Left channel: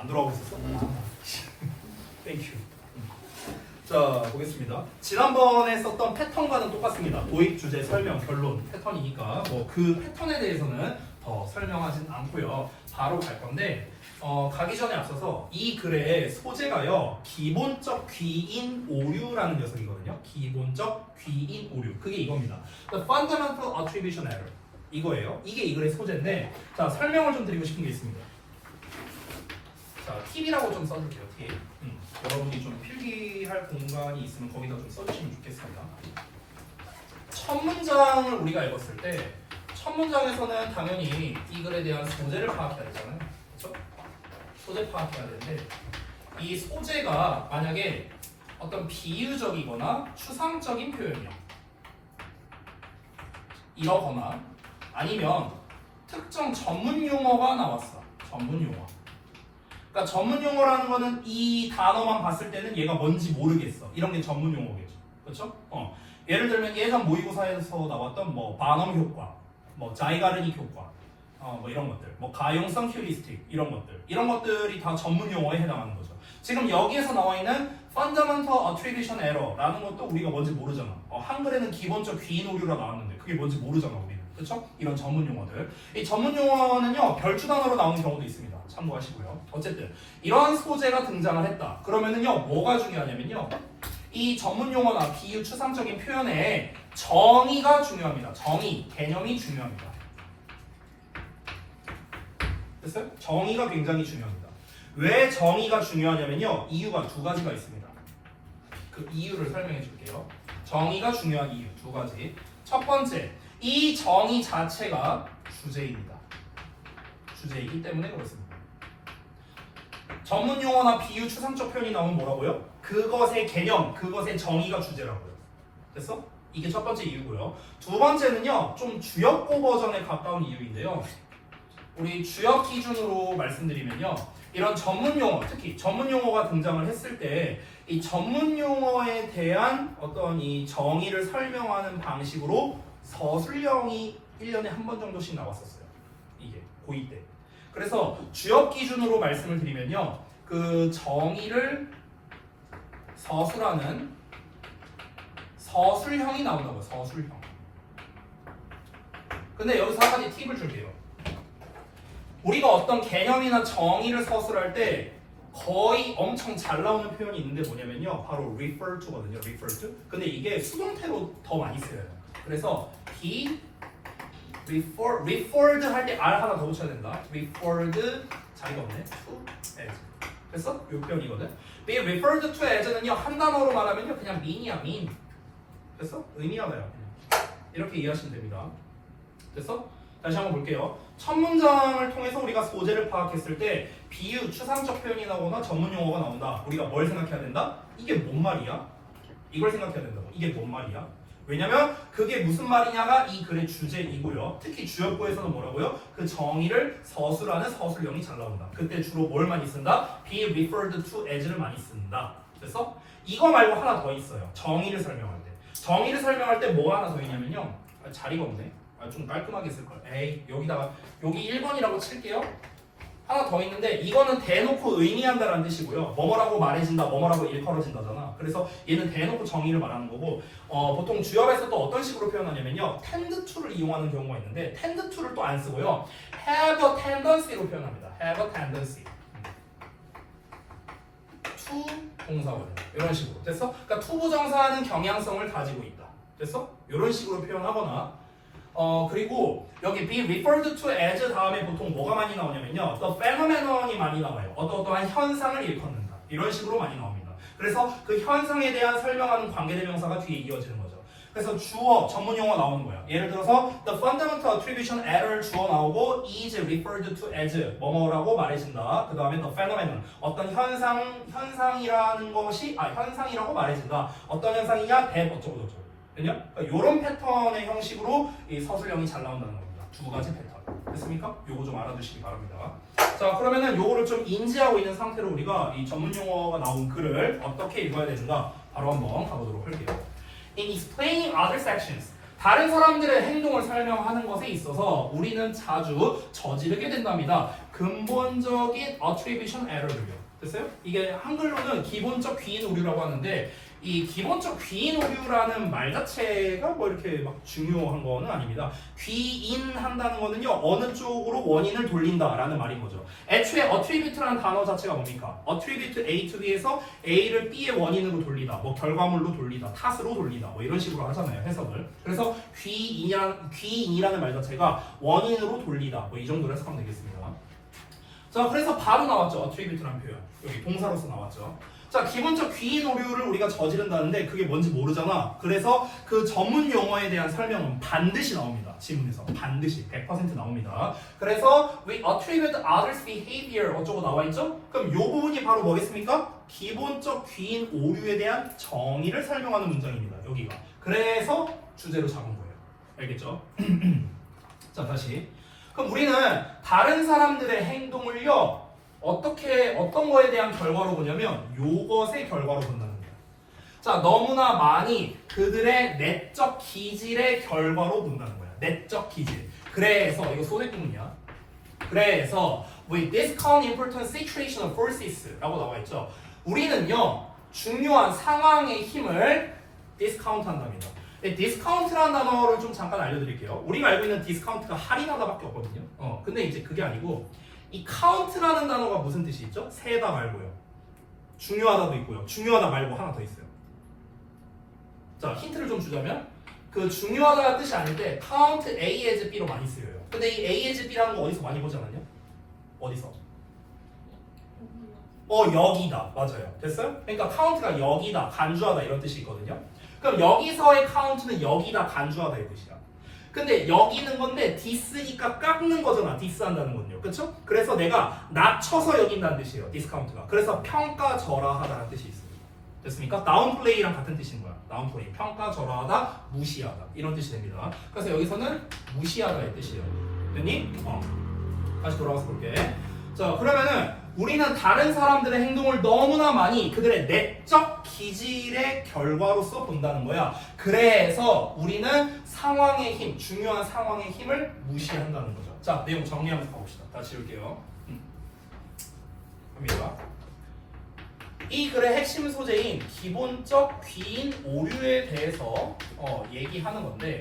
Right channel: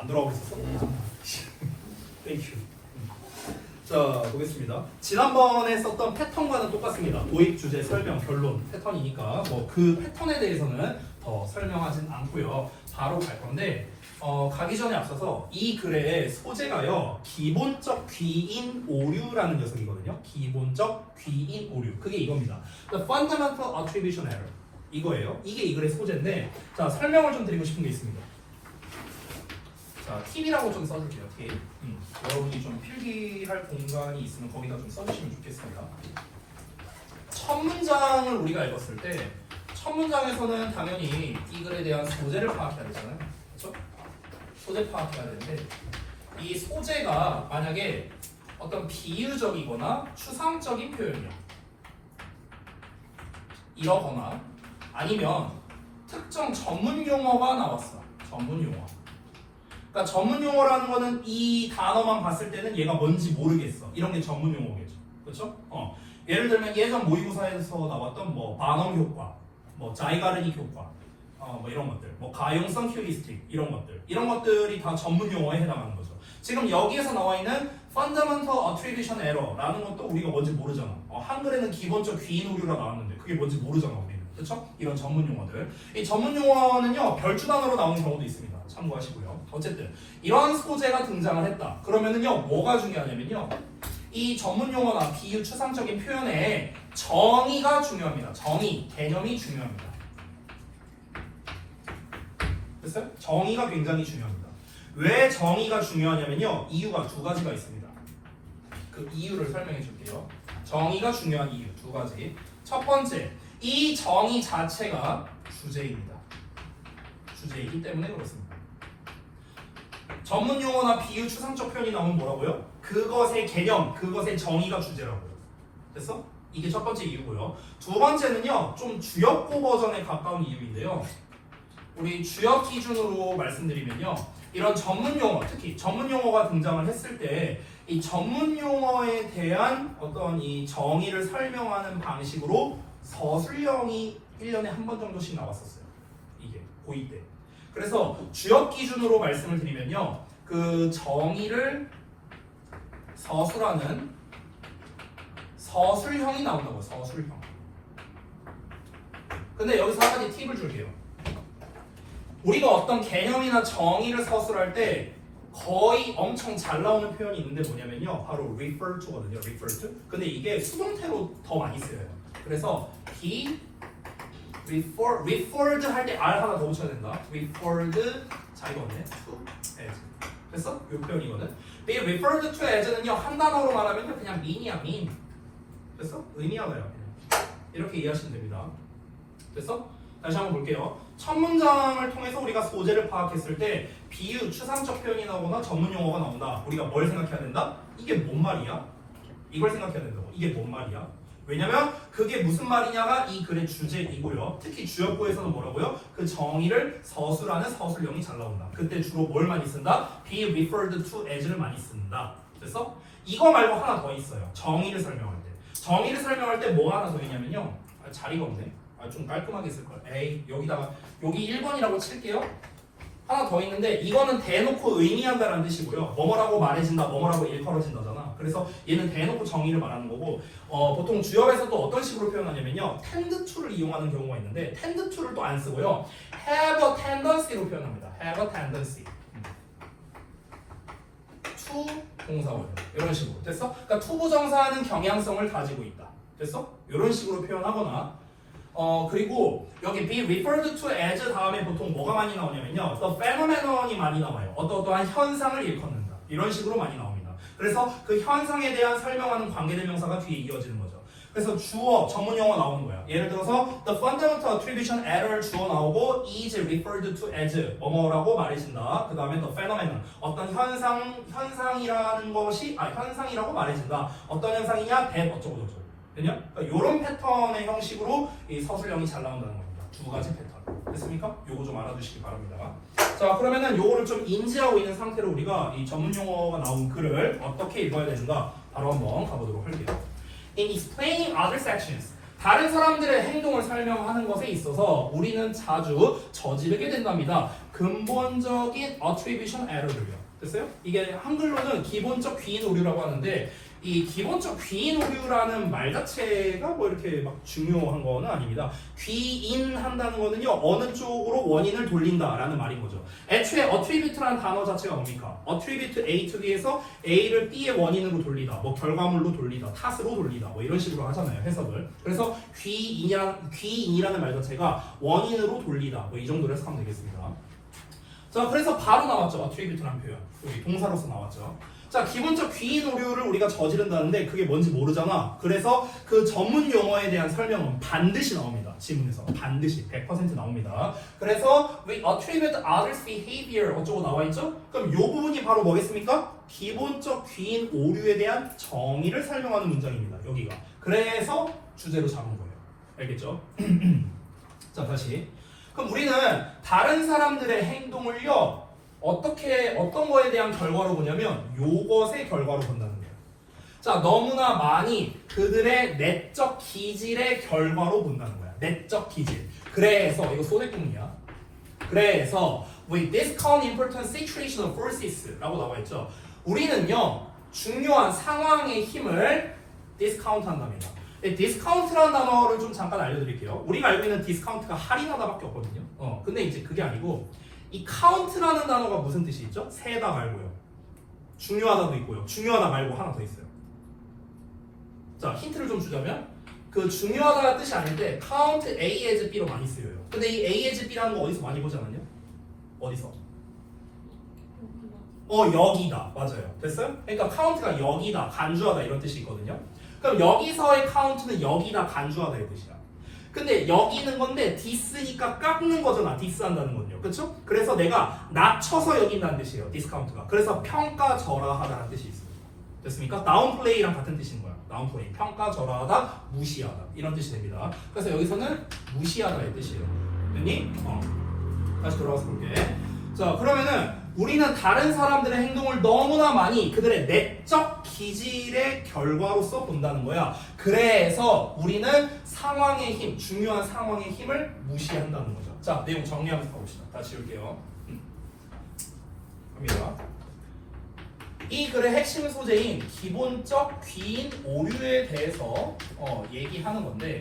안 돌아오고 있었어? 땡큐. 자, 보겠습니다. 지난번에 썼던 패턴과는 똑같습니다. 도입, 주제, 설명, 결론 패턴이니까 뭐 그 패턴에 대해서는 더 설명하진 않고요. 바로 갈 건데 가기 전에 앞서서 이 글의 소재가요. 기본적 귀인 오류라는 녀석이거든요. 기본적 귀인 오류. 그게 이겁니다. The fundamental attribution error. 이거예요. 이게 이 글의 소재인데 자, 설명을 좀 드리고 싶은 게 있습니다. 자, 팁이라고 좀 써줄게요. 팁. 여러분이 좀 필기할 공간이 있으면 거기다 좀 써주시면 좋겠습니다. 첫 문장을 우리가 읽었을 때 첫 문장에서는 당연히 이 글에 대한 소재를 파악해야 되잖아요. 그렇죠? 소재 파악해야 되는데 이 소재가 만약에 어떤 비유적이거나 추상적인 표현이야. 이러거나 아니면 특정 전문 용어가 나왔어. 전문 용어. 그러니까 전문 용어라는 거는 이 단어만 봤을 때는 얘가 뭔지 모르겠어. 이런 게 전문 용어겠죠. 그렇죠? 예를 들면 예전 모의고사에서 나왔던 뭐 반음 효과, 뭐 자이가르닉 효과, 뭐 이런 것들, 뭐 가용성 휴리스틱 이런 것들이 다 전문 용어에 해당하는 거죠. 지금 여기에서 나와 있는 fundamental attribution error라는 것도 우리가 뭔지 모르잖아. 한글에는 기본적 귀인 오류가 나왔는데 그게 뭔지 모르잖아 우리는. 그렇죠? 이런 전문 용어들. 이 전문 용어는요 별주 단어로 나오는 경우도 있습니다. 참고하시고요. 어쨌든 이러한 소재가 등장을 했다. 그러면은요 뭐가 중요하냐면요. 이 전문 용어나 비유 추상적인 표현에 정의가 중요합니다. 정의, 개념이 중요합니다. 됐어요? 정의가 굉장히 중요합니다. 왜 정의가 중요하냐면요. 이유가 두 가지가 있습니다. 그 이유를 설명해 줄게요. 정의가 중요한 이유 두 가지. 첫 번째, 이 정의 자체가 주제입니다. 주제이기 때문에 그렇습니다. 전문 용어나 비유 추상적 표현이 나오면 뭐라고요? 그것의 개념, 그것의 정의가 주제라고요. 됐어? 이게 첫 번째 이유고요. 두 번째는요, 좀 주역고 버전에 가까운 이유인데요. 우리 주역 기준으로 말씀드리면요, 이런 전문 용어, 특히 전문 용어가 등장을 했을 때 이 전문 용어에 대한 어떤 이 정의를 설명하는 방식으로 서술형이 1년에 한 번 정도씩 나왔었어요. 이게 고2 때. 그래서 주역 기준으로 말씀을 드리면요, 그 정의를 서술하는 서술형이 나온다고요. 서술형. 근데 여기서 한 가지 팁을 줄게요. 우리가 어떤 개념이나 정의를 서술할 때 거의 엄청 잘 나오는 표현이 있는데 뭐냐면요, 바로 refer to거든요. refer to. 근데 이게 수동태로 더 많이 쓰여요. 그래서 be referred 할 때 R 하나 더 붙여야 된다. referred 자리가 없네. to as. 됐어? 이 표현이거든. be referred to as는요 한 단어로 말하면요 그냥 mean이야 mean. 됐어? 의미가 나요. 이렇게 이해하시면 됩니다. 됐어? 다시 한번 볼게요. 첫 문장을 통해서 우리가 소재를 파악했을 때 비유, 추상적 표현이 나오거나 전문 용어가 나온다. 우리가 뭘 생각해야 된다? 이게 뭔 말이야? 이걸 생각해야 된다고. 이게 뭔 말이야? 왜냐면 그게 무슨 말이냐가 이 글의 주제이고요. 특히 주역부에서는 뭐라고요? 그 정의를 서술하는 서술형이 잘 나온다. 그때 주로 뭘 많이 쓴다? be referred to as를 많이 쓴다. 그래서 이거 말고 하나 더 있어요. 정의를 설명할 때. 정의를 설명할 때 뭐가 하나 더 있냐면요. 자리가 없네. 좀 깔끔하게 쓸걸. 에이, 여기다가 여기 1번이라고 칠게요. 하나 더 있는데 이거는 대놓고 의미한다는 뜻이고요. 뭐뭐라고 말해진다, 뭐뭐라고 일컬어진다잖아. 그래서 얘는 대놓고 정의를 말하는 거고 보통 주역에서 또 어떤 식으로 표현하냐면요. tend to를 이용하는 경우가 있는데 tend to를 또 안 쓰고요. have a tendency로 표현합니다. have a tendency. to 동사원형. 이런 식으로. 됐어? 그러니까 to 부정사는 경향성을 가지고 있다. 됐어? 이런 식으로 표현하거나 그리고 여기 be referred to as 다음에 보통 뭐가 많이 나오냐면요. the phenomenon이 많이 나와요. 어떠한 현상을 일컫는다. 이런 식으로 많이 나옵니다. 그래서 그 현상에 대한 설명하는 관계대명사가 뒤에 이어지는 거죠. 그래서 주어, 전문 용어 나오는 거야. 예를 들어서 the fundamental attribution error 주어 나오고 is referred to as 뭐뭐라고 말해진다. 그 다음에 the phenomenon 어떤 현상이라는 것이 현상이라고 말해진다. 어떤 현상이냐? that 어쩌고저쩌고. 그냥 이런 패턴의 형식으로 이 서술형이 잘 나온다는 겁니다. 두 가지 패턴. 됐습니까? 요거 좀 알아두시기 바랍니다. 자, 그러면은 요거를 좀 인지하고 있는 상태로 우리가 이 전문 용어가 나온 글을 어떻게 읽어야 되는가 바로 한번 가보도록 할게요. In explaining other sections, 다른 사람들의 행동을 설명하는 것에 있어서 우리는 자주 저지르게 된답니다. 근본적인 attribution error를요. 됐어요? 이게 한글로는 기본적 귀인 오류라고 하는데 이 기본적 귀인 오류라는 말 자체가 뭐 이렇게 막 중요한 거는 아닙니다. 귀인한다는 거는요 어느 쪽으로 원인을 돌린다라는 말인 거죠. 애초에 attribute라는 단어 자체가 뭡니까? attribute A to B에서 A를 B의 원인으로 돌리다, 뭐 결과물로 돌리다, 탓으로 돌리다, 뭐 이런 식으로 하잖아요 해석을. 그래서 귀인이라는 말 자체가 원인으로 돌리다, 뭐 이 정도로 해석하면 되겠습니다. 자, 그래서 바로 나왔죠 attribute라는 표현. 여기 동사로서 나왔죠. 자, 기본적 귀인 오류를 우리가 저지른다는데 그게 뭔지 모르잖아. 그래서 그 전문 용어에 대한 설명은 반드시 나옵니다. 지문에서 반드시 100% 나옵니다. 그래서 we attribute others behavior 어쩌고 나와 있죠? 그럼 이 부분이 바로 뭐겠습니까? 기본적 귀인 오류에 대한 정의를 설명하는 문장입니다. 여기가. 그래서 주제로 잡은 거예요. 알겠죠? 자, 다시. 그럼 우리는 다른 사람들의 행동을요 어떤 거에 대한 결과로 보냐면 요것의 결과로 본다는 거예요. 자, 너무나 많이 그들의 내적 기질의 결과로 본다는 거야. 내적 기질. 그래서 이거 소대국이야. 그래서 we discount important situational forces 라고 나와 있죠. 우리는요 중요한 상황의 힘을 discount 한답니다. 디스카운트라는 단어를 좀 잠깐 알려드릴게요. 우리가 알고 있는 디스카운트가 할인하다밖에 없거든요. 근데 이제 그게 아니고 이 카운트라는 단어가 무슨 뜻이 있죠? 세다 말고요. 중요하다도 있고요. 중요하다 말고 하나 더 있어요. 자, 힌트를 좀 주자면 그 중요하다는 뜻이 아닌데 count A as B로 많이 쓰여요. 근데 이 A as B라는 거 어디서 많이 보지 않았냐? 어디서? 여기다. 맞아요. 됐어요? 그러니까 count가 여기다, 간주하다 이런 뜻이 있거든요. 그럼 여기서의 count는 여기다, 간주하다 이 뜻이야. 근데 여기는 건데 디스니까 깎는 거잖아. 디스한다는 건요. 그렇죠? 그래서 내가 낮춰서 여긴다는 뜻이에요. 디스카운트가. 그래서 평가절하하다는 뜻이 있어요. 됐습니까? 다운플레이랑 같은 뜻인 거야. 다운플레이. 평가절하하다, 무시하다. 이런 뜻이 됩니다. 그래서 여기서는 무시하다의 뜻이에요. 됐니? 다시 돌아와서 볼게. 자, 그러면은 우리는 다른 사람들의 행동을 너무나 많이 그들의 내적 기질의 결과로서 본다는 거야. 그래서 우리는 상황의 힘, 중요한 상황의 힘을 무시한다는 거죠. 자, 내용 정리하면서 가봅시다. 다시 지울게요. 갑니다. 이 글의 핵심 소재인 기본적 귀인 오류에 대해서 얘기하는 건데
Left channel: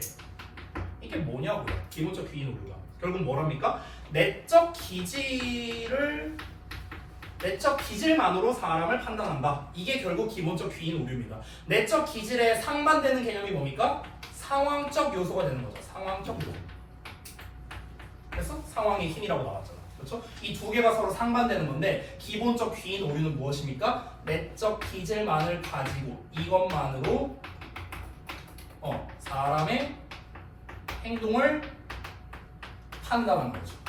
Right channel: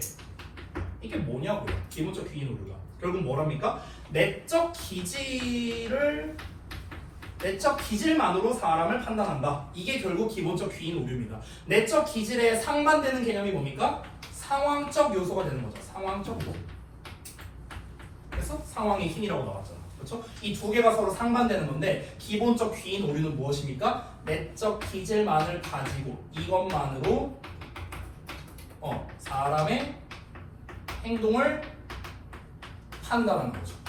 이게 뭐냐고요? 기본적 귀인 오류가. 결국 뭐랍니까? 내적 기질만으로 사람을 판단한다. 이게 결국 기본적 귀인 오류입니다. 내적 기질에 상반되는 개념이 뭡니까? 상황적 요소가 되는 거죠. 상황적 요소. 그래서 상황의 힘이라고 나왔잖아. 그렇죠? 이 두 개가 서로 상반되는 건데 기본적 귀인 오류는 무엇입니까? 내적 기질만을 가지고 이것만으로 사람의 행동을 판단하는 거죠.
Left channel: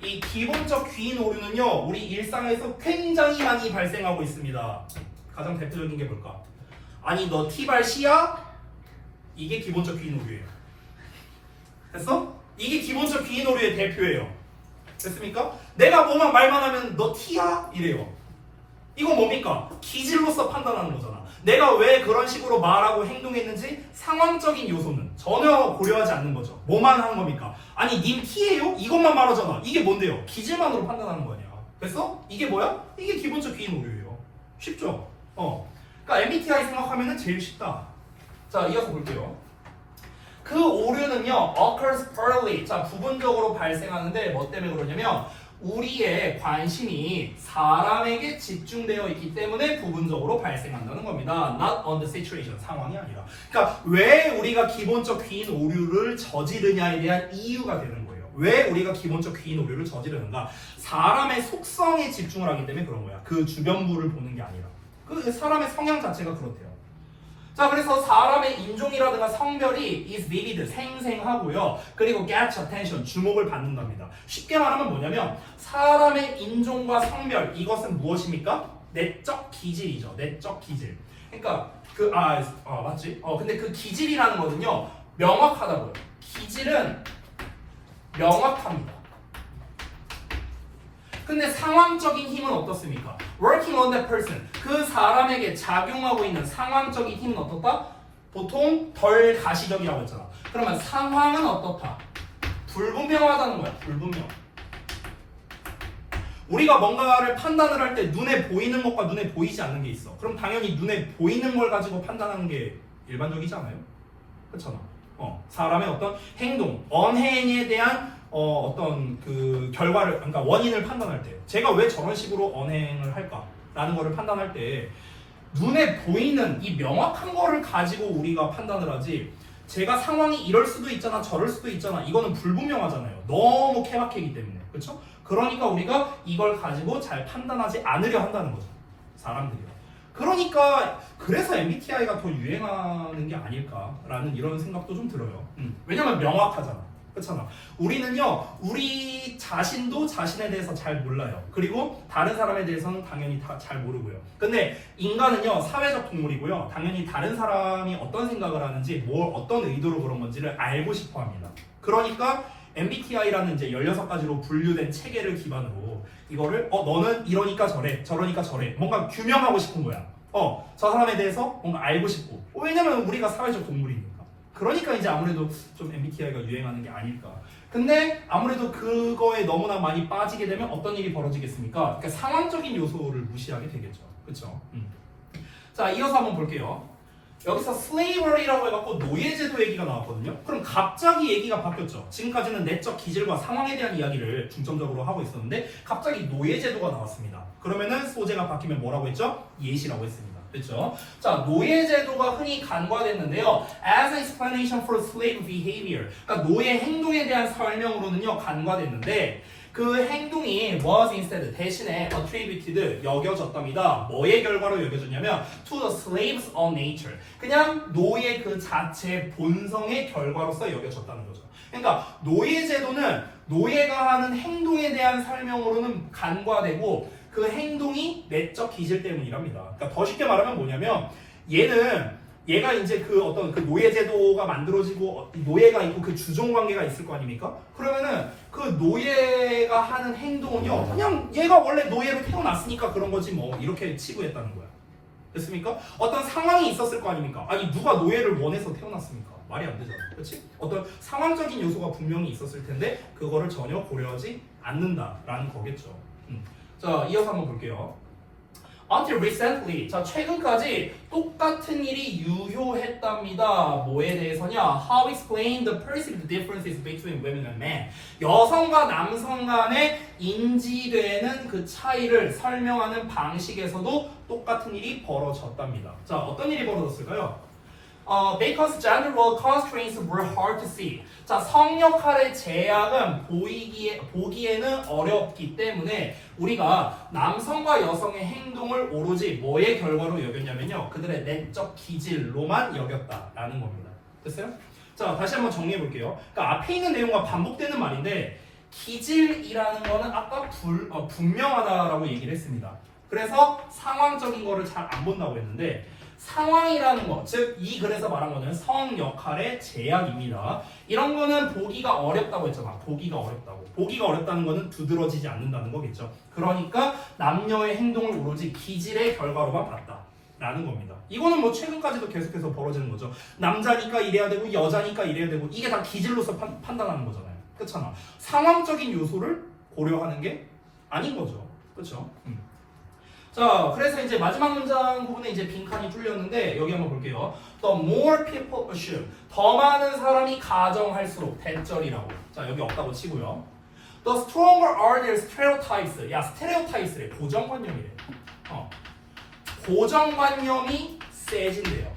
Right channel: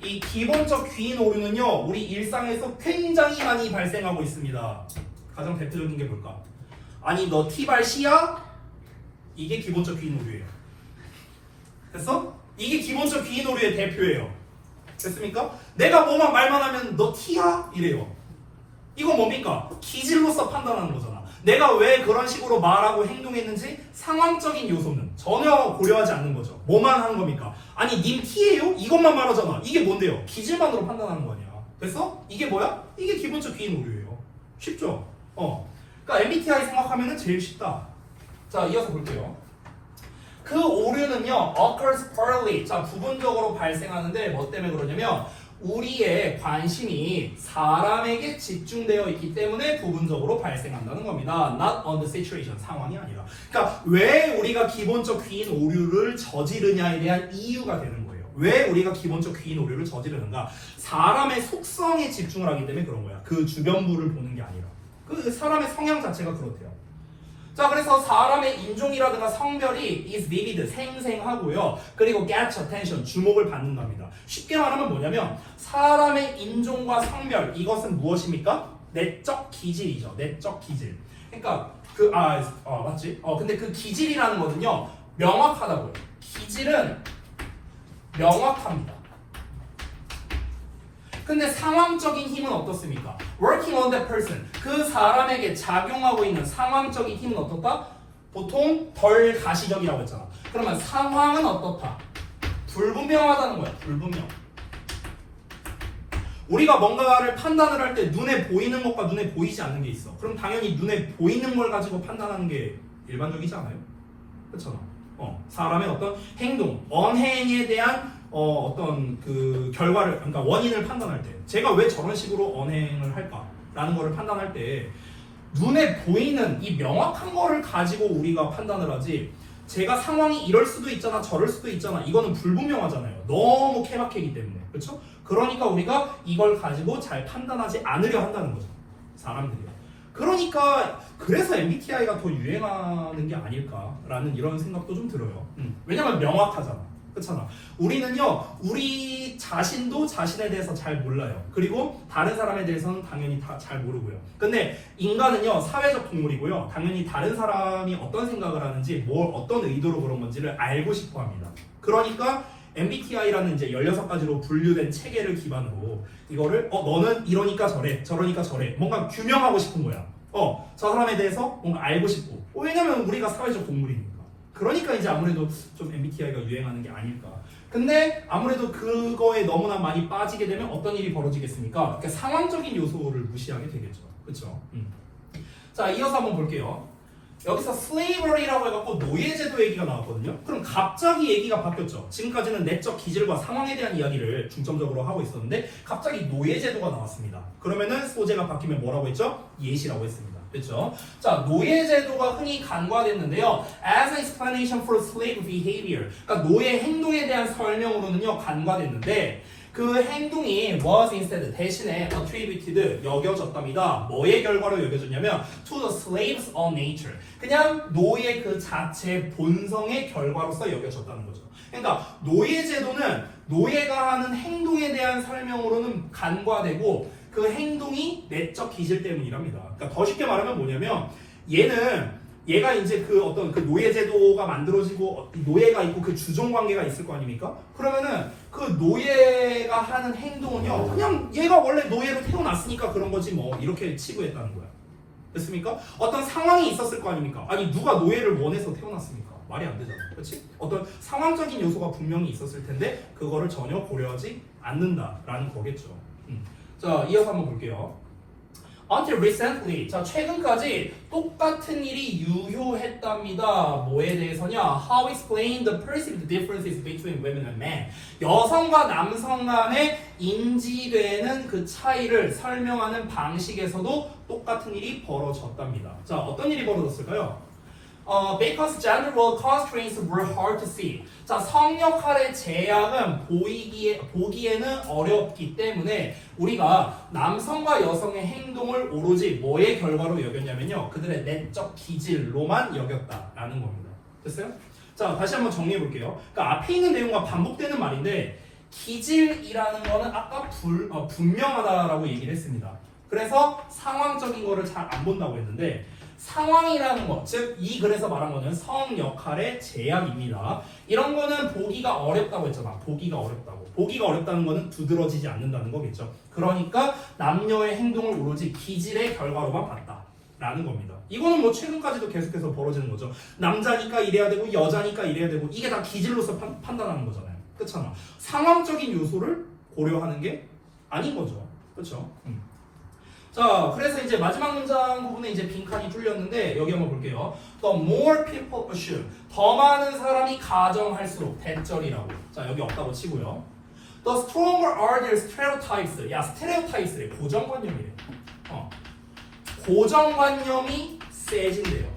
이 기본적 귀인 오류는요 우리 일상에서 굉장히 많이 발생하고 있습니다. 가장 대표적인 게 뭘까? 아니 너 티발 씨야? 이게 기본적 귀인 오류예요. 됐어? 이게 기본적 귀인 오류의 대표예요. 됐습니까? 내가 뭐만 말만 하면 너 티야? 이래요. 이건 뭡니까? 기질로서 판단하는 거잖아. 내가 왜 그런 식으로 말하고 행동했는지 상황적인 요소는 전혀 고려하지 않는 거죠. 뭐만 하는 겁니까? 아니 님 T예요? 이것만 말하잖아. 이게 뭔데요? 기질만으로 판단하는 거냐. 됐어? 이게 뭐야? 이게 기본적 귀인 오류예요. 쉽죠? 그러니까 MBTI 생각하면은 제일 쉽다. 자, 이어서 볼게요. 그 오류는요 occurs partly, 자 부분적으로 발생하는데 뭐 때문에 그러냐면 우리의 관심이 사람에게 집중되어 있기 때문에 부분적으로 발생한다는 겁니다. Not on the situation, 상황이 아니라. 그러니까 왜 우리가 기본적 귀인 오류를 저지르냐에 대한 이유가 되는 거예요. 왜 우리가 기본적 귀인 오류를 저지르는가? 사람의 속성에 집중을 하기 때문에 그런 거야. 그 주변부를 보는 게 아니라. 그 사람의 성향 자체가 그렇대요. 자, 그래서 사람의 인종이라든가 성별이 is vivid, 생생하고요. 그리고 gets attention, 주목을 받는답니다. 쉽게 말하면 뭐냐면 사람의 인종과 성별, 이것은 무엇입니까? 내적 기질이죠. 내적 기질. 그러니까 맞지? 근데 그 기질이라는 거는요 명확하다고요. 기질은 명확합니다. 근데 상황적인 힘은 어떻습니까? Working on that person. 그 사람에게 작용하고 있는 상황적인 힘은 어떻다? 보통 덜 가시적이라고 했잖아. 그러면 상황은 어떻다? 불분명하다는 거야. 불분명. 우리가 뭔가를 판단을 할 때 눈에 보이는 것과 눈에 보이지 않는 게 있어. 그럼 당연히 눈에 보이는 걸 가지고 판단하는 게 일반적이지 않아요? 그렇잖아. 사람의 어떤 행동, 언행에 대한 어떤 그 결과를, 그러니까 원인을 판단할 때, 제가 왜 저런 식으로 언행을 할까라는 거를 판단할 때 눈에 보이는 이 명확한 거를 가지고 우리가 판단을 하지. 제가 상황이 이럴 수도 있잖아, 저럴 수도 있잖아. 이거는 불분명하잖아요. 너무 케바케이기 때문에, 그렇죠? 그러니까 우리가 이걸 가지고 잘 판단하지 않으려 한다는 거죠. 사람들이요. 그러니까 그래서 MBTI가 더 유행하는 게 아닐까라는 이런 생각도 좀 들어요. 왜냐면 명확하잖아. 그렇잖아. 우리는요, 우리 자신도 자신에 대해서 잘 몰라요. 그리고 다른 사람에 대해서는 당연히 다 잘 모르고요. 근데 인간은요, 사회적 동물이고요. 당연히 다른 사람이 어떤 생각을 하는지, 어떤 의도로 그런 건지를 알고 싶어 합니다. 그러니까 MBTI라는 이제 16가지로 분류된 체계를 기반으로 이거를 너는 이러니까 저래, 저러니까 저래, 뭔가 규명하고 싶은 거야. 저 사람에 대해서 뭔가 알고 싶고. 왜냐면 우리가 사회적 동물이니까. 그러니까 이제 아무래도 좀 MBTI가 유행하는 게 아닐까. 근데 아무래도 그거에 너무나 많이 빠지게 되면 어떤 일이 벌어지겠습니까? 그러니까 상황적인 요소를 무시하게 되겠죠. 그렇죠? 자, 이어서 한번 볼게요. 여기서 slavery라고 해갖고 노예제도 얘기가 나왔거든요. 그럼 갑자기 얘기가 바뀌었죠. 지금까지는 내적 기질과 상황에 대한 이야기를 중점적으로 하고 있었는데 갑자기 노예제도가 나왔습니다. 그러면은 소재가 바뀌면 뭐라고 했죠? 예시라고 했습니다. 그렇죠? 자, 노예제도가 흔히 간과됐는데요. As an explanation for slave behavior. 그러니까 노예 행동에 대한 설명으로는요 간과됐는데 그 행동이 was instead 대신에 attributed 여겨졌답니다. 뭐의 결과로 여겨졌냐면 to the slave's own nature. 그냥 노예 그 자체 본성의 결과로서 여겨졌다는 거죠. 그러니까 노예제도는 노예가 하는 행동에 대한 설명으로는 간과되고 그 행동이 내적 기질 때문이랍니다. 그러니까 더 쉽게 말하면 뭐냐면 얘가 이제 그 어떤 그 노예제도가 만들어지고 노예가 있고 그 주종 관계가 있을 거 아닙니까? 그러면은 그 노예가 하는 행동은요 그냥 얘가 원래 노예로 태어났으니까 그런 거지 뭐 이렇게 치부했다는 거야. 됐습니까? 어떤 상황이 있었을 거 아닙니까? 아니 누가 노예를 원해서 태어났습니까? 말이 안 되잖아. 그렇지? 어떤 상황적인 요소가 분명히 있었을 텐데 그거를 전혀 고려하지 않는다라는 거겠죠. 자, 이어서 한번 볼게요. Until recently, 자 최근까지 똑같은 일이 유효했답니다. 뭐에 대해서냐? How explain the perceived differences between women and men. 여성과 남성 간에 인지되는 그 차이를 설명하는 방식에서도 똑같은 일이 벌어졌답니다. 자, 어떤 일이 벌어졌을까요? Because gender role constraints were hard to see. 자, 성 역할의 제약은 보기에는 어렵기 때문에 우리가 남성과 여성의 행동을 오로지 뭐의 결과로 여겼냐면요. 그들의 내적 기질로만 여겼다라는 겁니다. 됐어요? 자, 다시 한번 정리해 볼게요. 그러니까 앞에 있는 내용과 반복되는 말인데 기질이라는 거는 아까 분명하다라고 얘기를 했습니다. 그래서 상황적인 거를 잘 안 본다고 했는데 상황이라는 것, 즉 이 글에서 말한 거는 성 역할의 제약입니다. 이런 거는 보기가 어렵다고 했잖아. 보기가 어렵다고. 보기가 어렵다는 거는 두드러지지 않는다는 거겠죠. 그러니까 남녀의 행동을 오로지 기질의 결과로만 봤다라는 겁니다. 이거는 뭐 최근까지도 계속해서 벌어지는 거죠. 남자니까 이래야 되고 여자니까 이래야 되고 이게 다 기질로서 판단하는 거잖아요. 그렇잖아. 상황적인 요소를 고려하는 게 아닌 거죠. 그렇죠? 자, 그래서 이제 마지막 문장 부분에 이제 빈칸이 뚫렸는데 여기 한번 볼게요. The more people assume. 더 많은 사람이 가정할수록 대절이라고. 자, 여기 없다고 치고요. The stronger are their stereotypes. 야, stereotypes래. 고정관념이래. 고정관념이 세진대요.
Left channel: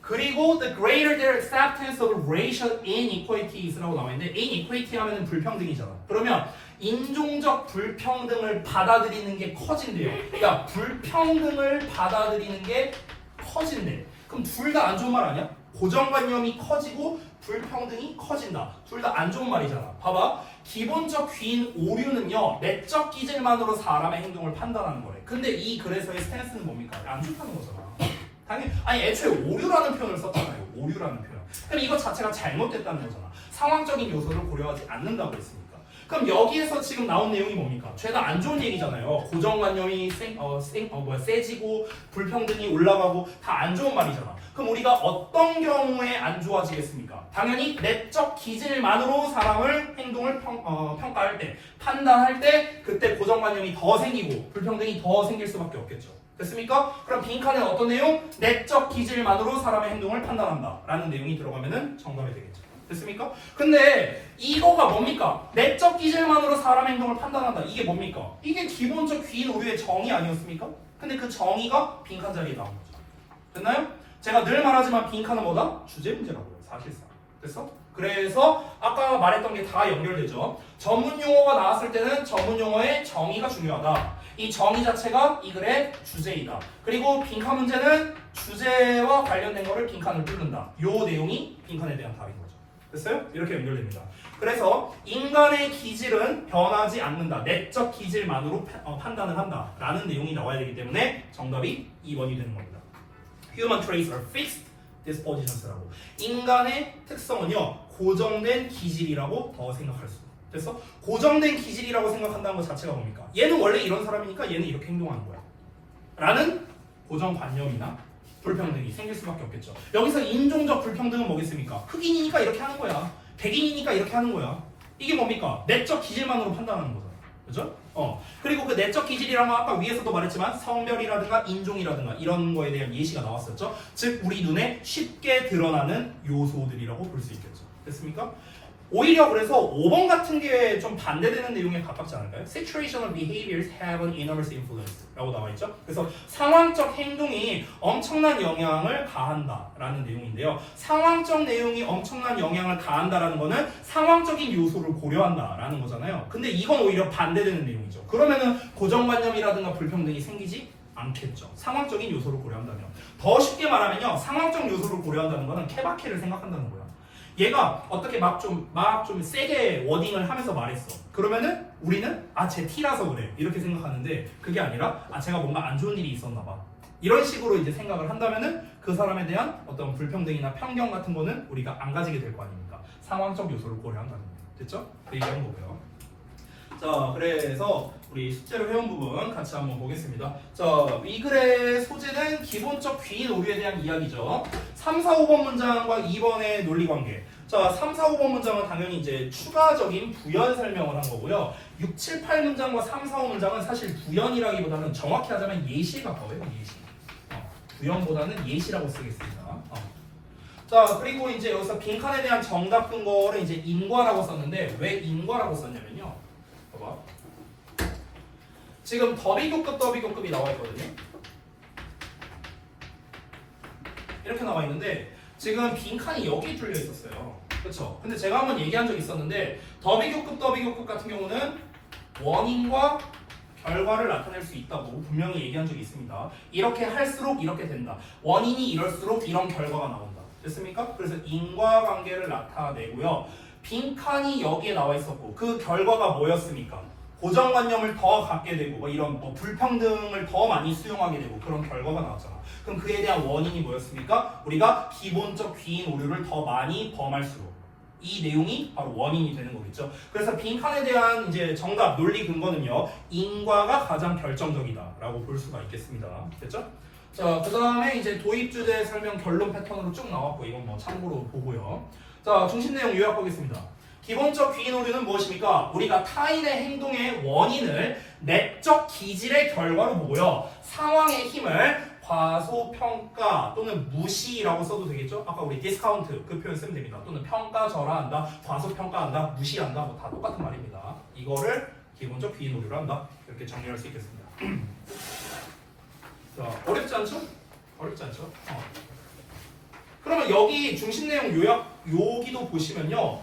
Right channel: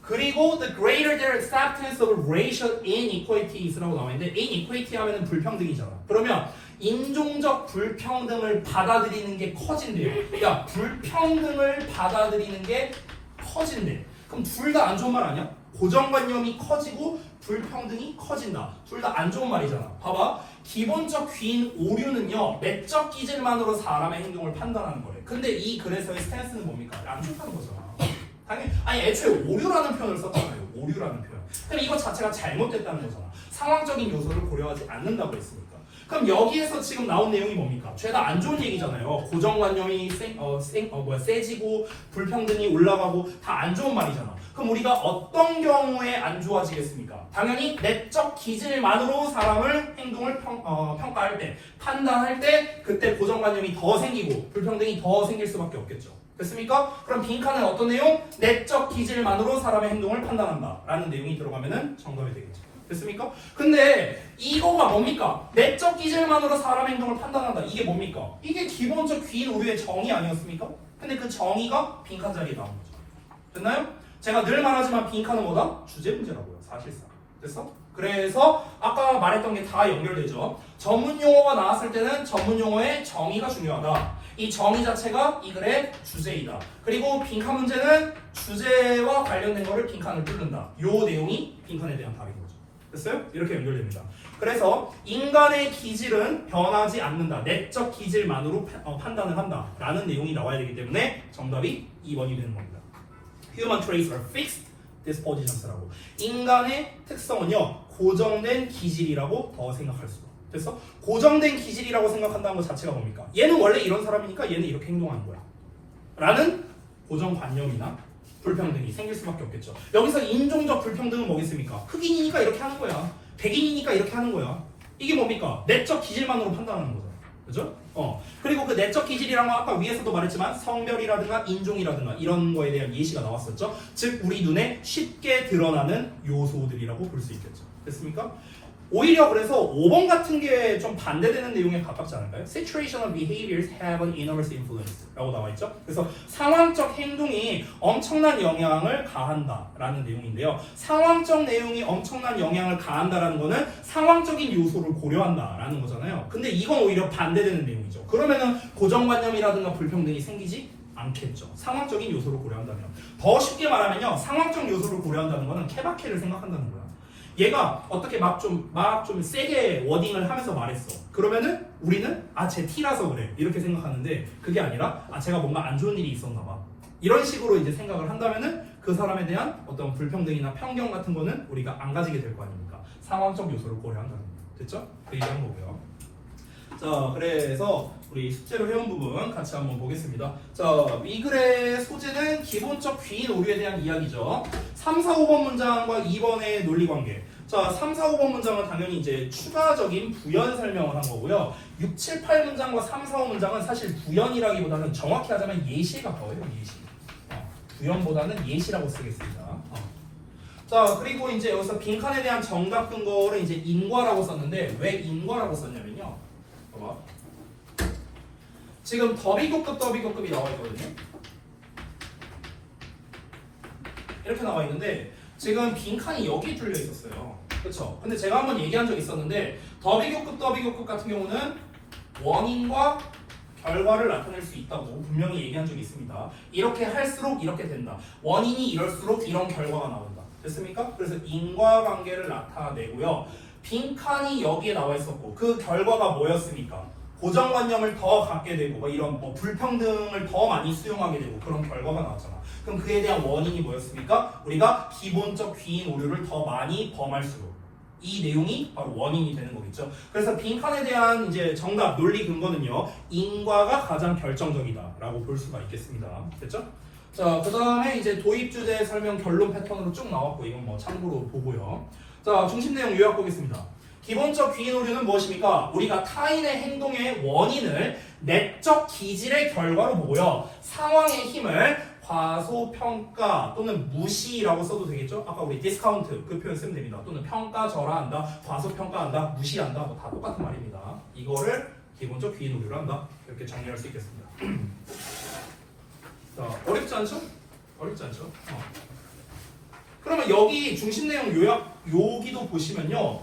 그리고 the greater their acceptance of racial inequalities라고 나와 있는데 inequality 하면은 불평등이잖아. 그러면 인종적 불평등을 받아들이는 게 커진대요. 그러니까 불평등을 받아들이는 게 커진대. 그럼 둘 다 안 좋은 말 아니야? 고정관념이 커지고 불평등이 커진다. 둘 다 안 좋은 말이잖아. 봐봐. 기본적 귀인 오류는요. 내적 기질만으로 사람의 행동을 판단하는 거래. 근데 이 글에서의 스탠스는 뭡니까? 안 좋다는 거잖아. 당연히 아니 애초에 오류라는 표현을 썼잖아요. 오류라는 표현. 그럼 이거 자체가 잘못됐다는 거잖아. 상황적인 요소를 고려하지 않는다고 했으니까. 그럼 여기에서 지금 나온 내용이 뭡니까? 죄다 안 좋은 얘기잖아요. 고정관념이 세지고 불평등이 올라가고 다 안 좋은 말이잖아. 그럼 우리가 어떤 경우에 안 좋아지겠습니까? 당연히 내적 기질만으로 사람을 행동을 평가할 때, 판단할 때 그때 고정관념이 더 생기고 불평등이 더 생길 수밖에 없겠죠. 됐습니까? 그럼 빈칸은 어떤 내용? 내적 기질만으로 사람의 행동을 판단한다 라는 내용이 들어가면은 정답이 되겠죠. 됐습니까? 근데 이거가 뭡니까? 내적 기질만으로 사람 행동을 판단한다. 이게 뭡니까? 이게 기본적 귀인 오류의 정의 아니었습니까? 근데 그 정의가 빈칸 자리에 나온 거죠. 됐나요? 제가 늘 말하지만 빈칸은 뭐다? 주제 문제라고요. 사실상. 됐어? 그래서 아까 말했던 게 다 연결되죠. 전문 용어가 나왔을 때는 전문 용어의 정의가 중요하다. 이 정의 자체가 이 글의 주제이다. 그리고 빈칸 문제는 주제와 관련된 거를 빈칸을 뚫는다. 요 내용이 빈칸에 대한 답인 거죠. 됐어요? 이렇게 연결됩니다. 그래서 인간의 기질은 변하지 않는다. 내적 기질만으로 판단을 한다. 라는 내용이 나와야 되기 때문에 정답이 2번이 되는 겁니다. Human traits are fixed dispositions라고. 인간의 특성은요, 고정된 기질이라고 더 생각할 수가. 됐어? 고정된 기질이라고 생각한다는 것 자체가 뭡니까? 얘는 원래 이런 사람이니까 얘는 이렇게 행동하는 거야. 라는 고정관념이나 불평등이 생길 수밖에 없겠죠. 여기서 인종적 불평등은 뭐겠습니까? 흑인이니까 이렇게 하는 거야. 백인이니까 이렇게 하는 거야. 이게 뭡니까? 내적 기질만으로 판단하는 거잖아. 그죠? 그리고 그 내적 기질이란 건 아까 위에서도 말했지만 성별이라든가 인종이라든가 이런 거에 대한 예시가 나왔었죠. 즉 우리 눈에 쉽게 드러나는 요소들이라고 볼 수 있겠죠. 됐습니까? 오히려 그래서 5번 같은 게 좀 반대되는 내용에 가깝지 않을까요? Situational behaviors have an enormous influence 라고 나와 있죠. 그래서 상황적 행동이 엄청난 영향을 가한다라는 내용인데요. 상황적 내용이 엄청난 영향을 가한다라는 거는 상황적인 요소를 고려한다라는 거잖아요. 근데 이건 오히려 반대되는 내용이죠. 그러면은 고정관념이라든가 불평등이 생기지 않겠죠. 상황적인 요소를 고려한다면. 더 쉽게 말하면요. 상황적 요소를 고려한다는 거는 케바케를 생각한다는 거야. 얘가 어떻게 막 좀 세게 워딩을 하면서 말했어. 그러면은 우리는 쟤 T라서 그래 이렇게 생각하는데 그게 아니라 제가 뭔가 안 좋은 일이 있었나 봐. 이런 식으로 이제 생각을 한다면은 그 사람에 대한 어떤 불평등이나 편견 같은 거는 우리가 안 가지게 될 거 아닙니까? 상황적 요소를 고려한다는 거. 됐죠? 그 얘기하는 거고요. 자, 그래서 우리 숙제로 해온 부분 같이 한번 보겠습니다. 자, 이 글의 소재는 기본적 귀인 오류에 대한 이야기죠. 3, 4, 5번 문장과 2번의 논리관계. 자, 3, 4, 5번 문장은 당연히 이제 추가적인 부연 설명을 한 거고요. 6, 7, 8 문장과 3, 4, 5 문장은 사실 부연이라기보다는 정확히 하자면 예시에 가까워요. 예시. 부연보다는 예시라고 쓰겠습니다. 자, 그리고 이제 여기서 빈칸에 대한 정답 근거를 이제 인과라고 썼는데 왜 인과라고 썼냐면요. 봐봐. 지금 더비교급이 나와 있거든요. 이렇게 나와 있는데 지금 빈칸이 여기 뚫려 있었어요. 그렇죠? 근데 제가 한번 얘기한 적이 있었는데 더비교급 같은 경우는 원인과 결과를 나타낼 수 있다고 분명히 얘기한 적이 있습니다. 이렇게 할수록 이렇게 된다. 원인이 이럴수록 이런 결과가 나온다. 됐습니까? 그래서 인과관계를 나타내고요. 빈칸이 여기에 나와 있었고 그 결과가 뭐였습니까? 고정관념을 더 갖게 되고 이런 불평등을 더 많이 수용하게 되고 그런 결과가 나왔잖아. 그럼 그에 대한 원인이 뭐였습니까? 우리가 기본적 귀인 오류를 더 많이 범할수록 이 내용이 바로 원인이 되는 거겠죠. 그래서 빈칸에 대한 이제 정답 논리 근거는요. 인과가 가장 결정적이다라고 볼 수가 있겠습니다. 됐죠? 자, 그 다음에 이제 도입 주제 설명 결론 패턴으로 쭉 나왔고 이건 뭐 참고로 보고요. 자, 중심 내용 요약 보겠습니다. 기본적 귀인 오류는 무엇입니까? 우리가 타인의 행동의 원인을 내적 기질의 결과로 보고요. 상황의 힘을 과소평가 또는 무시라고 써도 되겠죠? 아까 우리 디스카운트 그 표현 쓰면 됩니다. 또는 평가절하한다, 과소평가한다, 무시한다 뭐 다 똑같은 말입니다. 이거를 기본적 귀인 오류로 한다. 이렇게 정리할 수 있겠습니다. 자, 어렵지 않죠? 어렵지 않죠? 그러면 여기 중심 내용 요약 여기도 보시면요.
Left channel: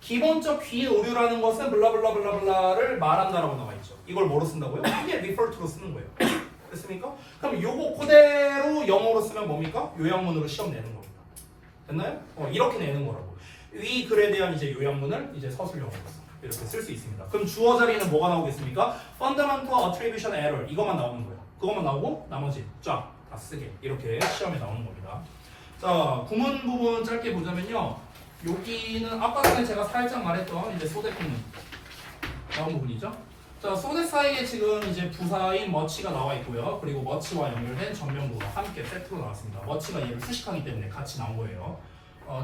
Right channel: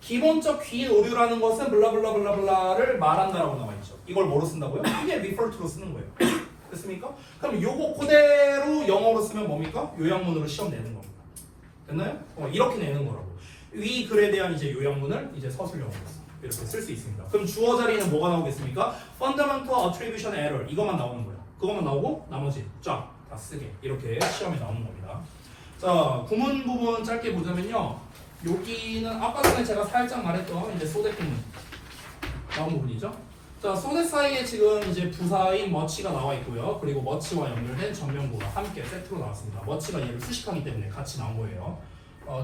기본적 귀인 오류라는 것은 블라블라블라블라를 말한다라고 나와 있죠. 이걸 뭐로 쓴다고요? 이게 refer to로 쓰는 거예요. 됐습니까? 그럼 요거 그대로 영어로 쓰면 뭡니까? 요약문으로 시험 내는 겁니다. 됐나요? 이렇게 내는 거라고. 이 글에 대한 이제 요약문을 이제 서술 영어로 이렇게 쓸 수 있습니다. 그럼 주어 자리는 뭐가 나오겠습니까? Fundamental Attribution Error 이것만 나오는 거예요. 그것만 나오고 나머지 쫙 다 쓰게 이렇게 시험에 나오는 겁니다. 자, 구문 부분 짧게 보자면요. 여기는 아까 전에 제가 살짝 말했던 이제 소대 구문. 나온 부분이죠. 자, 소재 사이에 지금 이제 부사인 머치가 나와 있고요. 그리고 머치와 연결된 전명부가 함께 세트로 나왔습니다. 머치가 얘를 수식하기 때문에 같이 나온 거예요.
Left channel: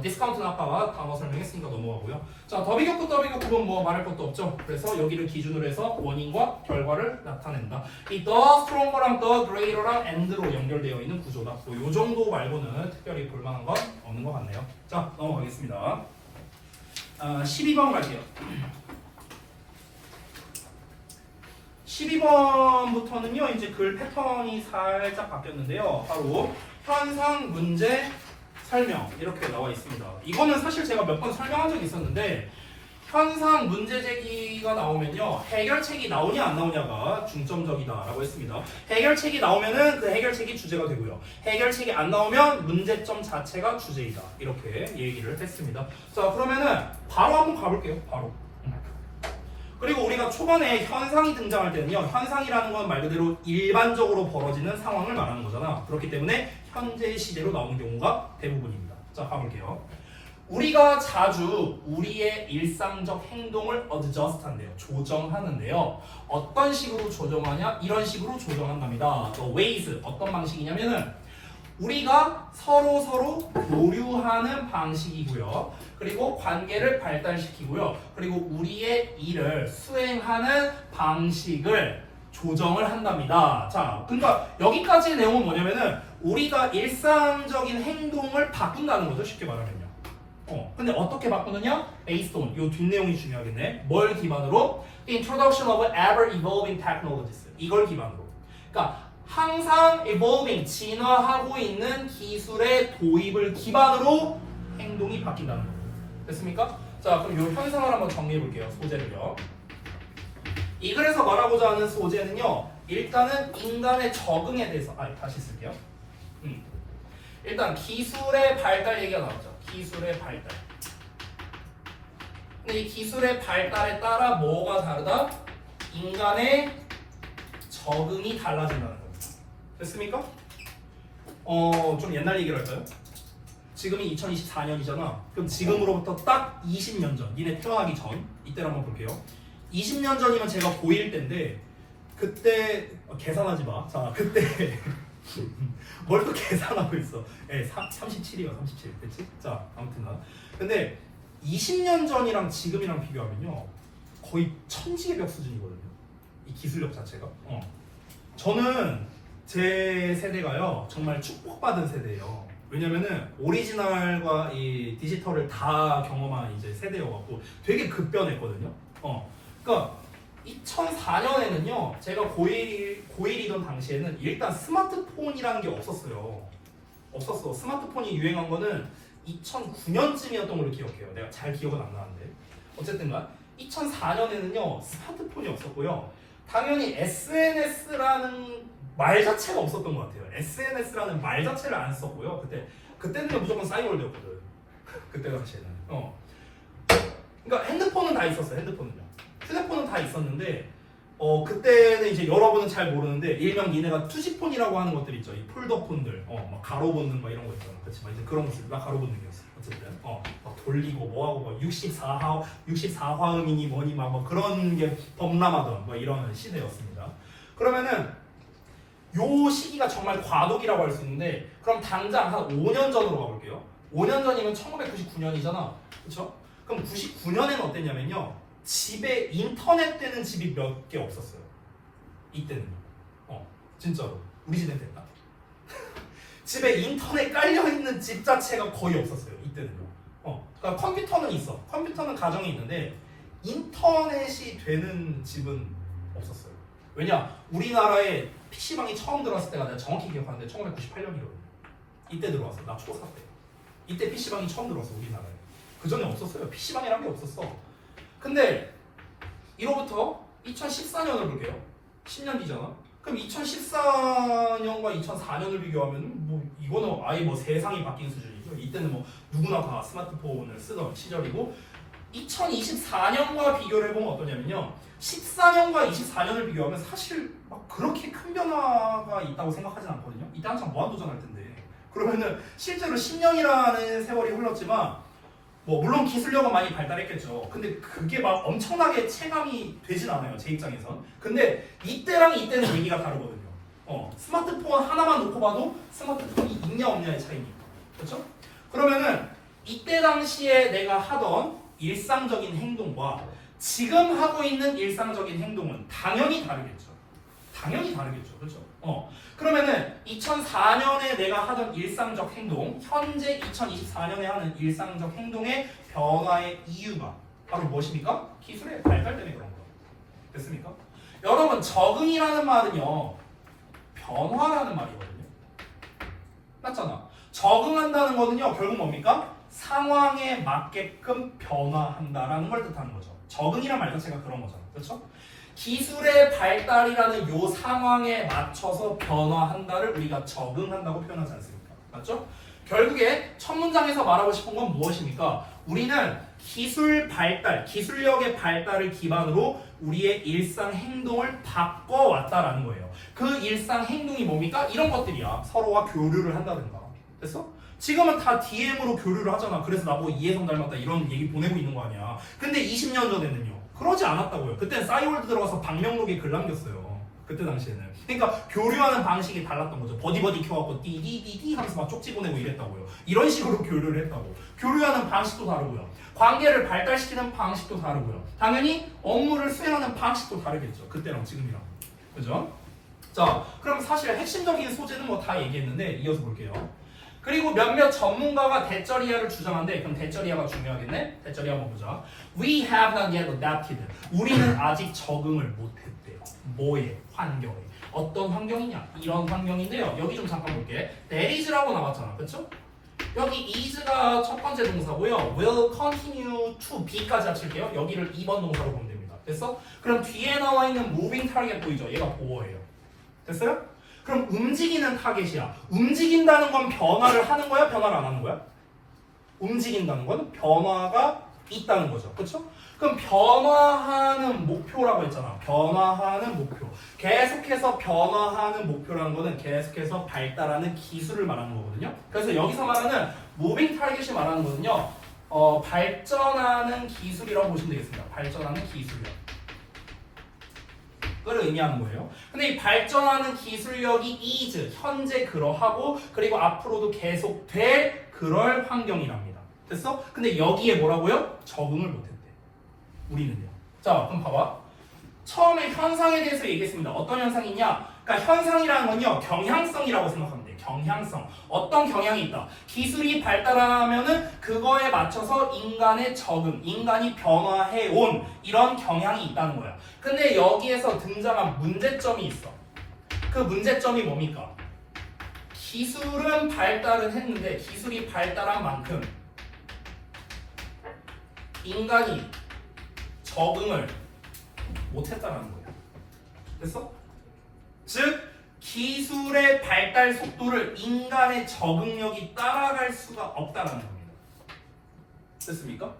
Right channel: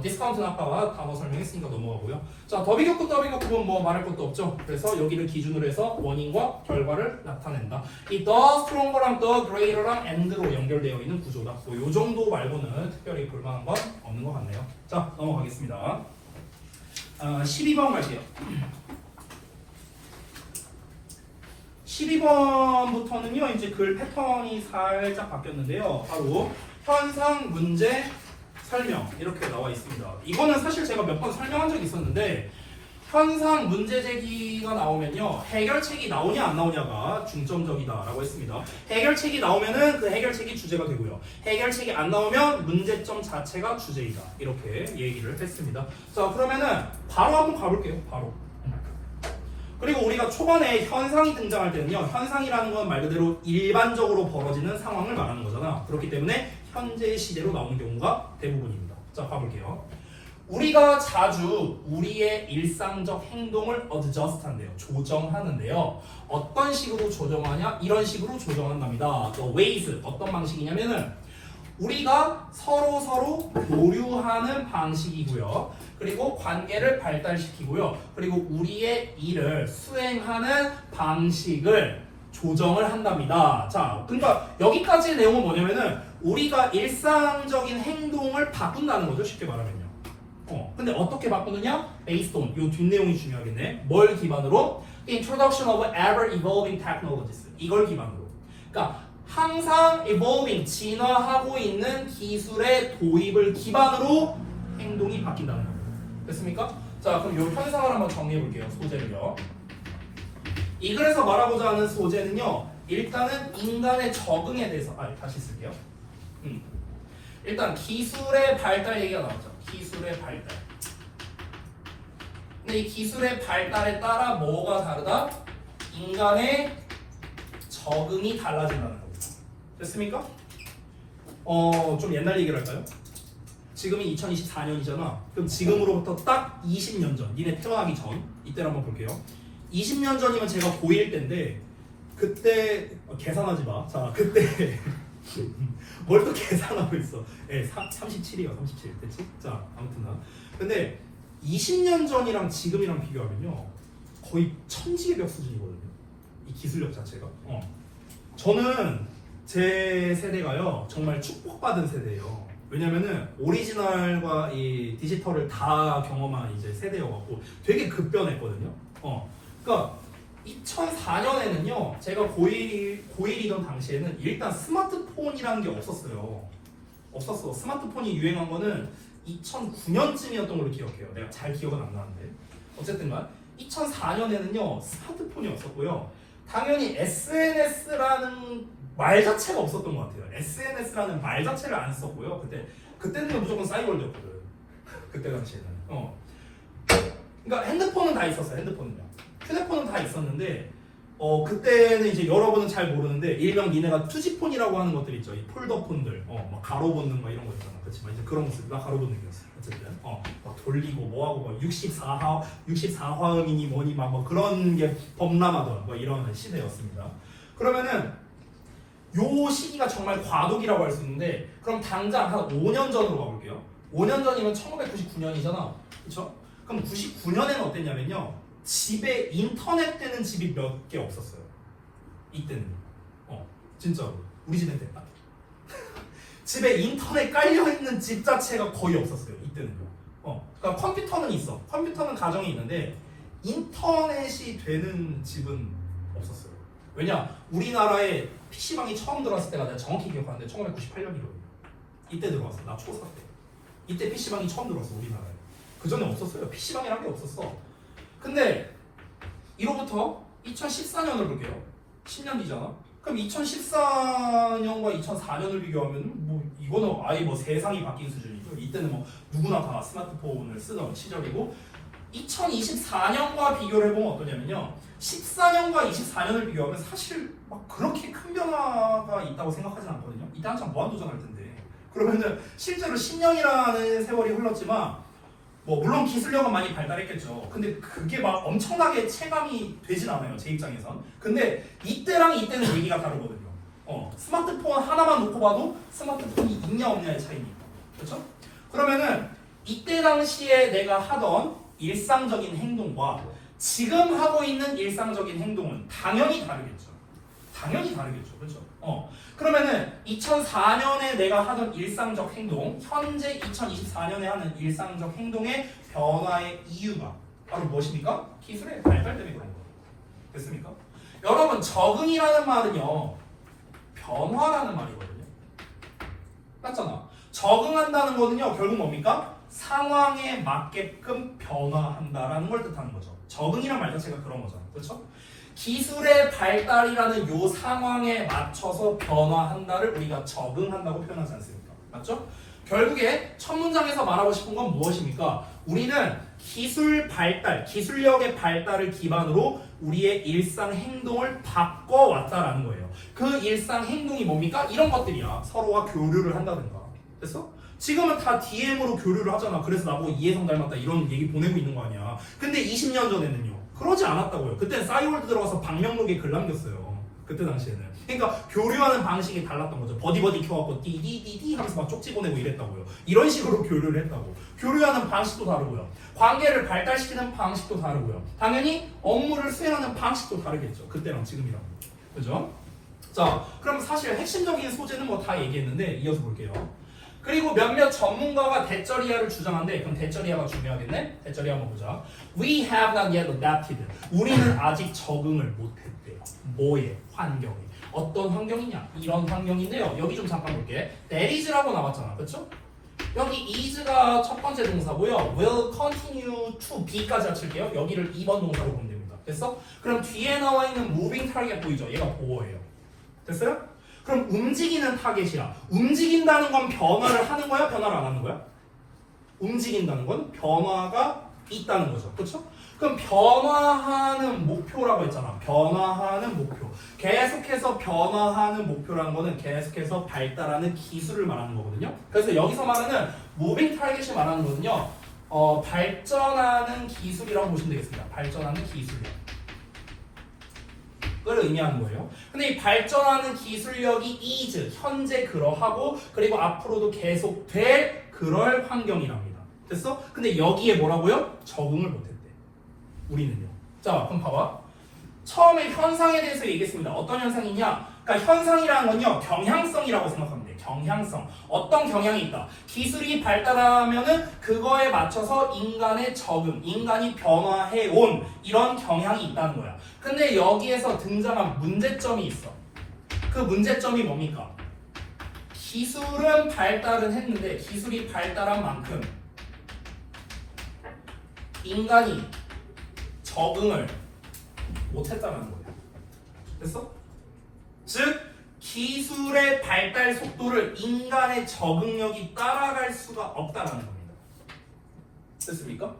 디스카운트는 아까 단어 설명했으니까 넘어가고요. 자, 더비격구 더비격구는 뭐 말할 것도 없죠. 그래서 여기를 기준으로 해서 원인과 결과를 나타낸다. 이 the stronger랑 the greater랑 and로 연결되어 있는 구조다. 뭐 요 정도 말고는 특별히 볼만한 건 없는 것 같네요. 자, 넘어가겠습니다. 12번 갈게요. 12번부터는요, 이제 글 패턴이 살짝 바뀌었는데요. 바로 현상, 문제, 설명 이렇게 나와 있습니다. 이거는 사실 제가 몇 번 설명한 적이 있었는데 현상, 문제 제기가 나오면요, 해결책이 나오냐 안 나오냐가 중점적이다라고 했습니다. 해결책이 나오면은 그 해결책이 주제가 되고요. 해결책이 안 나오면 문제점 자체가 주제이다. 이렇게 얘기를 했습니다. 자, 그러면은 바로 한번 가볼게요. 바로. 그리고 우리가 초반에 현상이 등장할 때는요, 현상이라는 건 말 그대로 일반적으로 벌어지는 상황을 말하는 거잖아. 그렇기 때문에 현재 시제로 나오는 경우가 대부분입니다. 자, 가볼게요. 우리가 자주 우리의 일상적 행동을 adjust 한대요. 조정하는데요. 어떤 식으로 조정하냐? 이런 식으로 조정한답니다. The ways, 어떤 방식이냐면은 우리가 서로 교류하는 방식이고요. 그리고 관계를 발달시키고요. 그리고 우리의 일을 수행하는 방식을 조정을 한답니다. 자, 그러니까 여기까지의 내용은 뭐냐면은 우리가 일상적인 행동을 바꾼다는 거죠. 쉽게 말하면요. 근데 어떻게 바꾸느냐? Based on, 요 뒷내용이 중요하겠네. 뭘 기반으로? The introduction of ever evolving technologies. 이걸 기반으로. 그러니까 항상 evolving, 진화하고 있는 기술의 도입을 기반으로 행동이 바뀐다는 거예요. 됐습니까? 자, 그럼 요 현상을 한번 정리해 볼게요. 소재를요. 이 글에서 말하고자 하는 소재는요, 일단은 인간의 적응에 대해서, 다시 쓸게요. 일단 기술의 발달 얘기가 나왔죠. 기술의 발달. 근데 이 기술의 발달에 따라 뭐가 다르다? 인간의 적응이 달라진다는 거예요. 됐습니까? 좀 옛날 얘기를 할까요? 지금이 2024년이잖아. 그럼 지금으로부터 딱 20년 전, 니네 태어나기 전, 이때를 한번 볼게요. 20년 전이면 제가 고1 때인데, 그때, 계산하지 마. 자, 그때, 뭘 또 계산하고 있어. 37이요, 37. 됐지? 자, 아무튼 나. 근데 20년 전이랑 지금이랑 비교하면요, 거의 천지의 벽 수준이거든요. 이 기술력 자체가. 저는 제 세대가요, 정말 축복받은 세대예요. 왜냐면은 오리지널과 이 디지털을 다 경험한 이제 세대여갖고 되게 급변했거든요. 그러니까 2004년에는요, 제가 고1이던 당시에는 일단 스마트폰이라는 게 없었어요. 없었어. 스마트폰이 유행한 거는 2009년쯤이었던 걸로 기억해요. 내가 잘 기억은 안 나는데. 어쨌든간 2004년에는요, 스마트폰이 없었고요. 당연히 SNS라는 말 자체가 없었던 것 같아요. SNS라는 말 자체를 안 썼고요. 그때는 무조건 싸이월드였거든. 그때 당시에는. 그러니까 핸드폰은 다 있었어요. 휴대폰은 다 있었는데, 그때는 이제 여러분은 잘 모르는데, 일명 니네가 투지폰이라고 하는 것들 있죠. 이 폴더폰들, 막 가로 붙는 막 이런 거 있잖아. 그렇지만 이제 그런 거 쓰고, 나 가로 붙는 게 없어. 어쨌든, 막 돌리고 뭐하고 막 64화음이니 뭐니 막 뭐 그런 게 범람하던 뭐 이런 시대였습니다. 그러면은 요 시기가 정말 과도기라고 할 수 있는데, 그럼 당장 한 5년 전으로 가볼게요. 5년 전이면 1999년이잖아. 그쵸? 그럼 99년에는 어땠냐면요, 집에 인터넷 되는 집이 몇 개 없었어요. 이때는. 진짜로. 우리 집엔 됐다. 집에 인터넷 깔려있는 집 자체가 거의 없었어요. 이때는요. 그러니까 컴퓨터는 있어. 컴퓨터는 가정에 있는데 인터넷이 되는 집은 없었어요. 왜냐? 우리나라에 PC방이 처음 들어왔을 때가 내가 정확히 기억하는데 1998년이거든요. 이때 들어왔어. 나 초4 때. 이때 PC방이 처음 들어왔어. 우리나라에. 그 전에 없었어요. PC방이란 게 없었어. 근데 이로부터 2014년을 볼게요. 10년 뒤잖아. 그럼 2014년과 2004년을 비교하면 뭐 이거는 아예 뭐 세상이 바뀐 수준이죠. 이때는 뭐 누구나 다 스마트폰을 쓰던 시절이고, 2024년과 비교를 해보면 어떠냐면요, 14년과 24년을 비교하면 사실 막 그렇게 큰 변화가 있다고 생각하진 않거든요. 이때 한참 무한도전 할 텐데. 그러면은 실제로 10년이라는 세월이 흘렀지만 뭐 물론 기술력은 많이 발달했겠죠. 근데 그게 막 엄청나게 체감이 되진 않아요. 제 입장에선. 근데 이때랑 이때는 얘기가 다르거든요. 스마트폰 하나만 놓고 봐도 스마트폰이 있냐 없냐의 차이니까. 그렇죠? 그러면은 이때 당시에 내가 하던 일상적인 행동과 지금 하고 있는 일상적인 행동은 당연히 다르겠죠. 당연히 다르겠죠. 그렇죠? 그러면은 2004년에 내가 하던 일상적 행동, 현재 2024년에 하는 일상적 행동의 변화의 이유가 바로 무엇입니까? 기술의 발달 때문에 그런 거예요. 됐습니까? 여러분, 적응이라는 말은요, 변화라는 말이거든요. 맞잖아. 적응한다는 거는요, 결국 뭡니까? 상황에 맞게끔 변화한다라는 걸 뜻하는 거죠. 적응이란 말 자체가 그런 거잖아. 그렇죠? 기술의 발달이라는 요 상황에 맞춰서 변화한다를 우리가 적응한다고 표현하지 않습니까? 맞죠? 결국에 첫 문장에서 말하고 싶은 건 무엇입니까? 우리는 기술 발달, 기술력의 발달을 기반으로 우리의 일상 행동을 바꿔왔다라는 거예요. 그 일상 행동이 뭡니까? 이런 것들이야. 서로와 교류를 한다든가. 됐어? 지금은 다 DM으로 교류를 하잖아. 그래서 나보고 이해성 닮았다 이런 얘기 보내고 있는 거 아니야. 근데 20년 전에는요. 그러지 않았다고요. 그때는 싸이월드 들어가서 방명록에 글 남겼어요. 그때 당시에는. 그러니까 교류하는 방식이 달랐던 거죠. 버디버디 켜갖고 띠디디디 하면서 막 쪽지 보내고 이랬다고요. 이런 식으로 교류를 했다고. 교류하는 방식도 다르고요. 관계를 발달시키는 방식도 다르고요. 당연히 업무를 수행하는 방식도 다르겠죠. 그때랑 지금이랑. 그죠? 자, 그럼 사실 핵심적인 소재는 뭐 다 얘기했는데 이어서 볼게요. 그리고 몇몇 전문가가 대쩌리아를 주장한데 그럼 대쩌리아가 중요하겠네? 대쩌리아 한번 보자. We have not yet adapted. 우리는 아직 적응을 못했대요. 뭐에? 환경에. 어떤 환경이냐? 이런 환경인데요. 여기 좀 잠깐 볼게. That is라고 나왔잖아. 그렇죠? 여기 is가 첫 번째 동사고요. Will continue to be까지 합칠게요. 여기를 2번 동사로 보면 됩니다. 됐어? 그럼 뒤에 나와 있는 moving target 보이죠? 얘가 보어예요. 됐어요? 그럼 움직이는 타겟이야. 움직인다는 건 변화를 하는 거야? 변화를 안 하는 거야? 움직인다는 건 변화가 있다는 거죠. 그렇죠? 그럼 변화하는 목표라고 했잖아. 변화하는 목표. 계속해서 변화하는 목표라는 거는 계속해서 발달하는 기술을 말하는 거거든요. 그래서 여기서 말하는 무빙 타겟이 말하는 거는요. 발전하는 기술이라고 보시면 되겠습니다. 발전하는 기술이요. 그걸 의미하는 거예요. 근데 이 발전하는 기술력이 is, 현재 그러하고 그리고 앞으로도 계속 될 그럴 환경이랍니다. 됐어? 근데 여기에 뭐라고요? 적응을 못했대. 우리는요. 자, 그럼 봐봐. 처음에 현상에 대해서 얘기했습니다. 어떤 현상이냐? 그러니까 현상이라는 건요. 경향성이라고 생각하면 돼요. 경향성. 어떤 경향이 있다. 기술이 발달하면은 그거에 맞춰서 인간의 적응, 인간이 변화해 온 이런 경향이 있다는 거야. 근데 여기에서 등장한 문제점이 있어. 그 문제점이 뭡니까? 기술은 발달은 했는데 기술이 발달한 만큼 인간이 적응을 못했다는 거야. 됐어? 즉 기술의 발달 속도를 인간의 적응력이 따라갈 수가 없다라는 겁니다. 됐습니까?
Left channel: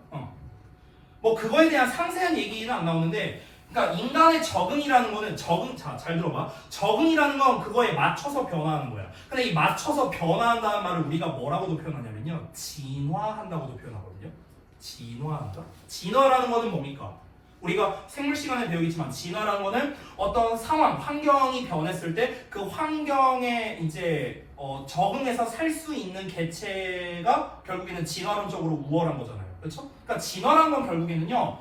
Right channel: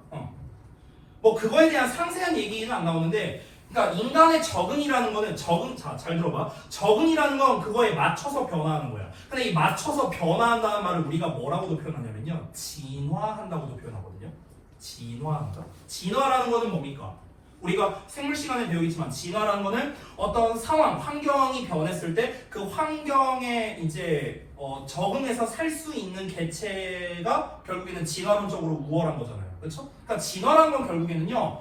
뭐 그거에 대한 상세한 얘기는 안 나오는데, 그러니까 인간의 적응이라는 거는 자, 잘 들어봐. 적응이라는 건 그거에 맞춰서 변화하는 거야. 근데 이 맞춰서 변화한다는 말을 우리가 뭐라고도 표현하냐면요, 진화한다고도 표현하거든요. 진화한다. 진화라는 거는 뭡니까? 우리가 생물 시간에 배우겠지만 진화라는 거는 어떤 상황, 환경이 변했을 때 그 환경에 이제 적응해서 살 수 있는 개체가 결국에는 진화론적으로 우월한 거잖아요. 그렇죠? 그러니까 진화라는 건 결국에는요,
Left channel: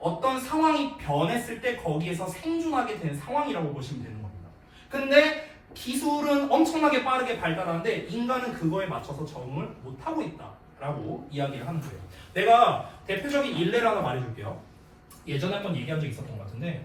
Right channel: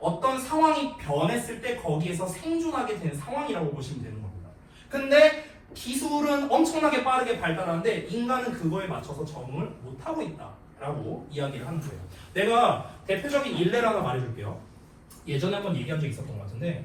어떤 상황이 변했을 때 거기에서 생존하게 되는 상황이라고 보시면 되는 겁니다. 근데 기술은 엄청나게 빠르게 발달하는데 인간은 그거에 맞춰서 적응을 못하고 있다라고 이야기를 하는 거예요. 내가 대표적인 일례를 하나 말해줄게요. 예전에 한번 얘기한 적이 있었던 것 같은데,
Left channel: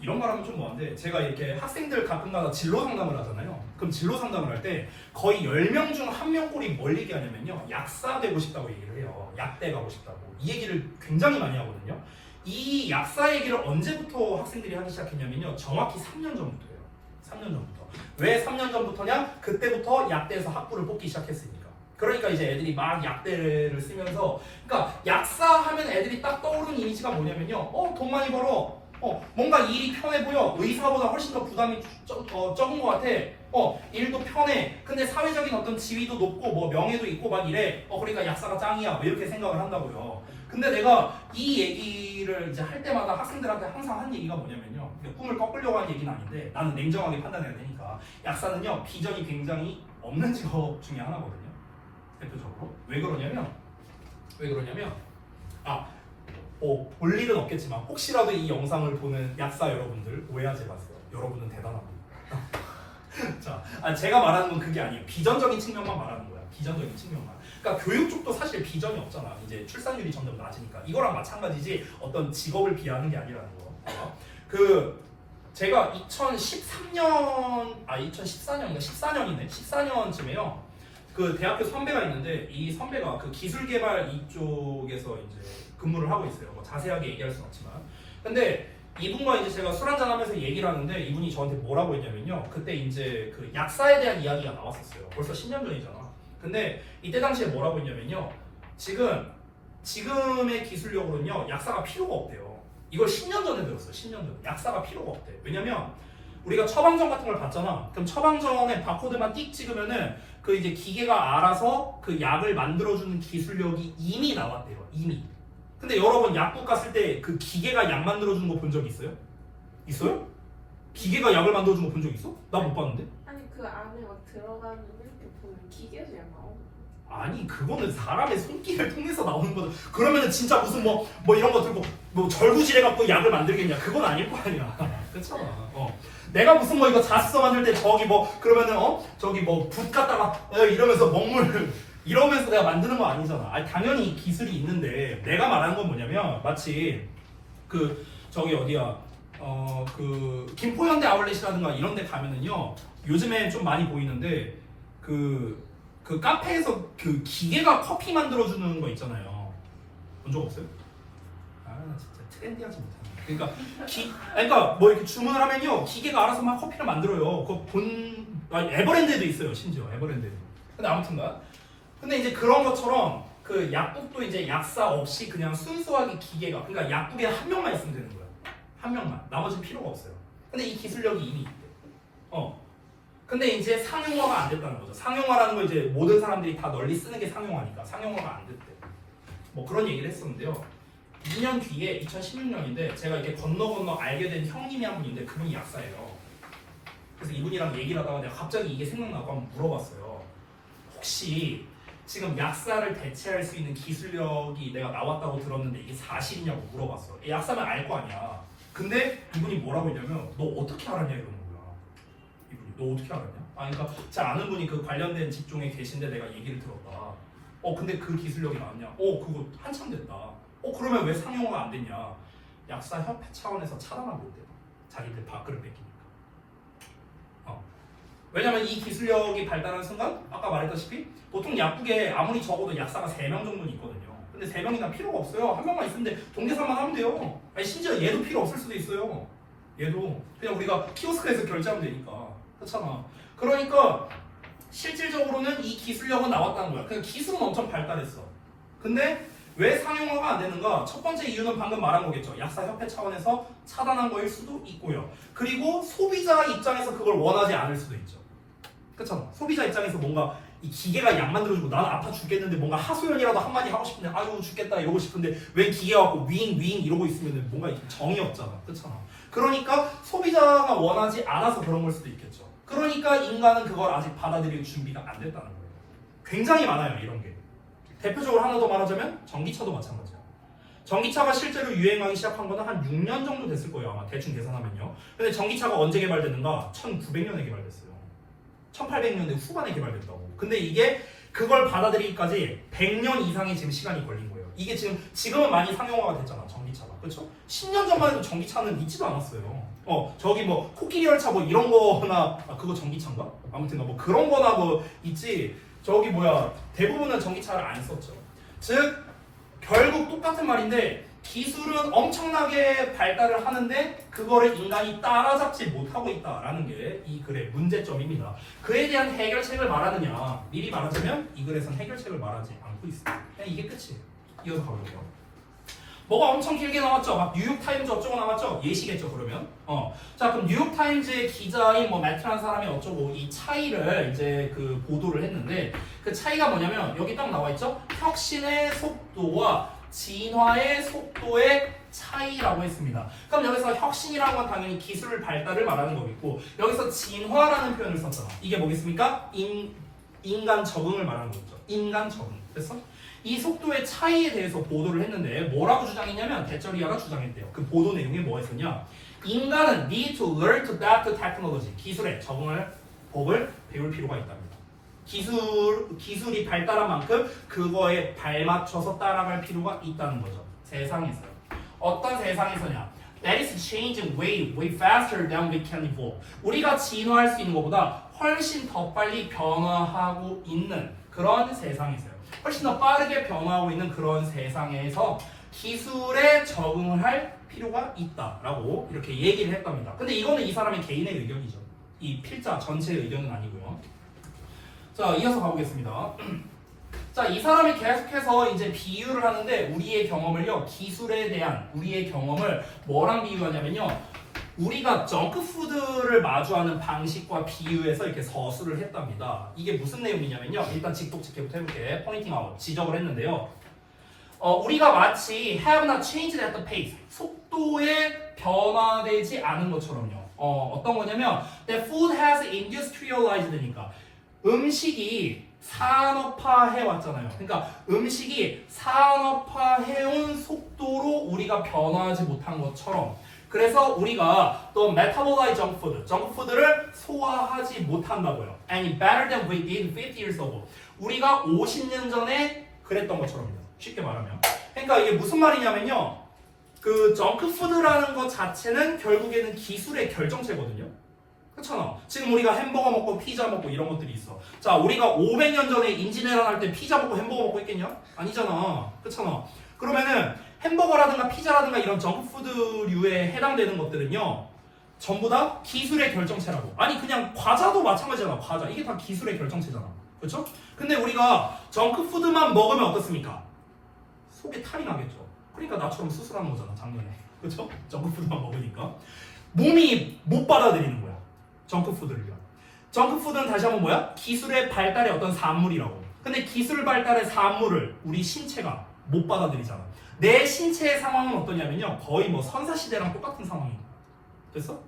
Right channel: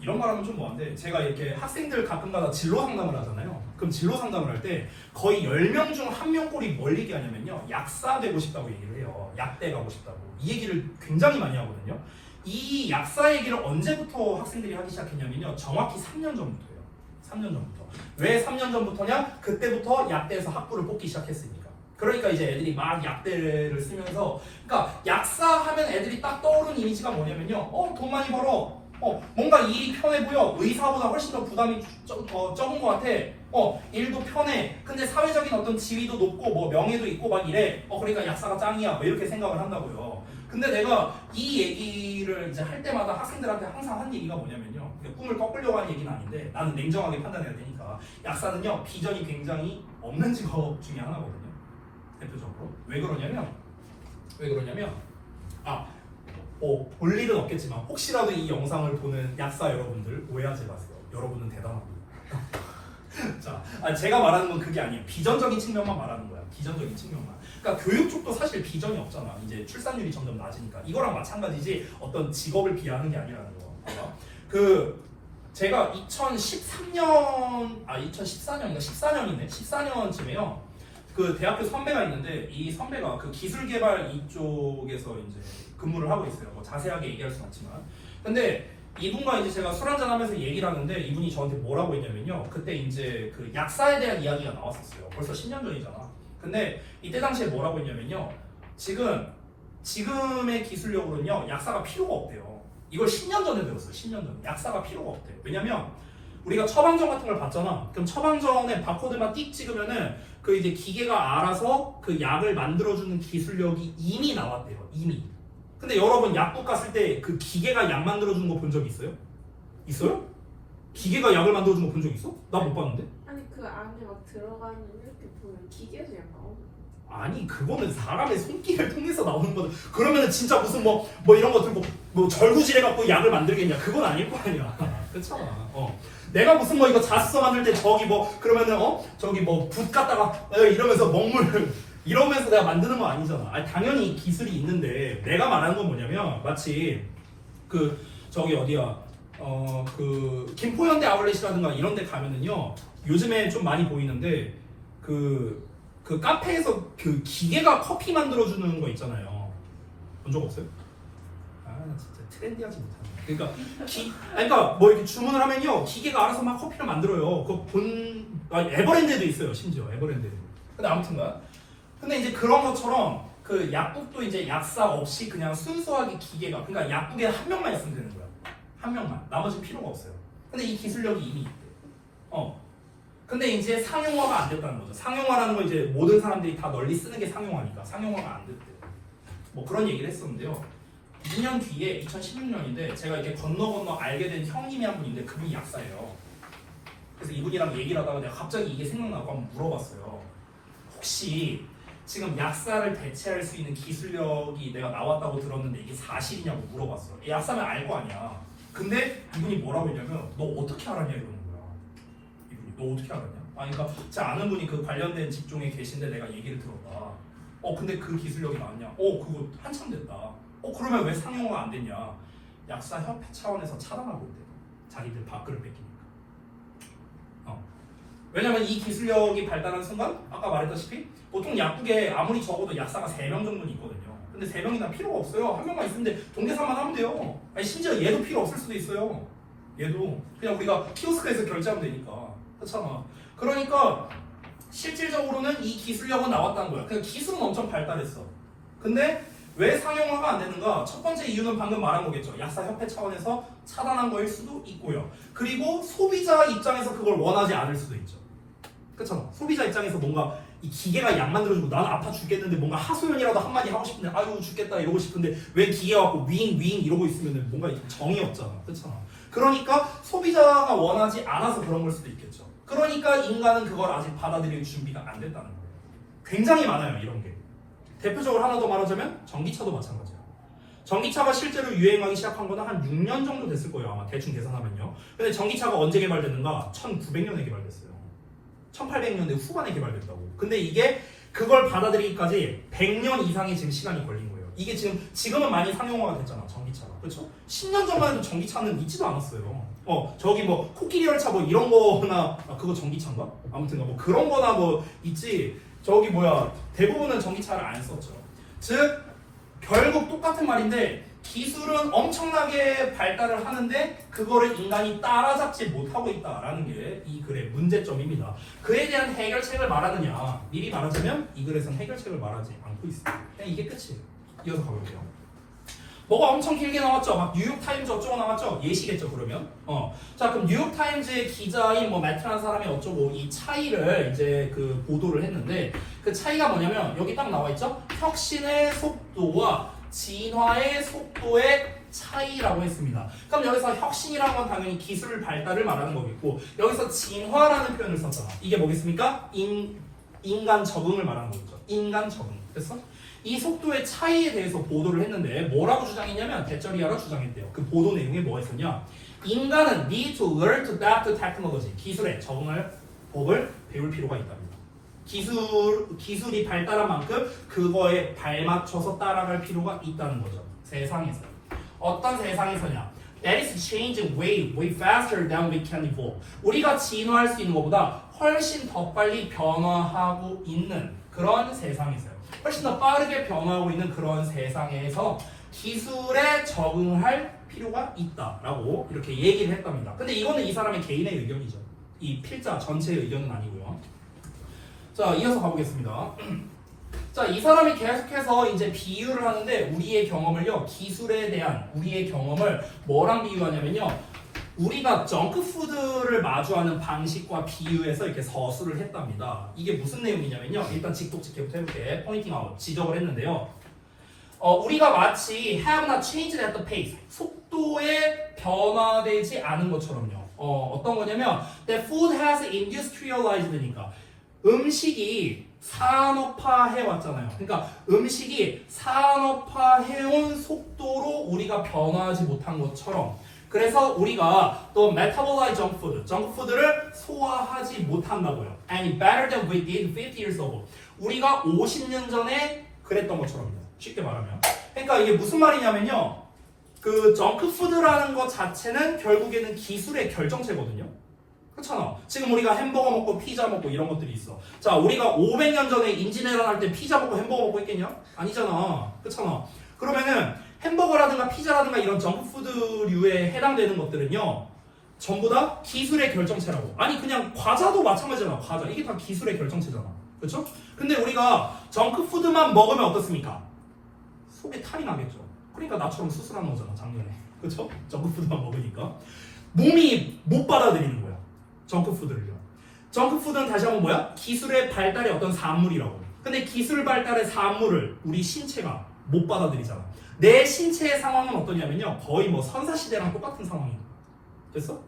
이런 말 하면 좀 뭐한데, 제가 이렇게 학생들 가끔가다 진로 상담을 하잖아요. 그럼 진로 상담을 할 때 거의 10명 중 1명 꼴이 뭘 얘기하냐면요, 약사 되고 싶다고 얘기를 해요. 약대 가고 싶다고. 이 얘기를 굉장히 많이 하거든요. 이 약사 얘기를 언제부터 학생들이 하기 시작했냐면요, 정확히 3년 전부터예요. 3년 전부터. 왜 3년 전부터냐? 그때부터 약대에서 학부를 뽑기 시작했으니까. 그러니까 이제 애들이 막 약대를 쓰면서, 그러니까 약사 하면 애들이 딱 떠오르는 이미지가 뭐냐면요, 돈 많이 벌어. 뭔가 일이 편해 보여. 의사보다 훨씬 더 부담이 적은 것 같아. 일도 편해. 근데 사회적인 어떤 지위도 높고 뭐 명예도 있고 막 이래. 그러니까 약사가 짱이야. 뭐 이렇게 생각을 한다고요. 근데 내가 이 얘기를 이제 할 때마다 학생들한테 항상 한 얘기가 뭐냐면요. 꿈을 꺾으려고 한 얘기는 아닌데 나는 냉정하게 판단해야 되니까 약사는요 비전이 굉장히 없는 직업 중에 하나거든요. 대표적으로. 왜 그러냐면 볼 일은 없겠지만 혹시라도 이 영상을 보는 약사 여러분들 오해하지 마세요. 여러분은 대단합니다. 자, 제가 말하는 건 그게 아니에요. 비전적인 측면만 말하는 거야. 비전적인 측면만. 그러니까 교육 쪽도 사실 비전이 없잖아. 이제 출산율이 점점 낮으니까. 이거랑 마찬가지지 어떤 직업을 비하하는 게 아니라는 거. 제가 2014년이네. 14년쯤에요. 그 대학교 선배가 있는데 이 선배가 그 기술개발 이쪽에서 이제 근무를 하고 있어요. 뭐 자세하게 얘기할 수는 없지만. 근데 이분과 이제 제가 술 한잔 하면서 얘기를 하는데 이분이 저한테 뭐라고 했냐면요. 그때 이제 그 약사에 대한 이야기가 나왔었어요. 벌써 10년 전이잖아. 근데 이때 당시에 뭐라고 했냐면요. 지금의 기술력으로는요. 약사가 필요가 없대요. 이걸 10년 전에 들었어요. 10년 전. 약사가 필요가 없대. 왜냐면 우리가 처방전 같은 걸 받잖아. 그럼 처방전에 바코드만 띡 찍으면은 그 이제 기계가 알아서 그 약을 만들어주는 기술력이 이미 나왔대요. 이미. 근데 여러분 약국 갔을 때 그 기계가 약 만들어주는 거 본 적 있어요? 있어요? 기계가 약을 만들어주는 거 본 적 있어? 나 못 봤는데? 아니 그 안에 막 들어가는 이렇게 보면 기계에서 약 나오는 거. 아니 그거는 사람의 손길을 통해서 나오는 거다. 그러면은 진짜 무슨 뭐 이런 거 들고 뭐 절구질 해갖고 약을 만들겠냐? 그건 아닐 거 아니야. 그렇잖아. 내가 무슨 뭐 이거 자습서 만들 때 저기 뭐 그러면은 저기 뭐 붓 갖다가 이러면서 먹물 이러면서 내가 만드는 거 아니잖아. 아니, 당연히 기술이 있는데 내가 말하는 건 뭐냐면 마치 그 저기 어디야 그 김포현대 아울렛이라든가 이런 데 가면은요 요즘에 좀 많이 보이는데 그 카페에서 그 기계가 커피 만들어주는 거 있잖아요. 본 적 없어요? 아 진짜 트렌디하지 못하네. 그러니까 뭐 이렇게 주문을 하면요 기계가 알아서 막 커피를 만들어요. 에버랜드에도 있어요. 심지어 에버랜드에도. 근데 아무튼간 근데 이제 그런 것처럼 그 약국도 이제 약사 없이 그냥 순수하게 기계가 그러니까 약국에 한 명만 있으면 되는 거야. 한 명만. 나머지는 필요가 없어요. 근데 이 기술력이 이미 있대. 근데 이제 상용화가 안 됐다는 거죠. 상용화라는 건 이제 모든 사람들이 다 널리 쓰는 게 상용화니까 상용화가 안 됐대. 뭐 그런 얘기를 했었는데요. 2년 뒤에 2016년인데 제가 이렇게 건너 알게 된 형님이 한 분인데 그분이 약사예요. 그래서 이분이랑 얘기를 하다가 내가 갑자기 이게 생각나고 한번 물어봤어요. 혹시 지금 약사를 대체할 수 있는 기술력이 내가 나왔다고 들었는데 이게 사실이냐고 물어봤어. 약사면 알 거 아니야. 근데 이분이 뭐라고 했냐면 너 어떻게 알았냐 이러는 거야. 이분이 너 어떻게 알았냐? 그러니까 제 아는 분이 그 관련된 직종에 계신데 내가 얘기를 들었다. 근데 그 기술력이 나왔냐? 그거 한참 됐다. 그러면 왜 상용화가 안 됐냐? 약사협회 차원에서 차단하고 있대. 자기들 밥그릇 뺏기니까. 왜냐면 이 기술력이 발달한 순간 아까 말했다시피 보통 약국에 아무리 적어도 약사가 3명 정도는 있거든요. 근데 3명이나 필요가 없어요. 한 명만 있으면 동계산만 하면 돼요. 아니 심지어 얘도 필요 없을 수도 있어요. 얘도 그냥 우리가 키오스크에서 결제하면 되니까. 그렇잖아. 그러니까 실질적으로는 이 기술력은 나왔다는 거야. 그냥 기술은 엄청 발달했어. 근데 왜 상용화가 안 되는가? 첫 번째 이유는 방금 말한 거겠죠. 약사협회 차원에서 차단한 거일 수도 있고요. 그리고 소비자 입장에서 그걸 원하지 않을 수도 있죠. 그쵸? 소비자 입장에서 뭔가 이 기계가 약 만들어주고 나는 아파 죽겠는데 뭔가 하소연이라도 한마디 하고 싶은데 아유 죽겠다 이러고 싶은데 왜 기계가 갖고 윙 이러고 있으면 뭔가 정이 없잖아. 그렇잖아. 그러니까 소비자가 원하지 않아서 그런 걸 수도 있겠죠. 그러니까 인간은 그걸 아직 받아들일 준비가 안 됐다는 거예요. 굉장히 많아요 이런 게. 대표적으로 하나 더 말하자면 전기차도 마찬가지야. 전기차가 실제로 유행하기 시작한 거는 한 6년 정도 됐을 거예요. 아마 대충 계산하면요. 근데 전기차가 언제 개발됐는가? 1900년에 개발됐어요. 1800년대 후반에 개발됐다고. 근데 이게 그걸 받아들이기까지 100년 이상의 지금 시간이 걸린 거예요. 이게 지금은 많이 상용화가 됐잖아. 전기차가. 그렇죠? 10년 전만 해도 전기차는 있지도 않았어요. 저기 뭐 코끼리 열차 뭐 이런 거나 그거 전기차인가? 아무튼 뭐 그런 거나 뭐 있지. 저기 대부분은 전기차를 안 썼죠. 즉 결국 똑같은 말인데 기술은 엄청나게 발달을 하는데 그거를 인간이 따라잡지 못하고 있다라는 게 이 글의 문제점입니다. 그에 대한 해결책을 말하느냐? 미리 말하자면 이 글에서는 해결책을 말하지 않고 있습니다. 그냥 이게 끝이에요. 이어서 가볼게요. 뭐가 엄청 길게 나왔죠? 막 뉴욕타임즈 어쩌고 나왔죠? 예시겠죠 그러면? 자 그럼 뉴욕타임즈의 기자인 뭐 매트라는 사람이 어쩌고 이 차이를 이제 그 보도를 했는데 그 차이가 뭐냐면 여기 딱 나와 있죠? 혁신의 속도와 진화의 속도의 차이라고 했습니다. 그럼 여기서 혁신이라는 건 당연히 기술 발달을 말하는 거겠고 여기서 진화라는 표현을 썼잖아. 이게 뭐겠습니까? 인간 적응을 말하는 거죠. 인간 적응. 됐어? 이 속도의 차이에 대해서 보도를 했는데 뭐라고 주장했냐면 데쩌리아가 주장했대요. 그 보도 내용에 뭐가 있었냐? 인간은 need to learn to adapt to technology. 기술에 적응을 법을 배울 필요가 있답니다. 기술이 발달한 만큼 그거에 발맞춰서 따라갈 필요가 있다는 거죠. 세상에서요. 어떤 세상에서냐? That is changing way faster than we can evolve. 우리가 진화할 수 있는 것보다 훨씬 더 빨리 변화하고 있는 그런 세상에서요. 훨씬 더 빠르게 변화하고 있는 그런 세상에서 기술에 적응할 필요가 있다라고 이렇게 얘기를 했답니다. 근데 이거는 이 사람의 개인의 의견이죠. 이 필자 전체의 의견은 아니고요. 자, 이어서 가보겠습니다. 자, 이 사람이 계속해서 이제 비유를 하는데 우리의 경험을요, 기술에 대한 우리의 경험을 뭐랑 비유하냐면요, 우리가 정크푸드를 마주하는 방식과 비유해서 이렇게 서술을 했답니다. 이게 무슨 내용이냐면요, 일단 직독직해부터 해볼게. 포인팅 아웃, 지적을 했는데요. 우리가 마치 have not changed at the pace, 속도에 변화되지 않은 것처럼요. 어떤 거냐면 that food has industrialized니까 음식이 산업화해 왔잖아요. 그러니까 음식이 산업화해온 속도로 우리가 변화하지 못한 것처럼 그래서 우리가 또 metabolize junk food, 정크푸드를 소화하지 못한다고요. And better than we did 50 years ago. 우리가 50년 전에 그랬던 것처럼요. 쉽게 말하면. 그러니까 이게 무슨 말이냐면요. 그 정크푸드라는 것 자체는 결국에는 기술의 결정체거든요. 그렇잖아. 지금 우리가 햄버거 먹고 피자 먹고 이런 것들이 있어. 자, 우리가 500년 전에 임진왜란 할 때 피자 먹고 햄버거 먹고 있겠냐? 아니잖아. 그렇잖아. 그러면은 햄버거라든가 피자라든가 이런 정크푸드류에 해당되는 것들은요, 전부 다 기술의 결정체라고. 아니 그냥 과자도 마찬가지잖아. 과자 이게 다 기술의 결정체잖아. 그렇죠? 근데 우리가 정크푸드만 먹으면 어떻습니까? 속에 탈이 나겠죠. 그러니까 나처럼 수술하는 거잖아 작년에. 그렇죠? 정크푸드만 먹으니까 몸이 못 받아들이는 거야. 정크푸드를요. 정크푸드는 다시 한번 뭐야? 기술의 발달의 어떤 산물이라고. 근데 기술 발달의 산물을 우리 신체가 못 받아들이잖아. 내 신체의 상황은 어떠냐면요, 거의 뭐 선사시대랑 똑같은 상황입니다. 됐어?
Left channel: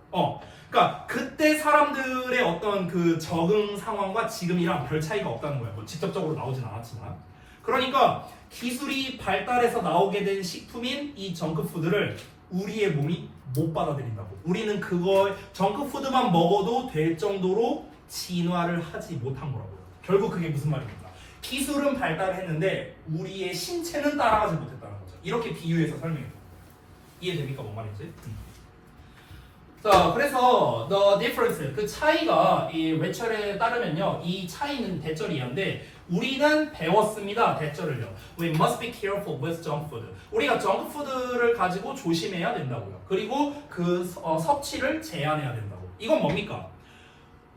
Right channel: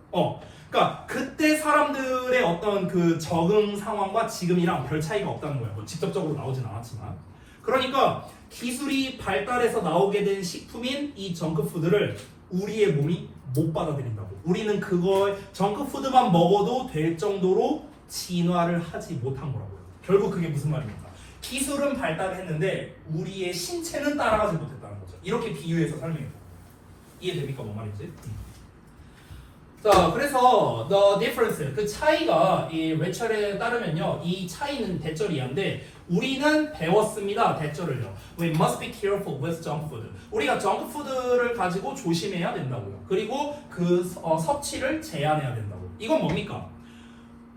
그러니까 그때 사람들의 어떤 그 적응 상황과 지금이랑 별 차이가 없다는 거야. 뭐 직접적으로 나오진 않았지만. 그러니까 기술이 발달해서 나오게 된 식품인 이 정크푸드를 우리의 몸이 못 받아들인다고. 우리는 그거 정크푸드만 먹어도 될 정도로 진화를 하지 못한 거라고요. 결국 그게 무슨 말입니까? 기술은 발달했는데 우리의 신체는 따라가지 못했다는 거죠. 이렇게 비유해서 설명해요. 이해됩니까? 뭔 말인지? 자, 그래서 the difference, 그 차이가 이 레철에 따르면요, 이 차이는 대절이한데 우리는 배웠습니다. 대절을요. We must be careful with junk food. 우리가 정크푸드를 가지고 조심해야 된다고요. 그리고 그 섭취를 제한해야 된다고. 이건 뭡니까?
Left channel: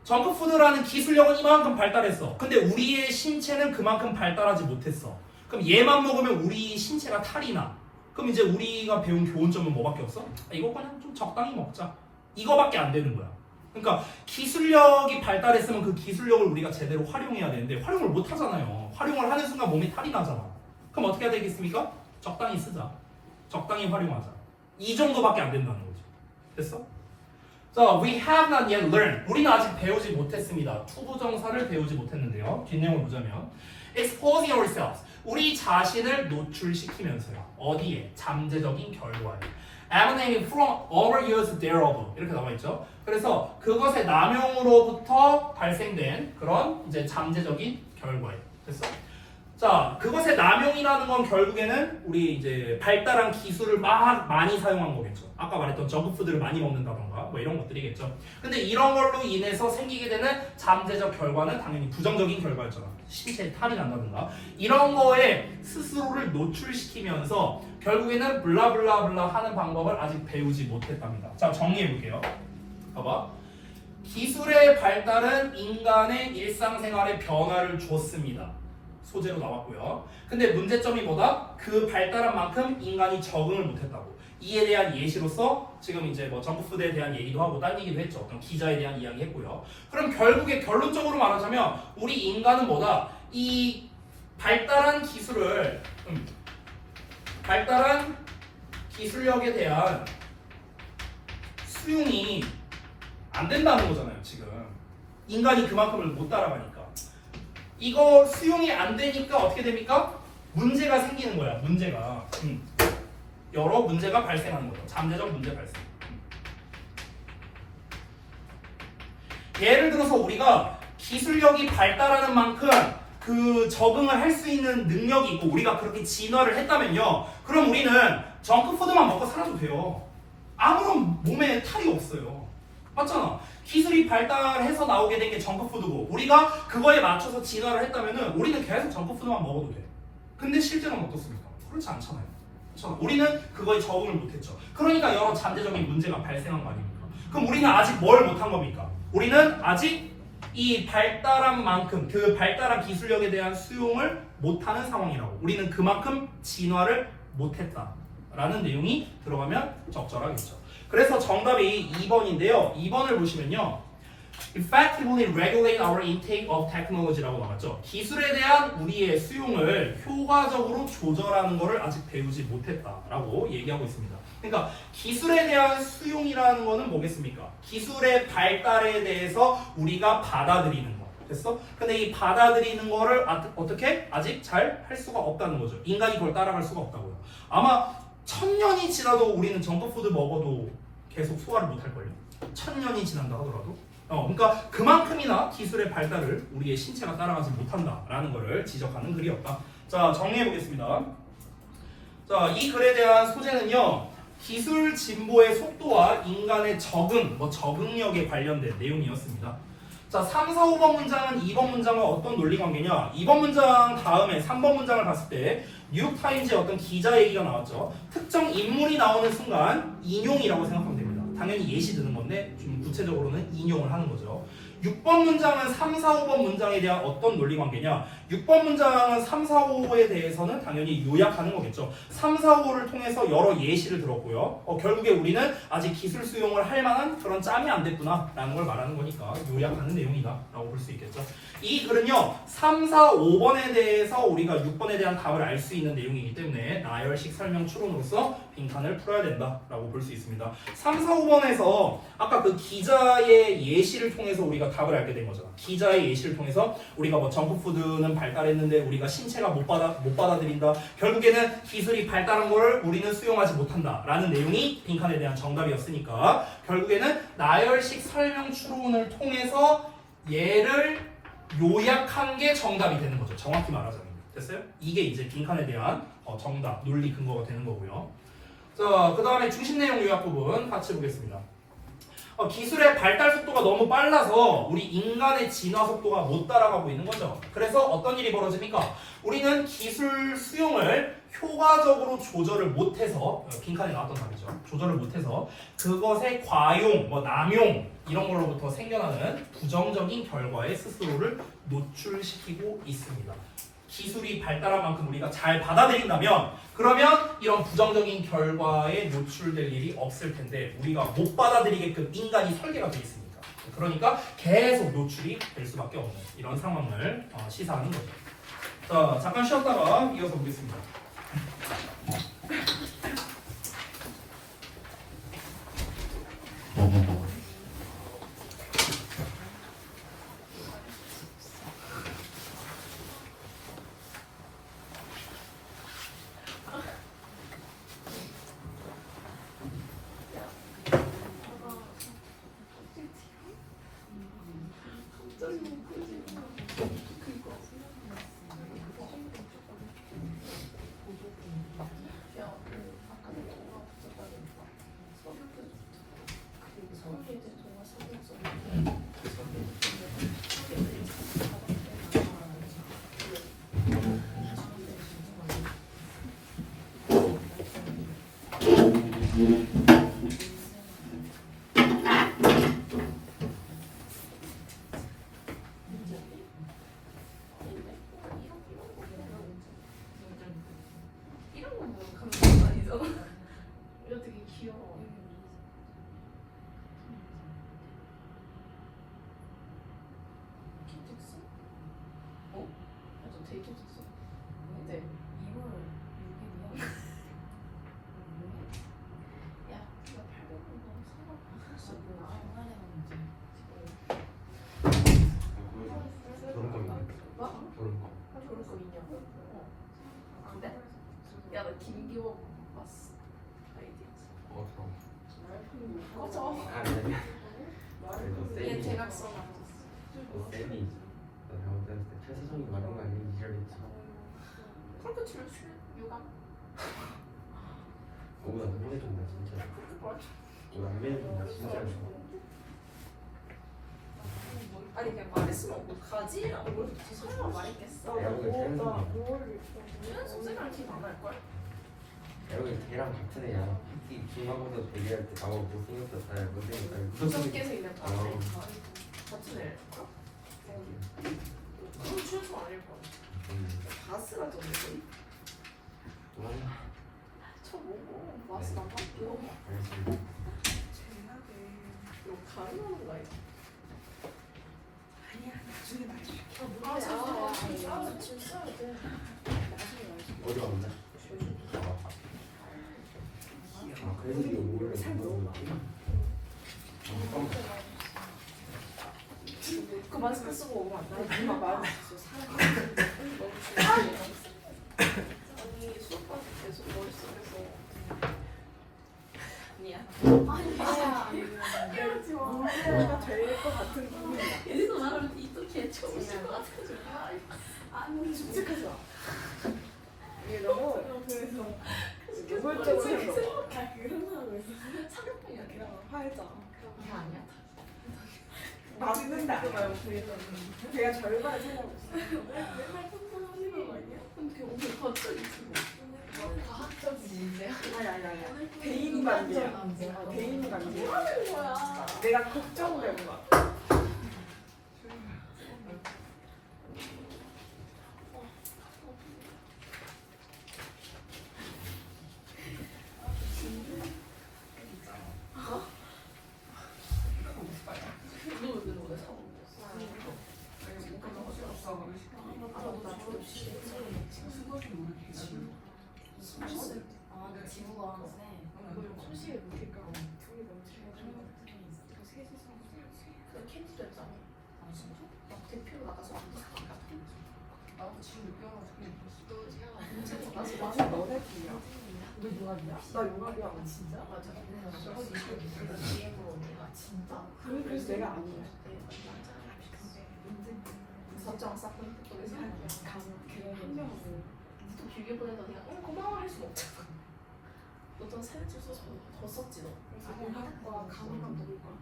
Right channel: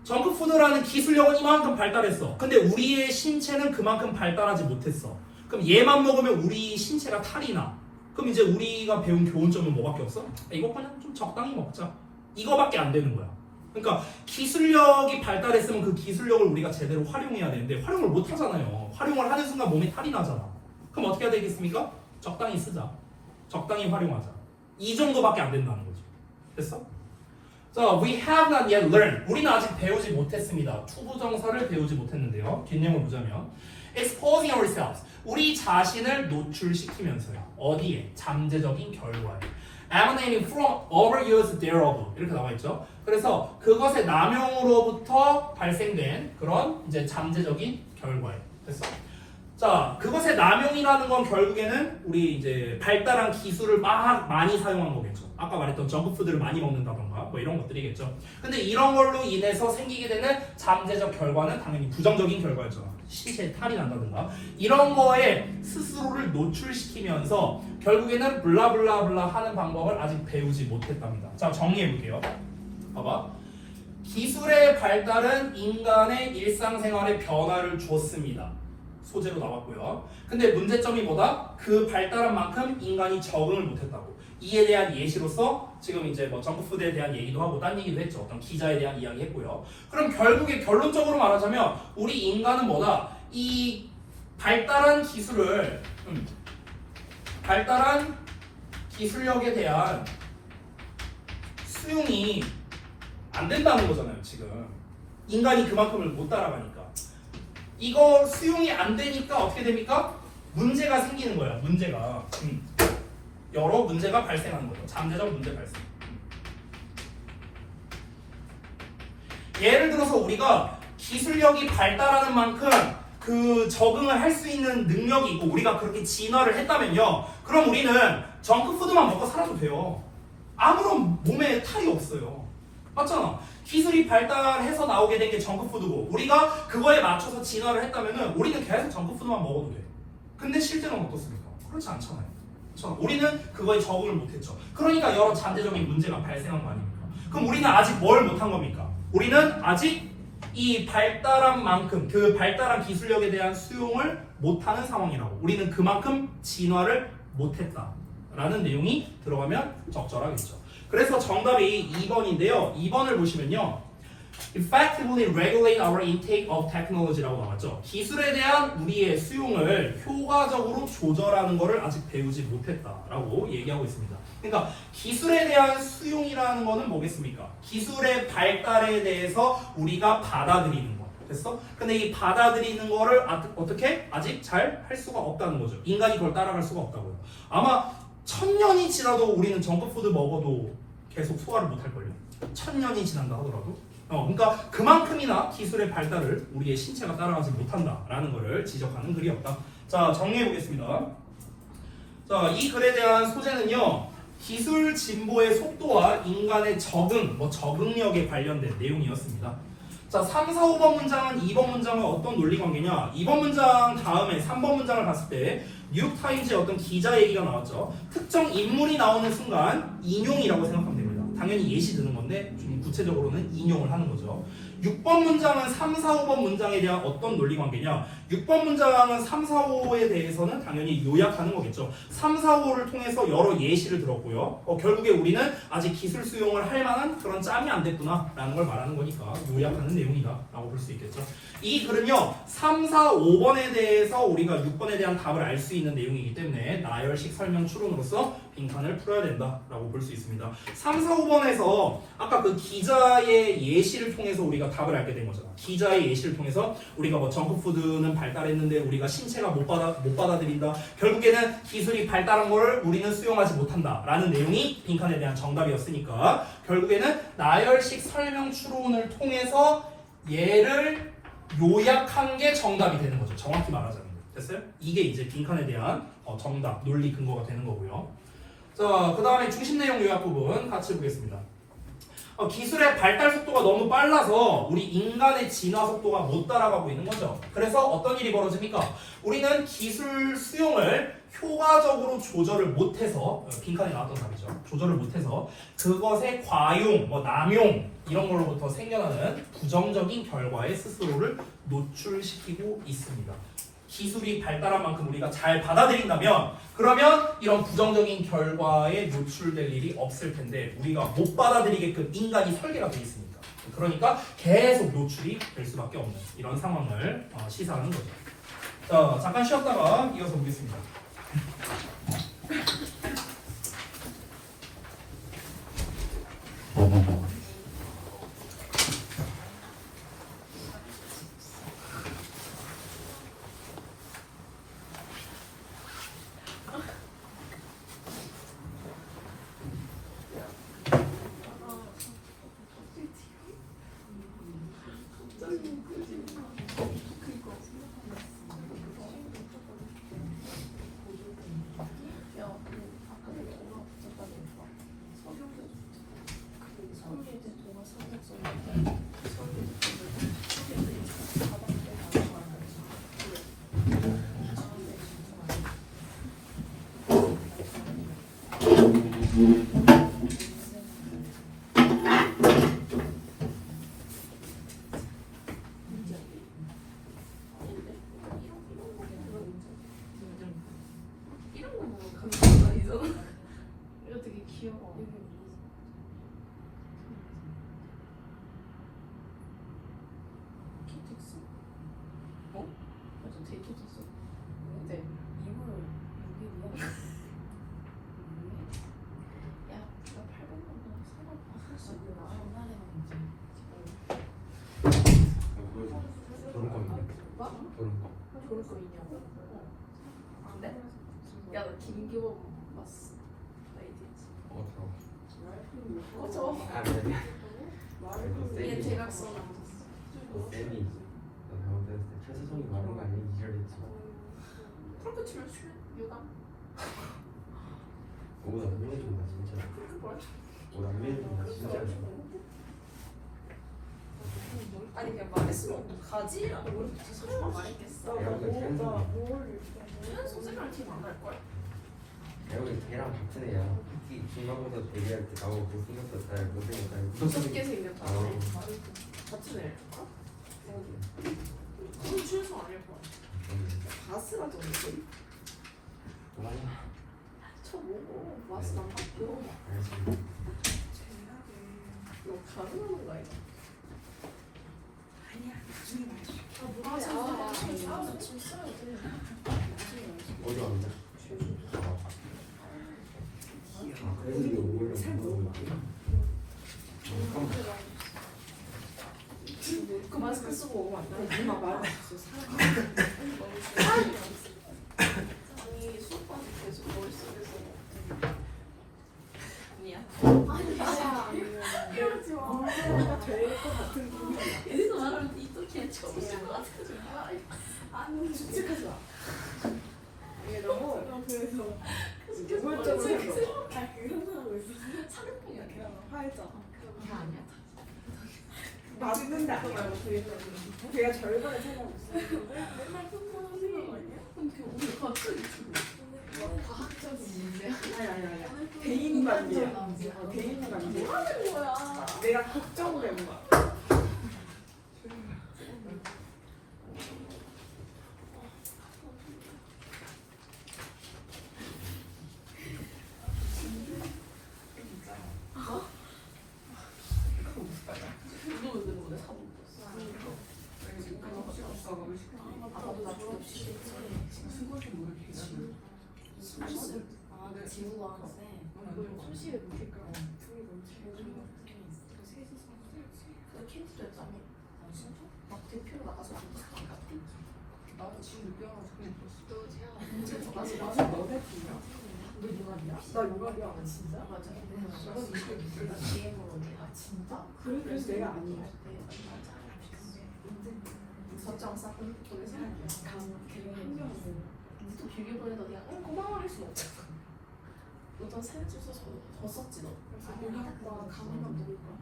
정크푸드라는 기술력은 이만큼 발달했어. 근데 우리의 신체는 그만큼 발달하지 못했어. 그럼 얘만 먹으면 우리 신체가 탈이 나. 그럼 이제 우리가 배운 교훈점은 뭐밖에 없어? 이거 그냥 좀 적당히 먹자. 이거밖에 안 되는 거야. 그러니까 기술력이 발달했으면 그 기술력을 우리가 제대로 활용해야 되는데 활용을 못 하잖아요. 활용을 하는 순간 몸에 탈이 나잖아. 그럼 어떻게 해야 되겠습니까? 적당히 쓰자. 적당히 활용하자. 이 정도밖에 안 된다는 거죠. 됐어? 자, we have not yet learned. 우리는 아직 배우지 못했습니다. 투부정사를 배우지 못했는데요. 뒷내용을 보자면 exposing ourselves. 우리 자신을 노출시키면서요. 어디에? 잠재적인 결과에. emanating from overuse thereof. 이렇게 나와 있죠. 그래서 그것의 남용으로부터 발생된 그런 이제 잠재적인 결과에. 됐어? 자, 그것의 남용이라는 건 결국에는 우리 이제 발달한 기술을 많이 사용한 거겠죠. 아까 말했던 정크푸드를 많이 먹는다던가 뭐 이런 것들이겠죠. 근데 이런 걸로 인해서 생기게 되는 잠재적 결과는 당연히 부정적인 결과였잖아. 신체에 탈이 난다든가 이런 거에 스스로를 노출시키면서 결국에는 블라블라블라 하는 방법을 아직 배우지 못했답니다. 자, 정리해 볼게요. 봐봐. 기술의 발달은 인간의 일상생활에 변화를 주었습니다. 소재로 나왔고요. 근데 문제점이 뭐다? 그 발달한 만큼 인간이 적응을 못했다고. 이에 대한 예시로서 지금 이제 뭐 정크푸드에 대한 얘기도 하고 딴 얘기도 했죠. 어떤 기자에 대한 이야기 했고요. 그럼 결국에 결론적으로 말하자면 우리 인간은 뭐다? 이 발달한 기술을 발달한 기술력에 대한 수용이 안 된다는 거잖아요. 지금 인간이 그만큼을 못 따라가니까 이거 수용이 안 되니까 어떻게 됩니까? 문제가 생기는 거야. 문제가 여러 문제가 발생하는 거죠. 잠재적 문제 발생. 예를 들어서 우리가 기술력이 발달하는 만큼 그 적응을 할 수 있는 능력이 있고 우리가 그렇게 진화를 했다면요. 그럼 우리는 정크푸드만 먹고 살아도 돼요. 아무런 몸에 탈이 없어요. 맞잖아. 기술이 발달해서 나오게 된 게 정크푸드고 우리가 그거에 맞춰서 진화를 했다면은 우리는 계속 정크푸드만 먹어도 돼. 근데 실제로는 어떻습니까? 그렇지 않잖아요. 그렇죠? 우리는 그거에 적응을 못했죠. 그러니까 여러 잠재적인 문제가 발생한 거 아닙니까? 그럼 우리는 아직 뭘 못한 겁니까? 우리는 아직 이 발달한 만큼 그 발달한 기술력에 대한 수용을 못하는 상황이라고. 우리는 그만큼 진화를 못했다라는 내용이 들어가면 적절하겠죠. 그래서 정답이 2번인데요. 2번을 보시면요. Effectively regulate our intake of technology라고 나왔죠. 기술에 대한 우리의 수용을 효과적으로 조절하는 것을 아직 배우지 못했다라고 얘기하고 있습니다. 그러니까 기술에 대한 수용이라는 것은 뭐겠습니까? 기술의 발달에 대해서 우리가 받아들이는 거. 됐어? 근데 이 받아들이는 거를 어떻게? 아직 잘 할 수가 없다는 거죠. 인간이 그걸 따라갈 수가 없다고요. 아마 1000년이 지나도 우리는 정크푸드 먹어도 계속 소화를 못할걸요. 1000년이 지난다 하더라도. 그러니까 그만큼이나 기술의 발달을 우리의 신체가 따라가지 못한다라는 것을 지적하는 글이었다. 자, 정리해 보겠습니다. 자, 이 글에 대한 소재는요. 기술 진보의 속도와 인간의 적응력에 관련된 내용이었습니다. 자, 3, 4, 5번 문장은 2번 문장과 어떤 논리 관계냐? 2번 문장 다음에 3번 문장을 봤을 때 뉴욕타임즈의 어떤 기자 얘기가 나왔죠. 특정 인물이 나오는 순간 인용이라고 생각하면 됩니다. 당연히 예시 드는 건데 좀 구체적으로는 인용을 하는 거죠. 6번 문장은 3, 4, 5번 문장에 대한 어떤 논리 관계냐? 6번 문장은 3, 4, 5에 대해서는 당연히 요약하는 거겠죠. 3, 4, 5를 통해서 여러 예시를 들었고요. 결국에 우리는 아직 기술 수용을 할 만한 그런 짬이 안 됐구나 라는 걸 말하는 거니까 요약하는 내용이다 라고 볼 수 있겠죠. 이 글은요 3, 4, 5번에 대해서 우리가 6번에 대한 답을 알 수 있는 내용이기 때문에 나열식 설명 추론으로서 빈칸을 풀어야 된다 라고 볼 수 있습니다. 3, 4, 5번에서 아까 그 기자의 예시를 통해서 우리가 답을 알게 된 거잖아. 기자의 예시를 통해서 우리가 뭐 정크푸드는 발달했는데 우리가 신체가 못 받아들인다. 결국에는 기술이 발달한 걸 우리는 수용하지 못한다 라는 내용이 빈칸에 대한 정답이었으니까 결국에는 나열식 설명 추론을 통해서 얘를 요약한 게 정답이 되는 거죠. 정확히 말하자면. 됐어요? 이게 이제 빈칸에 대한 정답, 논리 근거가 되는 거고요. 자, 그 다음에 중심 내용 요약 부분 같이 보겠습니다. 기술의 발달 속도가 너무 빨라서 우리 인간의 진화 속도가 못 따라가고 있는 거죠. 그래서 어떤 일이 벌어집니까? 우리는 기술 수용을 효과적으로 조절을 못해서 빈칸에 나왔던 답이죠. 조절을 못해서 그것의 과용, 남용 이런 걸로부터 생겨나는 부정적인 결과에 스스로를 노출시키고 있습니다. 기술이 발달한 만큼 우리가 잘 받아들인다면 그러면 이런 부정적인 결과에 노출될 일이 없을 텐데 우리가 못 받아들이게끔 인간이 설계가 되어 있습니다. 그러니까 계속 노출이 될 수밖에 없는 이런 상황을 시사하는 거죠. 자, 잠깐 쉬었다가 이어서 보겠습니다. 졸음감이네. 졸음감. 좋을 거 있냐고? 안 돼? 야, 나 김규호 봤어. 아이디. 그럼. 꺼져. 아, 그래. 얘 대각선 안 쌤이 너 잘못했을 때 최수정이 말한 거 아니니? 이러겠지. 그렇게 치면 유감? 너보다 안면해준다 진짜. 너보다 안면해준다 진짜. 아니 그냥 말했으면 어떡하지? 뭘 설마 말했겠어? 내가 보기엔 태연이 최연소 생활 팀안 갈걸? 내가 보기엔 걔랑 같은 애야. 이 중간고사 대기할 때 나보고 못생겼었다 못생겼다 무섭게 생겼다. 어. 같은 애. 그건 최연소 아닐 거야. 다 쓰라졌는데? 뭐라냐? 저 뭐고? 마스 안 맞고. 알겠습니다. 너 가능하는 거 아니야? 아, 어디 왔냐? 아 그래서 이거 오히려 못 먹는 그 마스크 쓰고 오면 안 돼. 이마 말 여기서 말하면 이렇게 처음인 것 같아서 아니 솔직하지 마. 너무 그래서 노골적으로 해서 그런 사람을 왜 사격이야 그냥 화했잖아. 그거 아니야? 맞는다. 걔가 절반을 생각하고 있어. 맨날 혼자 하는 거 아니야? 근데 오늘 갑자기 지금 과학적이지. 아니. 개인 관계야. 개인 관계. 뭐 하는 거야? 내가 걱정된 거야. 나 요가리야. 진짜? 맞아. 진짜? 그래서 내가 아니야. 설정 쌓고 또 또 길게 보내다 그냥 고마워 할 수는 없잖아. 너도 사진 찍어서 더 썼지 너. 그래서 감이가 누굴 거야?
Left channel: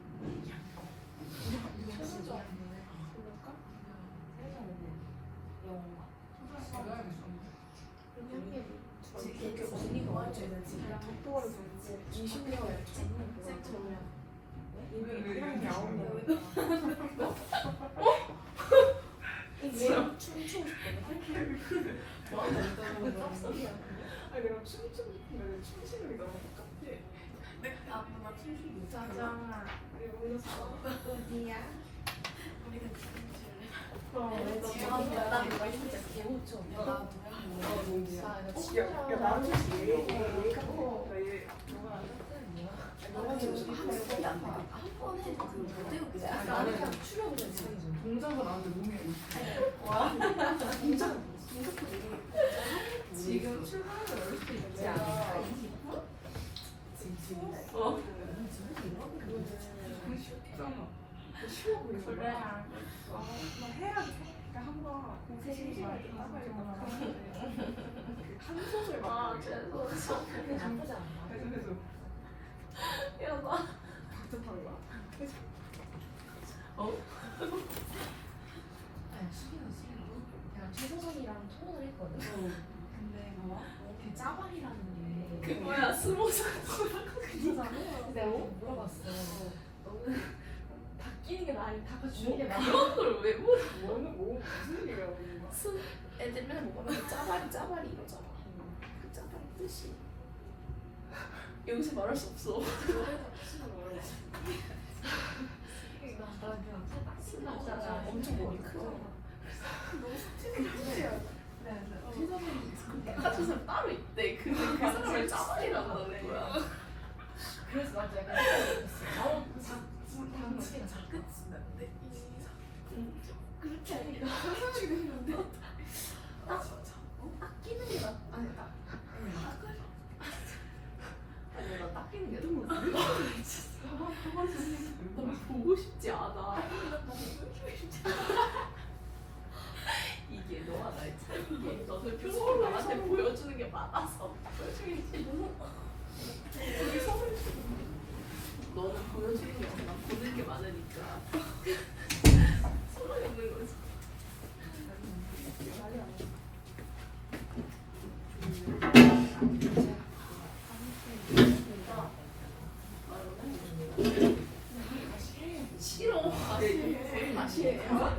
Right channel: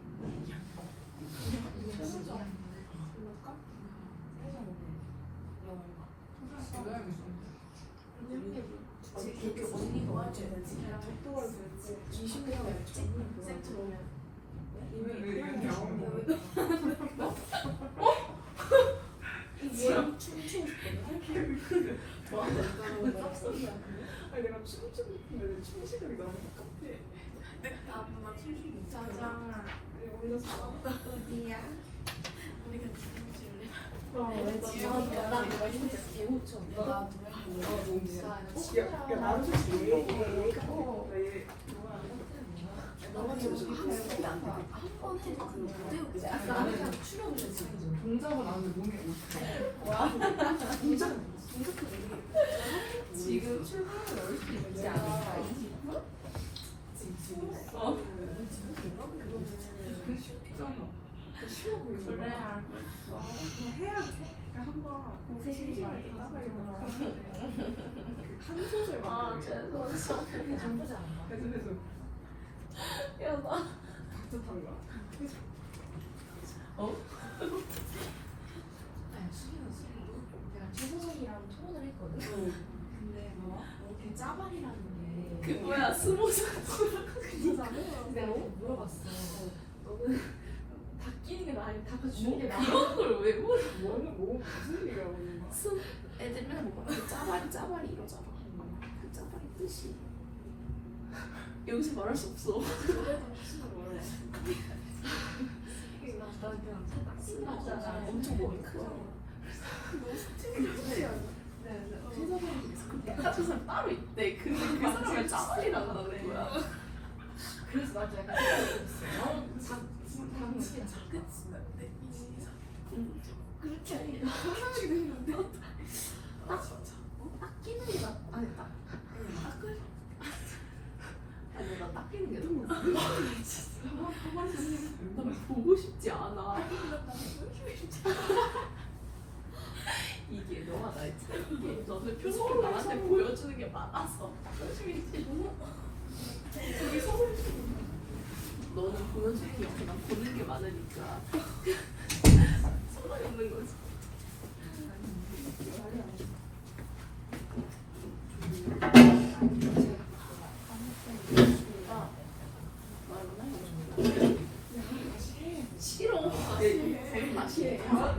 최선자. 그럴까? 그렇게 언니가 와줘야 되지. 덕도가 20년 했지. 쌤 오면 이미 나오면. 뭐야? 춤추고 싶은데? 아니 내가 춤추고 싶은데 춤추는 게 너무 복잡해. 아빠 춤추고 있잖아. 짜장아. 여기서 어디야? 우리가 춤출래? 그럼 나 너가 진짜 개우쳐. 나 야, 나는 솔직히 왜 너가 지금 한 번도 안 봐. 한번 해도 나는 출연을 지금 동작은 안 돼. 몸이 어떻게 와 동작 지금 출발을 넣을 수 있지 않을까? 어? 쉬워 보이네. 그래. 해야 돼. 한번 고생이 한 소절 막 그래서 그게 나쁘지 않나? 그래서 야 나 박수 타는 거야? 어? 내가 최소선이랑 토론을 했거든. 근데 뭐 짜발이라는 게 그거야 스무살. 그거잖아. 내가 물어봤어. 너는 바뀌는 게 나아, 바꿔주는 게 나아? 그런 걸 왜 물어? 뭐 무슨 얘기야 오는 거야? 애들 맨날 보면 짜발이 이러잖아. 그 짜발이 뜻이 여기서 말할 수 없어. 노래도 무슨 원래? 나 그냥 신나잖아. 엄청 머리 크고. 너무 스트레스야. 똑같은 사람 따로 있대. 그 사람을 짜발이라고 하는 거야. 그래서 나도 약간 당치기가 자꾸 게 많아서. 되게 서로 너는 보여주는 게 아니라 보는 게 많으니까 서로 없는 거지. 싫어. 제일 맛이 가만히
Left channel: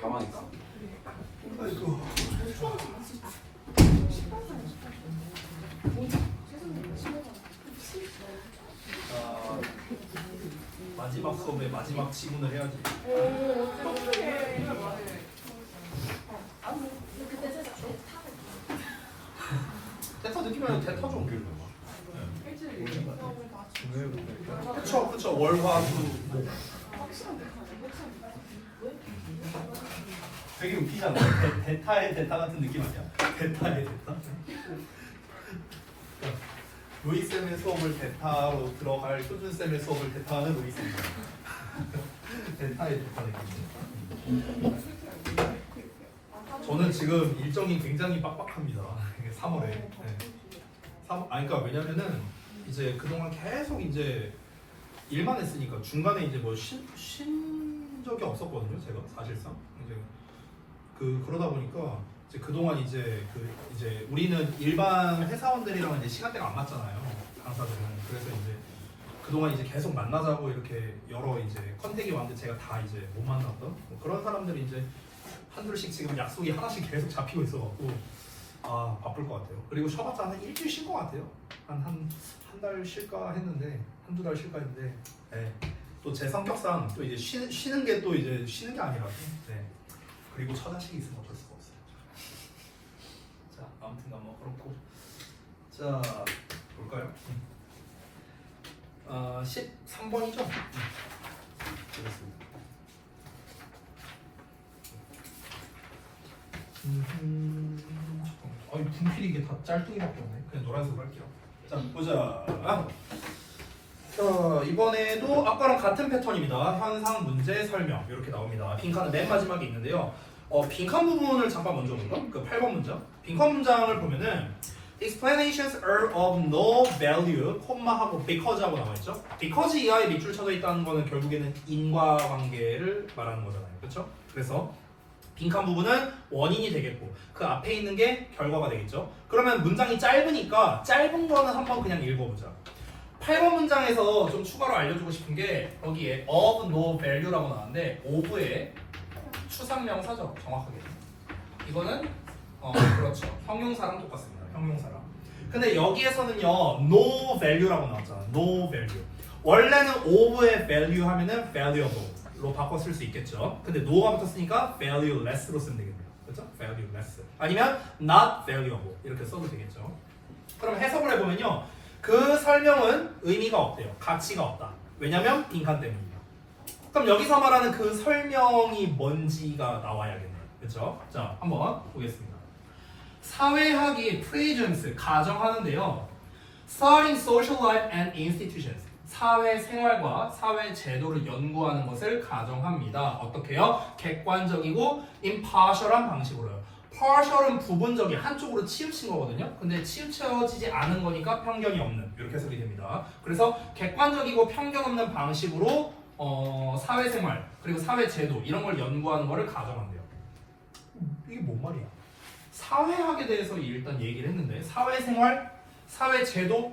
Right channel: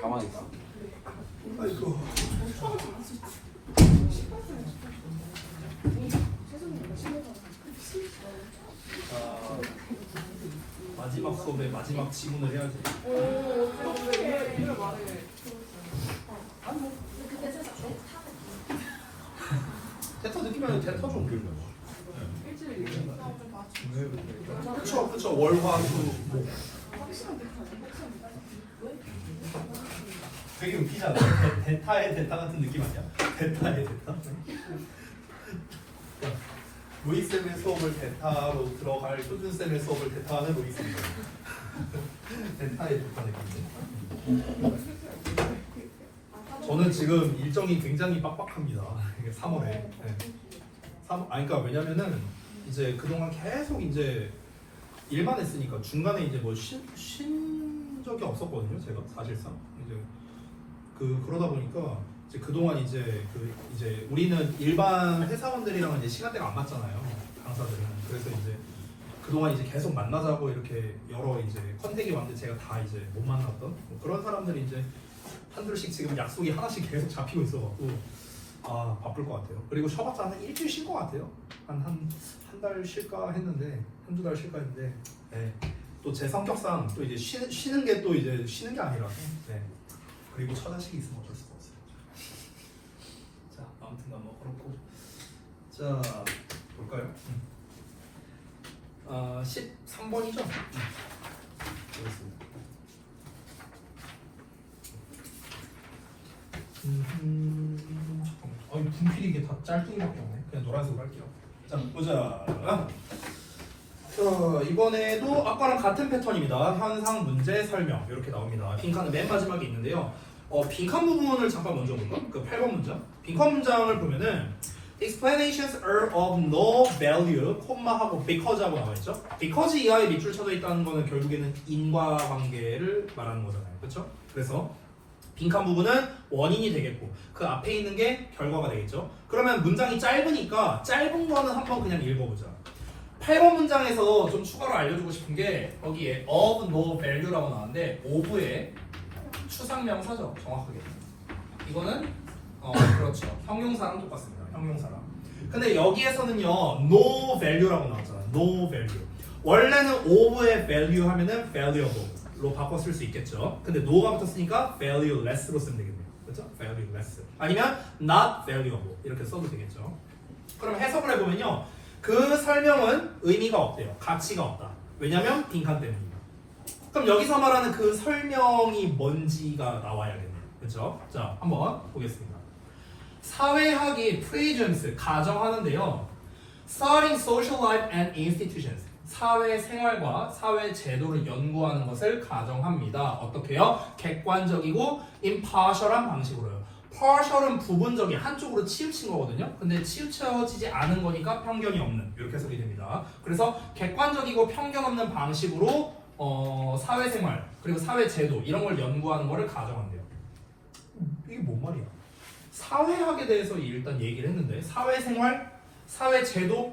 가만히 있어. 아이고. 자, 마지막 수업의 마지막 지문을 해야지. 대타 느끼면 대타 좀 빌려. 그쵸 월화수목. 되게 웃기잖아. 대타의 대타 같은 느낌 아니야? 대타의 대타. 그러니까 로이 쌤의 수업을 대타로 들어갈 효준 쌤의 수업을 대타하는 로이 쌤. 대타의 대타 느낌. 저는 지금 일정이 굉장히 빡빡합니다. 이게 3월에. 네. 그러니까 왜냐면은 이제 그동안 계속 이제 일만 했으니까 중간에 이제 뭐 쉰 적이 없었거든요. 제가 사실상 이제 그러다 보니까 이제 그동안 이제 이제 우리는 일반 회사원들이랑 이제 시간대가 안 맞잖아요. 강사들은. 그래서 이제 그동안 이제 계속 만나자고 이렇게 여러 이제 컨택이 왔는데 제가 다 이제 못 만났던 뭐 그런 사람들이 이제 한둘씩 지금 약속이 하나씩 계속 잡히고 있어갖고 아 바쁠 것 같아요. 그리고 쉬어봤자 한 일주일 쉴 것 같아요. 한 달 쉴까 했는데 한두 달 쉴까 했는데 네. 또 제 성격상 또 이제 쉬는 게 또 이제 쉬는 게 아니라서 네. 그리고 처자식이 있으면 어쩔 수가 없어요. 자 아무튼간 뭐 그렇고 자 볼까요? 13번이죠? 그렇습니다. 아니 분필이 이게 다 짤뚱이밖에 없네. 그냥 노란색으로 할게요. 자 보자. 자 이번에도 아까랑 같은 패턴입니다. 현상 문제 설명 이렇게 나옵니다. 빈칸은 맨 마지막에 있는데요. 빈칸 부분을 잠깐 먼저 볼까? 그 8번 문장. 빈칸 문장을 보면은 explanations are of no value, 콤마하고 because하고 나와있죠. because 이하에 밑줄 쳐져 있다는 거는 결국에는 인과관계를 말하는 거잖아요. 그렇죠? 그래서 빈칸 부분은 원인이 되겠고 그 앞에 있는 게 결과가 되겠죠. 그러면 문장이 짧으니까 짧은 거는 한번 그냥 읽어보자. 8번 문장에서 좀 추가로 알려주고 싶은 게 거기에 of no value라고 나왔는데 of의 추상명사죠. 정확하게 이거는 그렇죠. 형용사랑 똑같습니다. 형용사랑. 근데 여기에서는요 no value라고 나왔잖아. no value. 원래는 of의 value 하면은 valuable로 바꿔 쓸 수 있겠죠. 근데 no가 붙었으니까 valueless로 쓰면 되겠네요. 그렇죠? valueless. 아니면 not valuable 이렇게 써도 되겠죠. 그럼 해석을 해보면요. 그 설명은 의미가 없대요. 가치가 없다. 왜냐면 빈칸 때문입니다. 그럼 여기서 말하는 그 설명이 뭔지가 나와야겠네요. 그렇죠? 자, 한번 보겠습니다. 사회학이 presence 가정하는데요. Studying social life and institutions 사회 생활과 사회 제도를 연구하는 것을 가정합니다. 어떻게요? 객관적이고 impartial한 방식으로요. partial은 부분적인 한쪽으로 치우친 거거든요. 근데 치우쳐지지 않은 거니까 편견이 없는 이렇게 해석이 됩니다. 그래서 객관적이고 편견 없는 방식으로 사회생활 그리고 사회제도 이런 걸 연구하는 거를 가정한대요. 이게 뭔 말이야? 사회학에 대해서 일단 얘기를 했는데 사회생활, 사회제도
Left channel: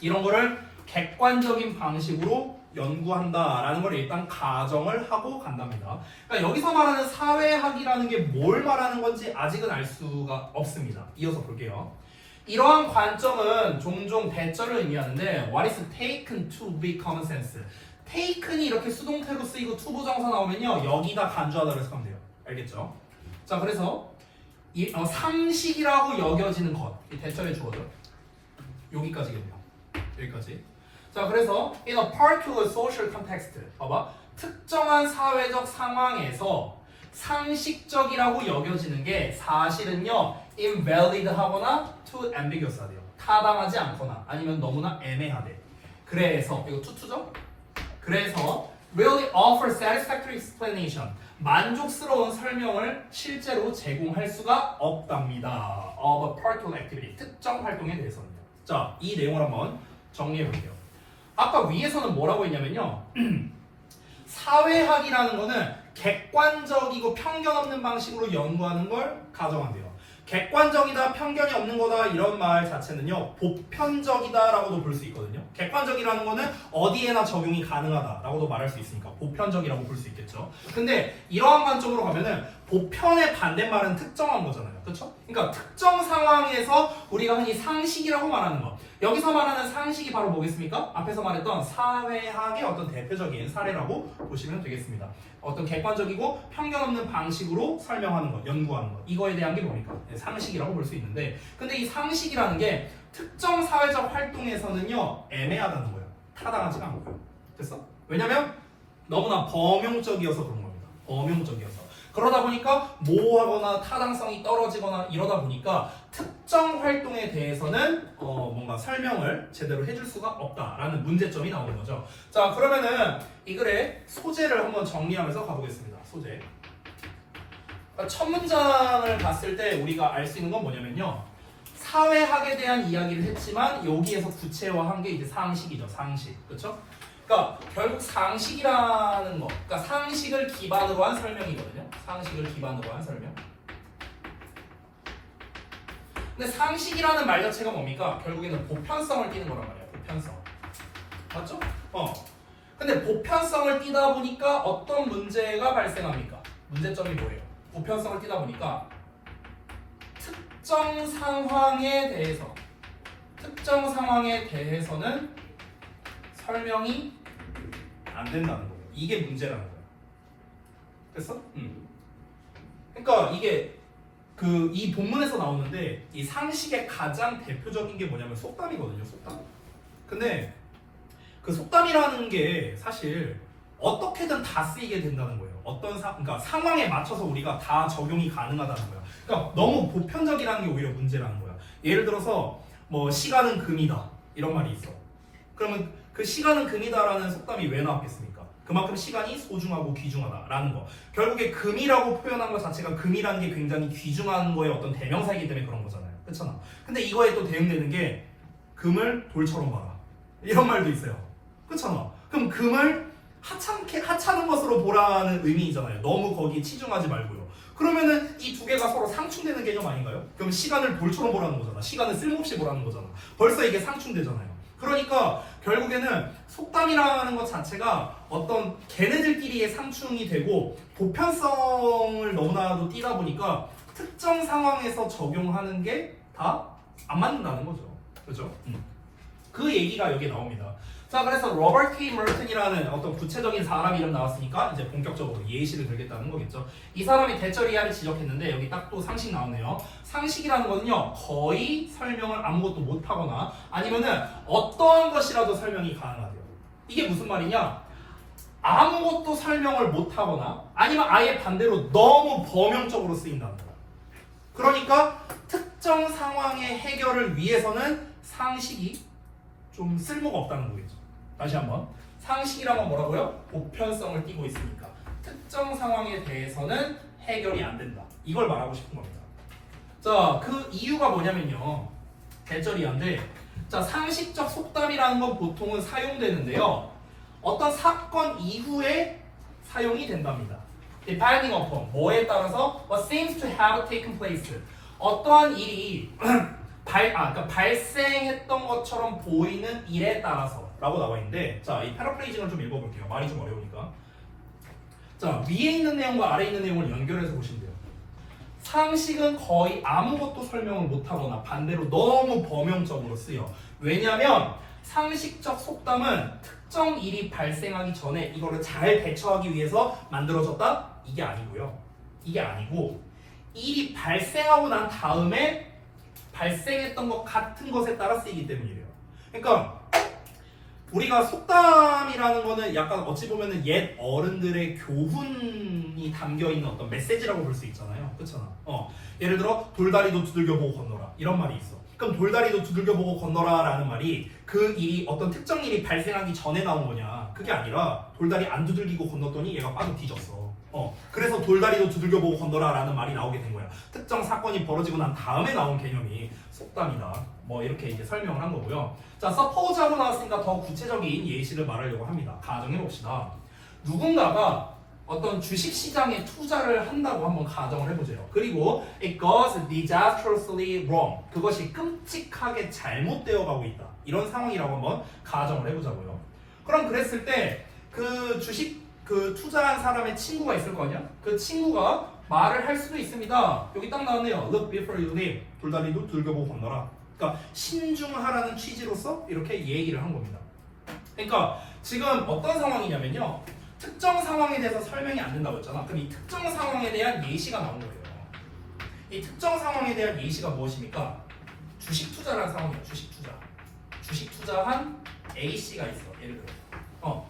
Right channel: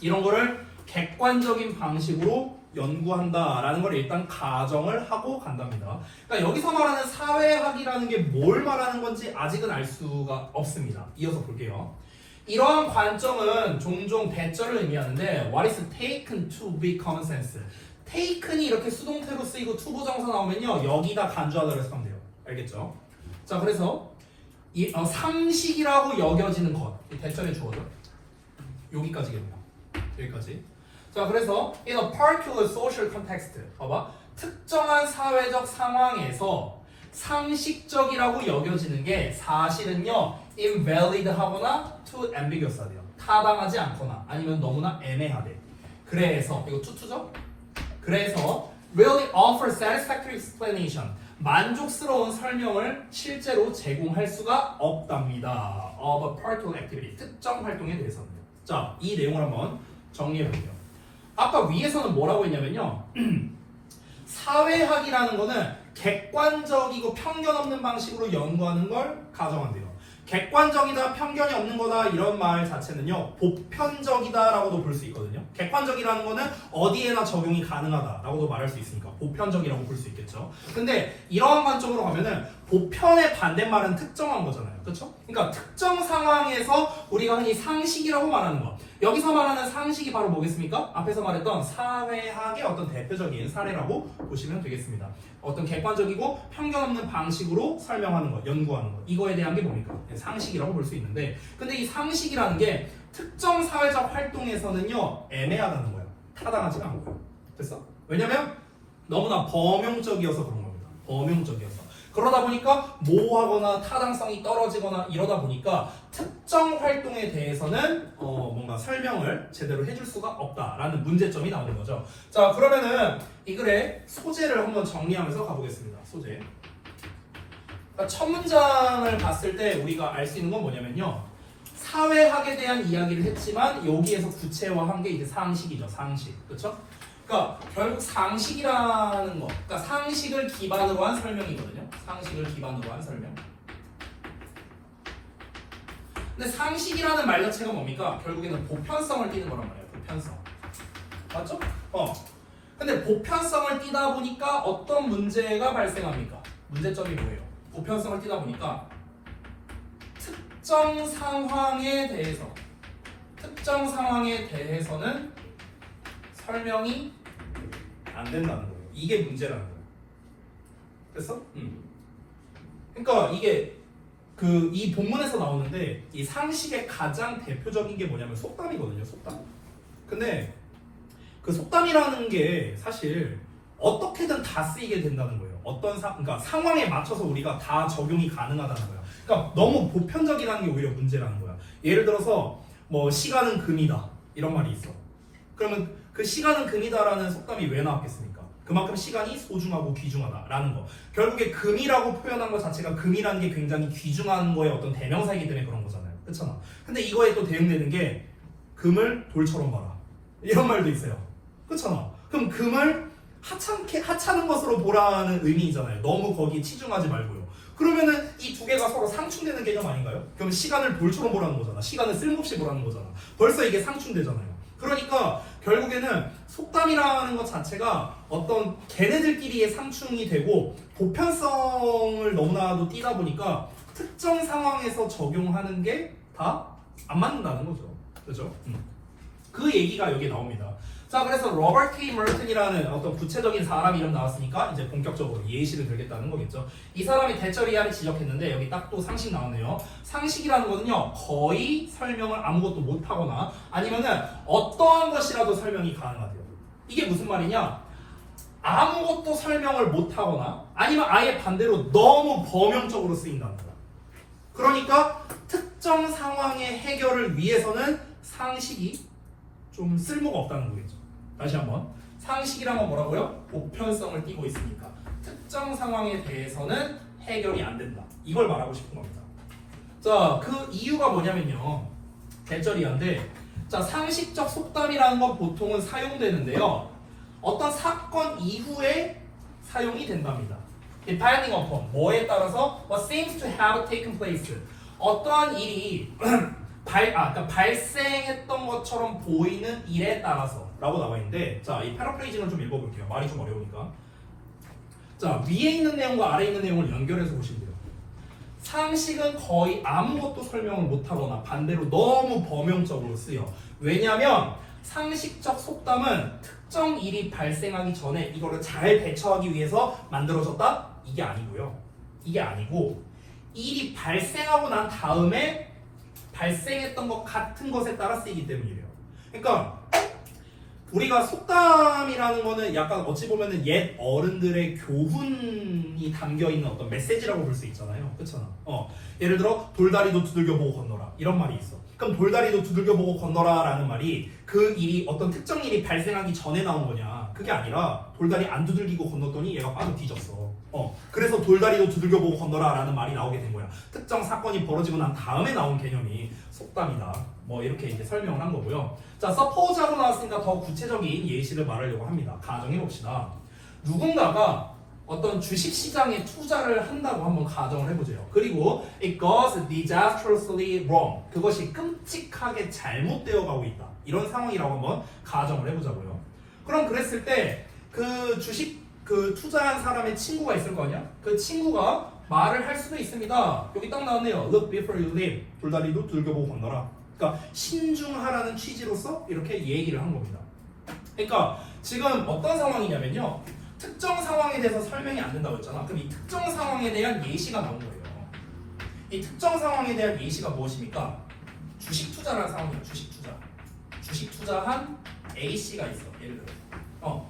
이런 거를 객관적인 방식으로 연구한다라는 걸 일단 가정을 하고 간답니다. 그러니까 여기서 말하는 사회학이라는 게 뭘 말하는 건지 아직은 알 수가 없습니다. 이어서 볼게요. 이러한 관점은 종종 대절을 의미하는데 What is taken to be common sense? taken이 이렇게 수동태로 쓰이고 투부정사 나오면요 여기다 간주하다고 해석하면 돼요. 알겠죠? 자 그래서 상식이라고 여겨지는 것 대절의 주어죠. 여기까지겠네요. 여기까지. 자 그래서 in a particular social context 봐봐 특정한 사회적 상황에서 상식적이라고 여겨지는 게 사실은요 invalid 하거나 too ambiguous 하대요. 타당하지 않거나 아니면 너무나 애매하대. 그래서 이거 투투죠? 그래서 really offer satisfactory explanation. 만족스러운 설명을 실제로 제공할 수가 없답니다. of a particular activity. 특정 활동에 대해서는. 자, 이 내용을 한번 정리해 볼게요. 아까 위에서는 뭐라고 했냐면요. 사회학이라는 거는 객관적이고 편견 없는 방식으로 연구하는 걸 가정한대요. 객관적이다, 편견이 없는 거다 이런 말 자체는요 보편적이다라고도 볼 수 있거든요. 객관적이라는 거는 어디에나 적용이 가능하다라고도 말할 수 있으니까 보편적이라고 볼 수 있겠죠. 근데 이러한 관점으로 가면은 보편의 반대말은 특정한 거잖아요. 그렇죠? 그러니까 특정 상황에서 우리가 흔히 상식이라고 말하는 거. 여기서 말하는 상식이 바로 뭐겠습니까? 앞에서 말했던 사회학의 어떤 대표적인 사례라고 보시면 되겠습니다. 어떤 객관적이고 편견 없는 방식으로 설명하는 것, 연구하는 것. 이거에 대한 게 뭡니까? 상식이라고 볼 수 있는데 근데 이 상식이라는 게 특정 사회적 활동에서는요 애매하다는 거예요. 타당하지가 않고요. 됐어? 왜냐면 너무나 범용적이어서 그런 겁니다. 범용적이어서. 그러다 보니까 모호하거나 타당성이 떨어지거나 이러다 보니까 특정 활동에 대해서는 뭔가 설명을 제대로 해줄 수가 없다라는 문제점이 나오는 거죠. 자, 그러면은 이 글의 소재를 한번 정리하면서 가보겠습니다. 소재. 그러니까 첫 문장을 봤을 때 우리가 알 수 있는 건 뭐냐면요. 사회학에 대한 이야기를 했지만 여기에서 구체화한 게 이제 상식이죠. 상식. 그렇죠? 그러니까 결국 상식이라는 거, 그러니까 상식을 기반으로 한 설명이거든요. 상식을 기반으로 한 설명. 근데 상식이라는 말 자체가 뭡니까? 결국에는 보편성을 띠는 거란 말이에요. 보편성. 맞죠? 근데 보편성을 띠다 보니까 어떤 문제가 발생합니까? 문제점이 뭐예요? 보편성을 띠다 보니까 특정 상황에 대해서는 설명이 안 된다는 거예요. 이게 문제라는 거예요. 됐어? 그러니까 이게 이 본문에서 나오는데 이 상식의 가장 대표적인 게 뭐냐면 속담이거든요. 속담. 근데 그 속담이라는 게 사실 어떻게든 다 쓰이게 된다는 거예요. 그러니까 상황에 맞춰서 우리가 다 적용이 가능하다는 거예요. 그러니까 너무 보편적이라는 게 오히려 문제라는 거야. 예를 들어서 뭐 시간은 금이다 이런 말이 있어. 그러면 그 시간은 금이다라는 속담이 왜 나왔겠습니까? 그만큼 시간이 소중하고 귀중하다라는 거. 결국에 금이라고 표현한 것 자체가 금이라는 게 굉장히 귀중한 거의 어떤 대명사이기 때문에 그런 거잖아요. 그렇잖아. 근데 이거에 또 대응되는 게 금을 돌처럼 봐라. 이런 말도 있어요. 그렇잖아. 그럼 금을 하찮은 것으로 보라는 의미이잖아요. 너무 거기에 치중하지 말고요. 그러면은 이 두 개가 서로 상충되는 개념 아닌가요? 그럼 시간을 돌처럼 보라는 거잖아. 시간을 쓸모없이 보라는 거잖아. 벌써 이게 상충되잖아요. 그러니까 결국에는 속담이라는 것 자체가 어떤 걔네들끼리의 상충이 되고 보편성을 너무나도 띠다 보니까 특정 상황에서 적용하는 게 다 안 맞는다는 거죠. 그죠? 그 얘기가 여기 나옵니다. 자, 그래서 로버트 K. 머튼이라는 어떤 구체적인 사람 이름 나왔으니까 이제 본격적으로 예시를 들겠다는 거겠죠. 이 사람이 대처리아를 지적했는데 여기 딱 또 상식 나오네요. 상식이라는 거는요 거의 설명을 아무것도 못하거나 아니면은 어떠한 것이라도 설명이 가능하대요. 이게 무슨 말이냐? 아무것도 설명을 못하거나 아니면 아예 반대로 너무 범용적으로 쓰인다는 거야. 그러니까 특정 상황의 해결을 위해서는 상식이 좀 쓸모가 없다는 거겠죠. 다시 한번 상식이란 건 뭐라고요? 보편성을 띠고 있으니까 특정 상황에 대해서는 해결이 안 된다. 이걸 말하고 싶은 겁니다. 자, 그 이유가 뭐냐면요. 대절이한데 자, 상식적 속담이라는 건 보통은 사용되는데요. 어떤 사건 이후에 사용이 된답니다. Depending upon 뭐에 따라서 what seems to have taken place 어떠한 일이 그러니까 발생했던 것처럼 보이는 일에 따라서 라고 나와 있는데 자, 이 패러프레이징을 좀 읽어볼게요. 말이 좀 어려우니까. 자, 위에 있는 내용과 아래에 있는 내용을 연결해서 보시면 돼요. 상식은 거의 아무것도 설명을 못하거나 반대로 너무 범용적으로 쓰여. 왜냐하면 상식적 속담은 특정 일이 발생하기 전에 이거를 잘 대처하기 위해서 만들어졌다? 이게 아니고요. 이게 아니고 일이 발생하고 난 다음에 발생했던 것 같은 것에 따라 쓰이기 때문이래요. 그러니까 우리가 속담이라는 거는 약간 어찌 보면은 옛 어른들의 교훈이 담겨있는 어떤 메시지라고 볼 수 있잖아요. 그렇잖아. 예를 들어 돌다리도 두들겨 보고 건너라 이런 말이 있어. 그럼 돌다리도 두들겨 보고 건너라 라는 말이 그 일이 어떤 특정 일이 발생하기 전에 나온 거냐? 그게 아니라 돌다리 안 두들기고 건넜더니 얘가 빠져 뒤졌어. 그래서 돌다리도 두들겨보고 건너라라는 말이 나오게 된 거야. 특정 사건이 벌어지고 난 다음에 나온 개념이 속담이다. 뭐 이렇게 이제 설명을 한 거고요. 자, suppose 하고 나왔으니까 더 구체적인 예시를 말하려고 합니다. 가정해 봅시다. 누군가가 어떤 주식시장에 투자를 한다고 한번 가정을 해보세요. 그리고 it goes disastrously wrong. 그것이 끔찍하게 잘못되어 가고 있다. 이런 상황이라고 한번 가정을 해보자고요. 그럼 그랬을 때 그 주식 그 투자한 사람의 친구가 있을 거 아니야? 그 친구가 말을 할 수도 있습니다. 여기 딱 나왔네요. Look before you leap. 돌다리도 두들겨보고 건너라. 그러니까 신중하라는 취지로서 이렇게 얘기를 한 겁니다. 그러니까 지금 어떤 상황이냐면요. 특정 상황에 대해서 설명이 안 된다고 했잖아. 그럼 이 특정 상황에 대한 예시가 나온 거예요. 이 특정 상황에 대한 예시가 무엇입니까? 주식 투자라는 상황이에요. 주식 투자. 주식 투자한 A씨가 있어. 예를 들어.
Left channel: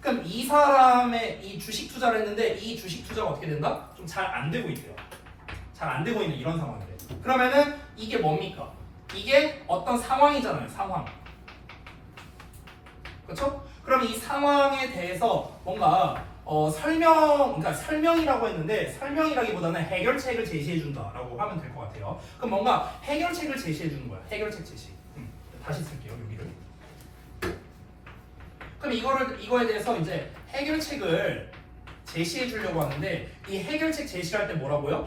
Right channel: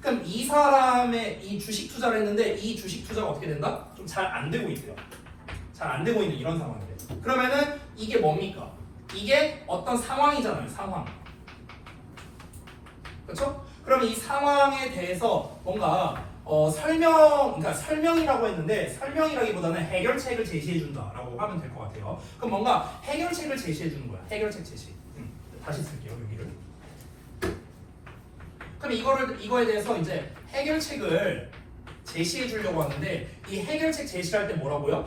그럼 이 사람의 이 주식 투자를 했는데 이 주식 투자가 어떻게 된다? 좀 잘 안 되고 있대요. 잘 안 되고 있는 이런 상황이에요. 그러면은 이게 뭡니까? 이게 어떤 상황이잖아요. 상황. 그렇죠? 그럼 이 상황에 대해서 뭔가 그러니까 설명이라고 했는데 설명이라기보다는 해결책을 제시해 준다라고 하면 될 것 같아요. 그럼 뭔가 해결책을 제시해 주는 거야. 해결책 제시. 다시 쓸게요. 여기를. 그럼 이거에 대해서 이제 해결책을 제시해 주려고 하는데 이 해결책 제시할 때 뭐라고요?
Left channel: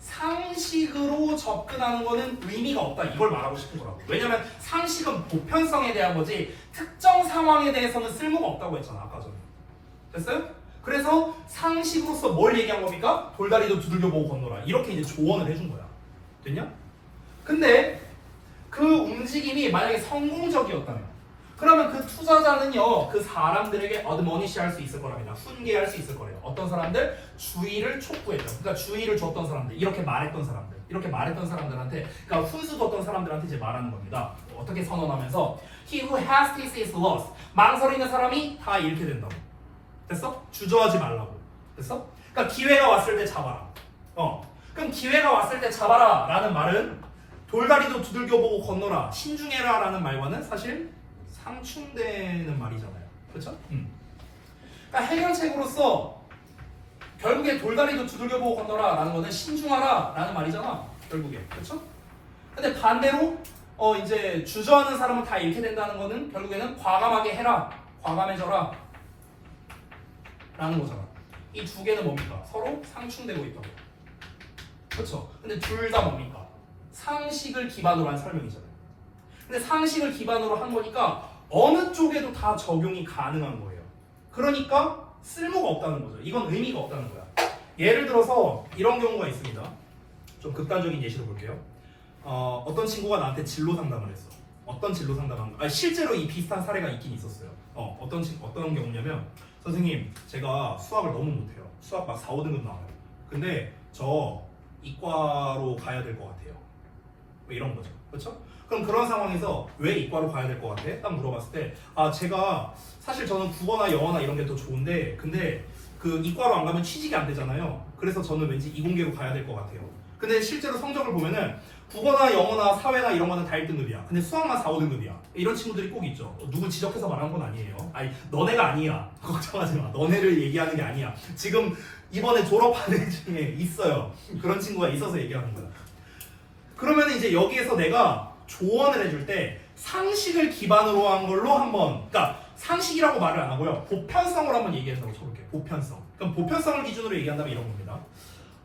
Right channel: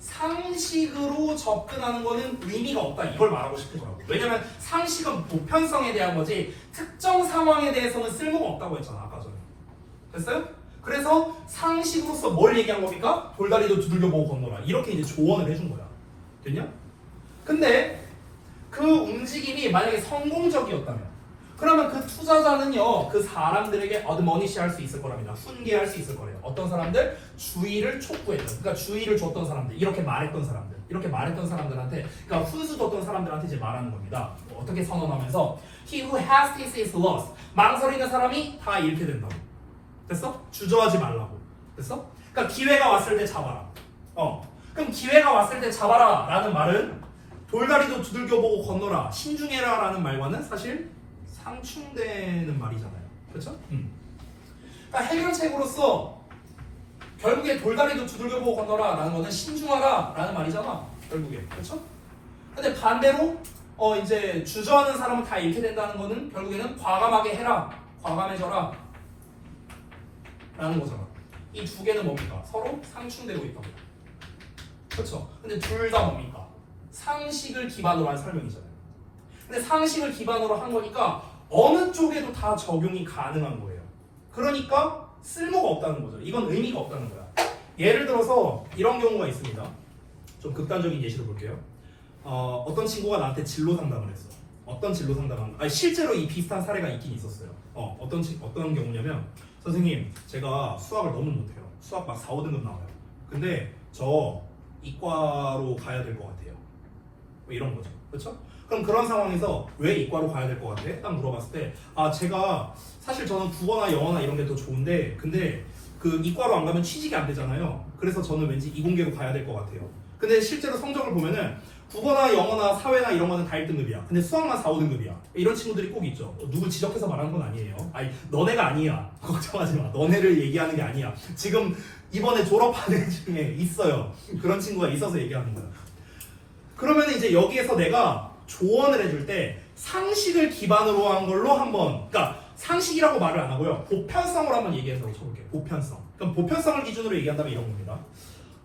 상식으로 접근하는 거는 의미가 없다. 이걸 말하고 싶은 거라고. 왜냐면 상식은 보편성에 대한 거지 특정 상황에 대해서는 쓸모가 없다고 했잖아. 아까 전에. 됐어요? 그래서 상식으로서 뭘 얘기한 겁니까? 돌다리도 두들겨보고 건너라. 이렇게 이제 조언을 해준 거야. 됐냐? 근데 그 움직임이 만약에 성공적이었다면 그러면 그 투자자는요 그 사람들에게 어드머니시 할 수 있을 거랍니다. 훈계할 수 있을 거래요. 어떤 사람들? 주의를 촉구했던, 그러니까 주의를 줬던 사람들, 이렇게 말했던 사람들한테, 그러니까 훈수 줬던 사람들한테 이제 말하는 겁니다. 어떻게 선언하면서 He who has this is lost. 망설이는 사람이 다 잃게 된다고. 됐어? 주저하지 말라고. 됐어? 그러니까 기회가 왔을 때 잡아라. 그럼 기회가 왔을 때 잡아라 라는 말은 돌다리도 두들겨보고 건너라, 신중해라 라는 말과는 사실 상충되는 말이잖아요. 그렇죠? 그러니까 해결책으로서 결국에 돌다리도 두들겨보고 건너라 라는 거는 신중하라 라는 말이잖아. 결국에. 그렇죠? 근데 반대로 이제 주저하는 사람은 다 잃게 된다는 거는 결국에는 과감하게 해라, 과감해져라 라는 거잖아. 이 두 개는 뭡니까? 서로 상충되고 있다고. 그렇죠? 근데 둘 다 뭡니까? 상식을 기반으로 한 설명이잖아요. 근데 상식을 기반으로 한 거니까 어느 쪽에도 다 적용이 가능한 거예요. 그러니까 쓸모가 없다는 거죠. 이건 의미가 없다는 거야. 예를 들어서 이런 경우가 있습니다. 좀 극단적인 예시로 볼게요. 어떤 친구가 나한테 진로 상담을 했어. 어떤 진로 상담한가? 아니, 실제로 이 비슷한 사례가 있긴 있었어요. 어떤 경우냐면 선생님 제가 수학을 너무 못해요. 수학 막 4, 5등급 나와요. 근데 저 이과로 가야 될 것 같아요. 뭐 이런 거죠. 그렇죠? 그럼 그런 상황에서 왜 이과로 가야 될 것 같아? 딱 물어봤을 때 제가 사실 저는 국어나 영어나 이런 게 더 좋은데 근데 그 이과로 안 가면 취직이 안 되잖아요. 그래서 저는 왠지 이공계로 가야 될 것 같아요. 근데 실제로 성적을 보면은 국어나 영어나 사회나 이런 거는 다 1등급이야. 근데 수학만 4, 5등급이야. 이런 친구들이 꼭 있죠. 누구 지적해서 말하는 건 아니에요. 아니 너네가 아니야. 걱정하지 마. 너네를 얘기하는 게 아니야. 지금 이번에 졸업한 애 중에 있어요. 그런 친구가 있어서 얘기하는 거야. 그러면 이제 여기에서 내가 조언을 해줄 때 상식을 기반으로 한 걸로 한번, 그러니까 상식이라고 말을 안 하고요. 보편성을 한번 얘기해서 쳐볼게요. 보편성. 그럼 보편성을 기준으로 얘기한다면 이런 겁니다.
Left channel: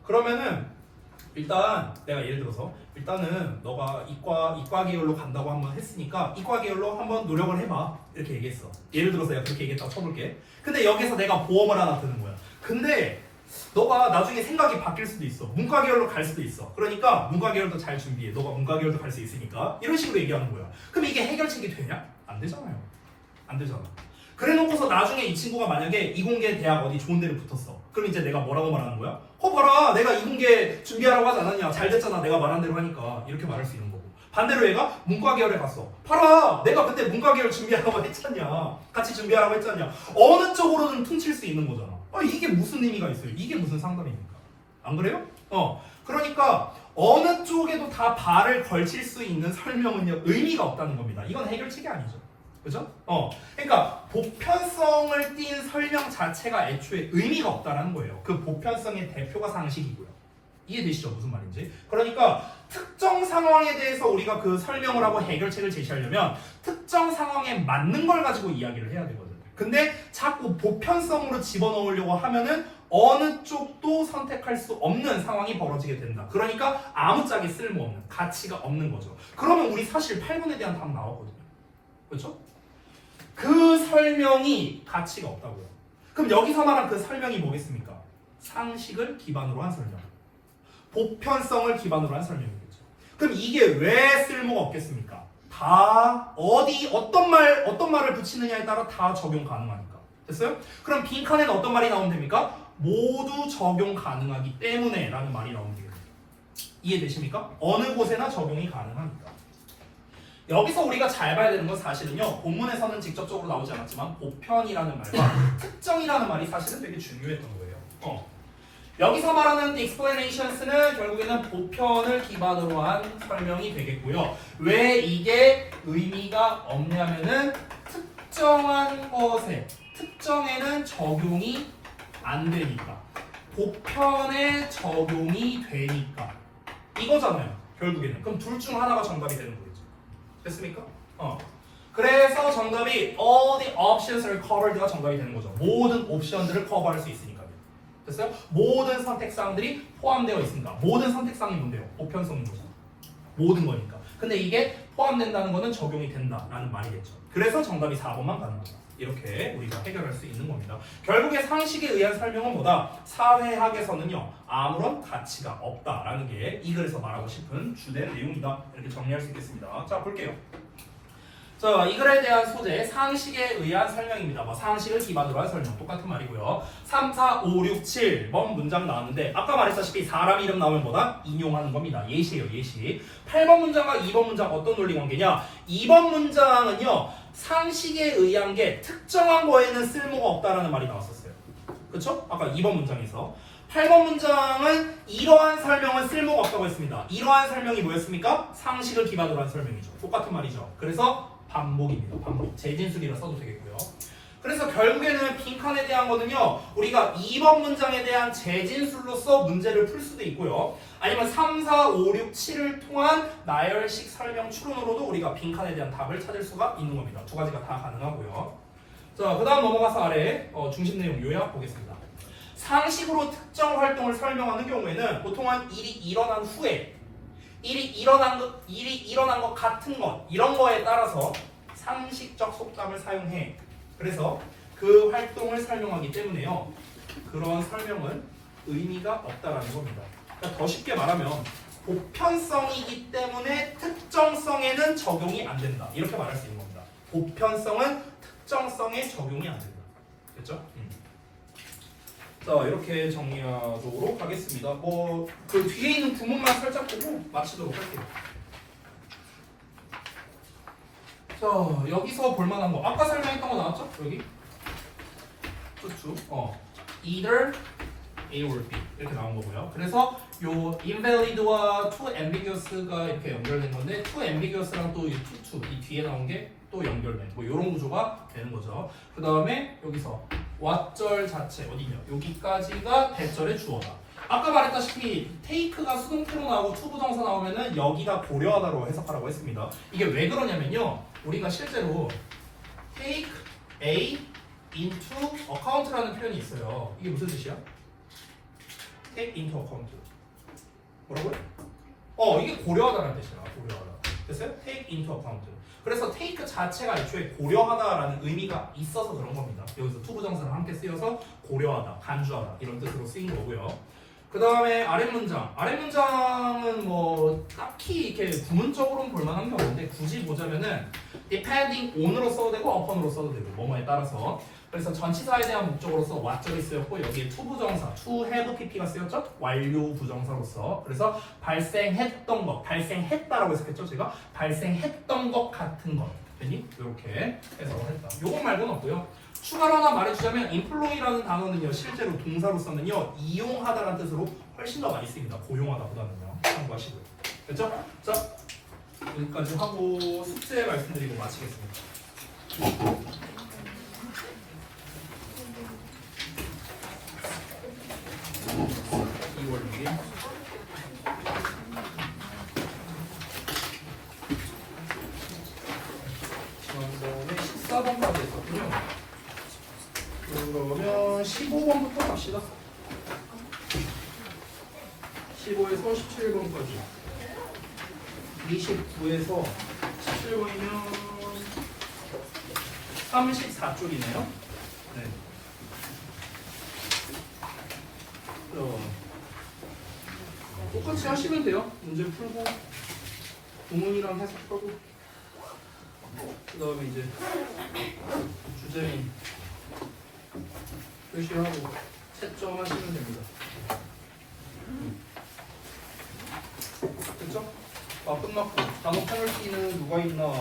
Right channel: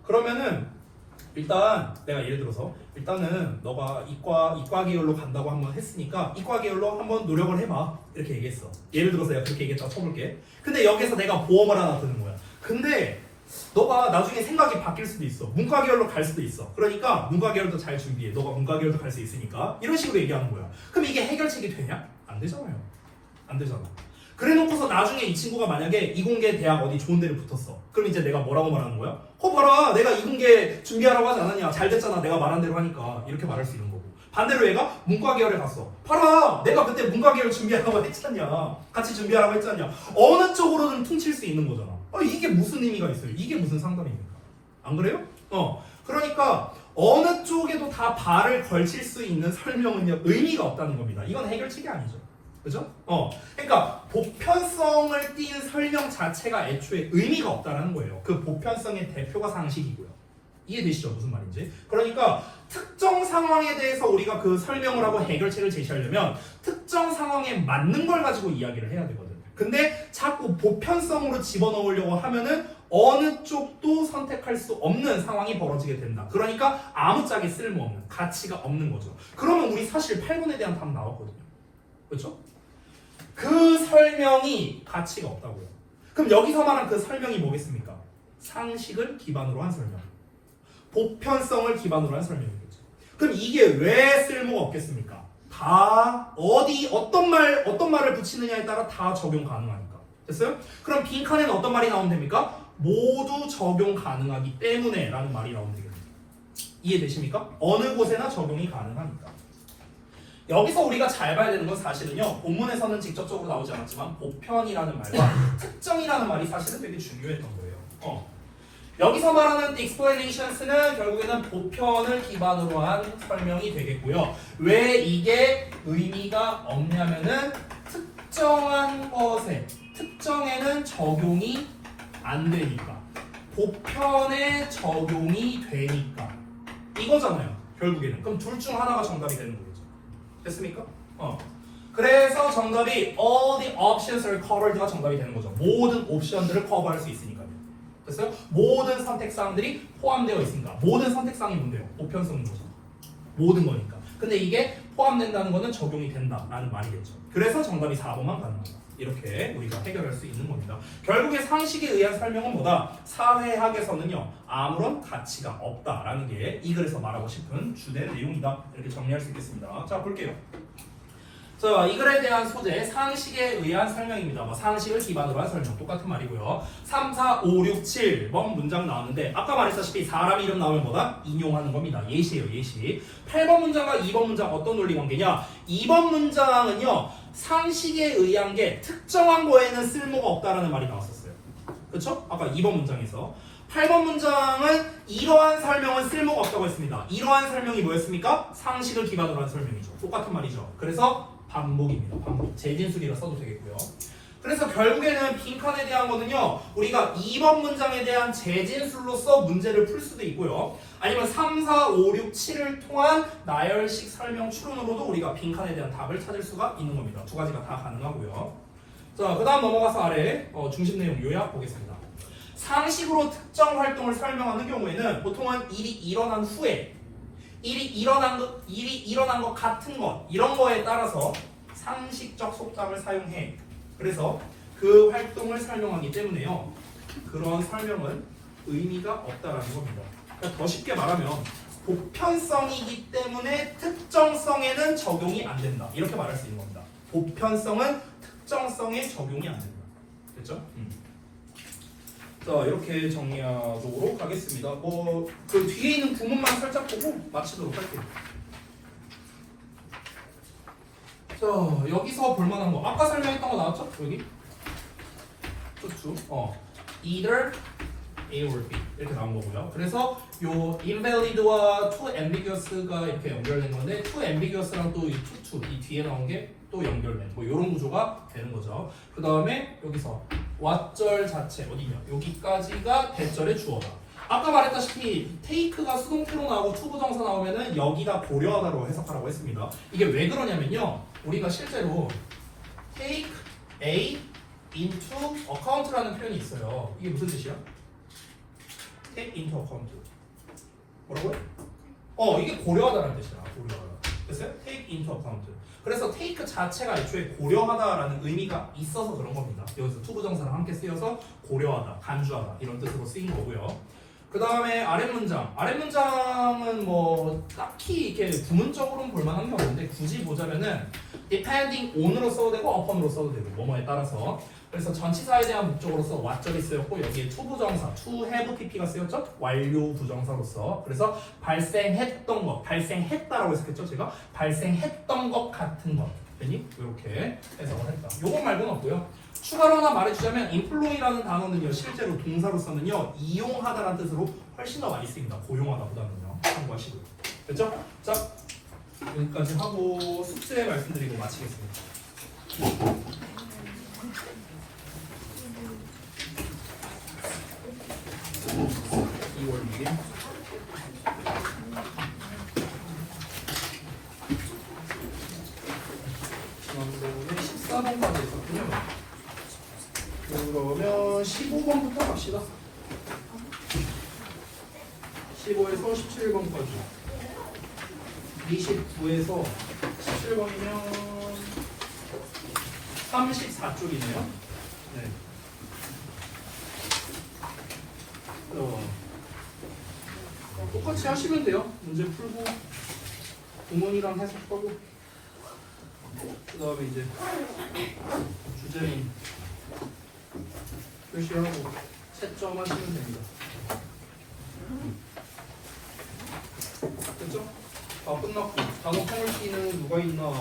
그러면은 일단 내가 예를 들어서 일단은 너가 이과 계열로 간다고 한번 했으니까 이과 계열로 한번 노력을 해봐. 이렇게 얘기했어. 예를 들어서 내가 그렇게 얘기했다고 쳐볼게. 근데 여기서 내가 보험을 하나 드는 거야. 근데 너가 나중에 생각이 바뀔 수도 있어. 문과 계열로 갈 수도 있어. 그러니까 문과 계열도 잘 준비해. 너가 문과 계열도 갈 수 있으니까. 이런 식으로 얘기하는 거야. 그럼 이게 해결책이 되냐? 안 되잖아요. 안 되잖아. 그래 놓고서 나중에 이 친구가 만약에 이공계 대학 어디 좋은 데를 붙었어. 그럼 이제 내가 뭐라고 말하는 거야? 봐라. 내가 이공계 준비하라고 하지 않았냐. 잘 됐잖아. 내가 말한 대로 하니까. 이렇게 말할 수 있는 거고. 반대로 얘가 문과 계열에 갔어. 봐라. 내가 그때 문과 계열 준비하라고 했잖냐. 같이 준비하라고 했잖냐. 어느 쪽으로든 퉁칠 수 있는 거잖아. 이게 무슨 의미가 있어요? 이게 무슨 상담입니까? 안 그래요? 그러니까 어느 쪽에도 다 발을 걸칠 수 있는 설명은요 의미가 없다는 겁니다. 이건 해결책이 아니죠. 그죠? 그러니까 보편성을 띈 설명 자체가 애초에 의미가 없다는 거예요. 그 보편성의 대표가 상식이고요. 이해되시죠? 무슨 말인지? 그러니까 특정 상황에 대해서 우리가 그 설명을 하고 해결책을 제시하려면 특정 상황에 맞는 걸 가지고 이야기를 해야 되거든. 근데 자꾸 보편성으로 집어넣으려고 하면은 어느 쪽도 선택할 수 없는 상황이 벌어지게 된다. 그러니까 아무짝에 쓸모없는, 가치가 없는 거죠. 그러면 우리 사실 8분에 대한 답 나왔거든요. 그렇죠? 그 설명이 가치가 없다고요. 그럼 여기서 말한 그 설명이 뭐겠습니까? 상식을 기반으로 한 설명. 보편성을 기반으로 한 설명이겠죠. 그럼 이게 왜 쓸모가 없겠습니까? 다 어떤 말을 붙이느냐에 따라 다 적용 가능하니까. 됐어요? 그럼 빈칸에는 어떤 말이 나오면 됩니까? 모두 적용 가능하기 때문에 라는 말이 나오면 되겠네요. 이해되십니까? 어느 곳에나 적용이 가능하니까. 여기서 우리가 잘 봐야 되는 건 사실은요, 본문에서는 직접적으로 나오지 않았지만 보편이라는 말과 특정이라는 말이 사실은 되게 중요했던 거예요. 여기서 말하는 explanations는 결국에는 보편을 기반으로 한 설명이 되겠고요. 왜 이게 의미가 없냐면은 특정한 것에, 특정에는 적용이 안 되니까, 보편에 적용이 되니까 이거잖아요. 결국에는. 그럼 둘 중 하나가 정답이 되는 거겠죠. 됐습니까? 그래서 정답이 all the options are covered가 정답이 되는 거죠. 모든 옵션들을 커버할 수 있으니까요. 됐어요? 모든 선택사항들이 포함되어 있습니다. 모든 선택사항이 뭔데요? 보편성인 거죠. 모든 거니까. 근데 이게 포함된다는 거는 적용이 된다라는 말이겠죠. 그래서 정답이 4번만 가능하다. 이렇게 우리가 해결할 수 있는 겁니다. 결국에 상식에 의한 설명은 뭐다? 사회학에서는요, 아무런 가치가 없다라는 게 이 글에서 말하고 싶은 주된 내용이다. 이렇게 정리할 수 있겠습니다. 자, 볼게요. 자, 이 글에 대한 소재, 상식에 의한 설명입니다. 뭐 상식을 기반으로 한 설명, 똑같은 말이고요. 3, 4, 5, 6, 7번 문장 나왔는데 아까 말했다시피 사람 이름 나오면 뭐다? 인용하는 겁니다. 예시예요, 예시. 8번 문장과 2번 문장 어떤 논리 관계냐? 2번 문장은요, 상식에 의한 게 특정한 거에는 쓸모가 없다라는 말이 나왔었어요. 그쵸? 아까 2번 문장에서. 8번 문장은 이러한 설명은 쓸모가 없다고 했습니다. 이러한 설명이 뭐였습니까? 상식을 기반으로 한 설명이죠. 똑같은 말이죠. 그래서 반복입니다. 반복. 재진술이라 써도 되겠고요. 그래서 결국에는 빈칸에 대한 거는요, 우리가 2번 문장에 대한 재진술로서 문제를 풀 수도 있고요, 아니면 3, 4, 5, 6, 7을 통한 나열식 설명 추론으로도 우리가 빈칸에 대한 답을 찾을 수가 있는 겁니다. 두 가지가 다 가능하고요. 자, 그 다음 넘어가서 아래 중심 내용 요약 보겠습니다. 상식으로 특정 활동을 설명하는 경우에는 보통은 일이 일어난 후에 일이 일어난 것 같은 것, 이런 거에 따라서 상식적 속담을 사용해. 그래서 그 활동을 설명하기 때문에요, 그러한 설명은 의미가 없다라는 겁니다. 그러니까 더 쉽게 말하면 보편성이기 때문에 특정성에는 적용이 안 된다, 이렇게 말할 수 있는 겁니다. 보편성은 특정성에 적용이 안 된다. 됐죠? 자, 이렇게 정리하도록 하겠습니다. 그 뒤에 있는 구문만 살짝 보고 마치도록 할게요. 자, 여기서 볼만한 거 아까 설명했던 거 나왔죠? 여기 쭉 either A or B 이렇게 나온 거고요. 그래서 요 invalid와 too ambiguous가 이렇게 연결된 건데 too ambiguous랑 또 이 too 이 뒤에 나온 게 또 연결된 뭐 이런 구조가 되는 거죠. 그 다음에 여기서 왓절 자체 어디냐? 여기까지가 대절의 주어다. 아까 말했다시피 take가 수동태로 나오고 to 부정사 나오면은 여기가 고려하다로 해석하라고 했습니다. 이게 왜 그러냐면요, 우리가 실제로 take A into account라는 표현이 있어요. 이게 무슨 뜻이야? take into account. 뭐라고요? 이게 고려하다라는 뜻이야. 고려하다. 됐어요? take into account. 그래서 take 자체가 애초에 고려하다라는 의미가 있어서 그런 겁니다. 여기서 to 부정사를 함께 쓰여서 고려하다, 간주하다 이런 뜻으로 쓰인 거고요. 그 다음에 아랫문장은 뭐 딱히 이렇게 구문적으로는 볼만한 게 없는데 굳이 보자면은 depending on으로 써도 되고 upon으로 써도 되고 뭐뭐에 따라서. 그래서 전치사에 대한 목적으로서 what절이 쓰였고 여기에 to 부정사, to have pp가 쓰였죠? 완료 부정사로서. 그래서 발생했던 것, 발생했다라고 해석했죠? 제가 발생했던 것 같은 것. 됐니? 이렇게 해서 했다. 요거 말고는 없고요. 추가로 하나 말해주자면 employ라는 단어는요 실제로 동사로서는요 이용하다라는 뜻으로 훨씬 더 많이 쓰입니다. 고용하다보다는요. 참고하시고요. 됐죠? 자 여기까지 하고 숙제 말씀드리고 마치겠습니다. 2월 6일 지난번에 14번까지 했었군요. 그러면 15번부터 갑시다. 15에서 17번까지 29에서 17번이면 34쪽이네요. 네. 똑같이 하시면 돼요. 문제 풀고 구문이랑 해석하고 그 다음에 이제 주제는 표시하고 채점하시면 됩니다. 됐죠? 다 끝났고 단어 페널티는 누가 있나?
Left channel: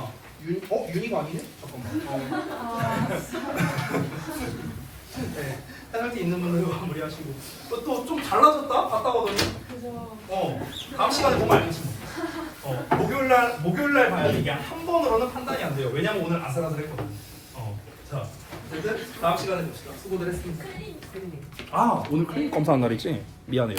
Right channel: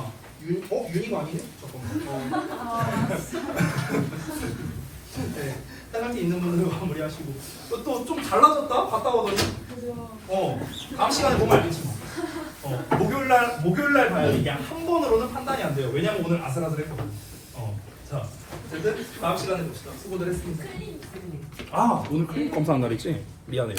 윤이가 아니네? 잠깐만. 네, 페널티 있는 분으로 마무리하시고 또 좀 달라졌다? 갔다 오더니 다음 시간에 보면 알겠지 뭐. 목요일날 봐야 돼. 이게 한 번으로는 판단이 안 돼요. 왜냐면 오늘 아슬아슬했거든. 자, 어쨌든 다음 시간에 봅시다. 수고들 했습니다. 아, 오늘 클릭 검사한 날이지? 미안해요.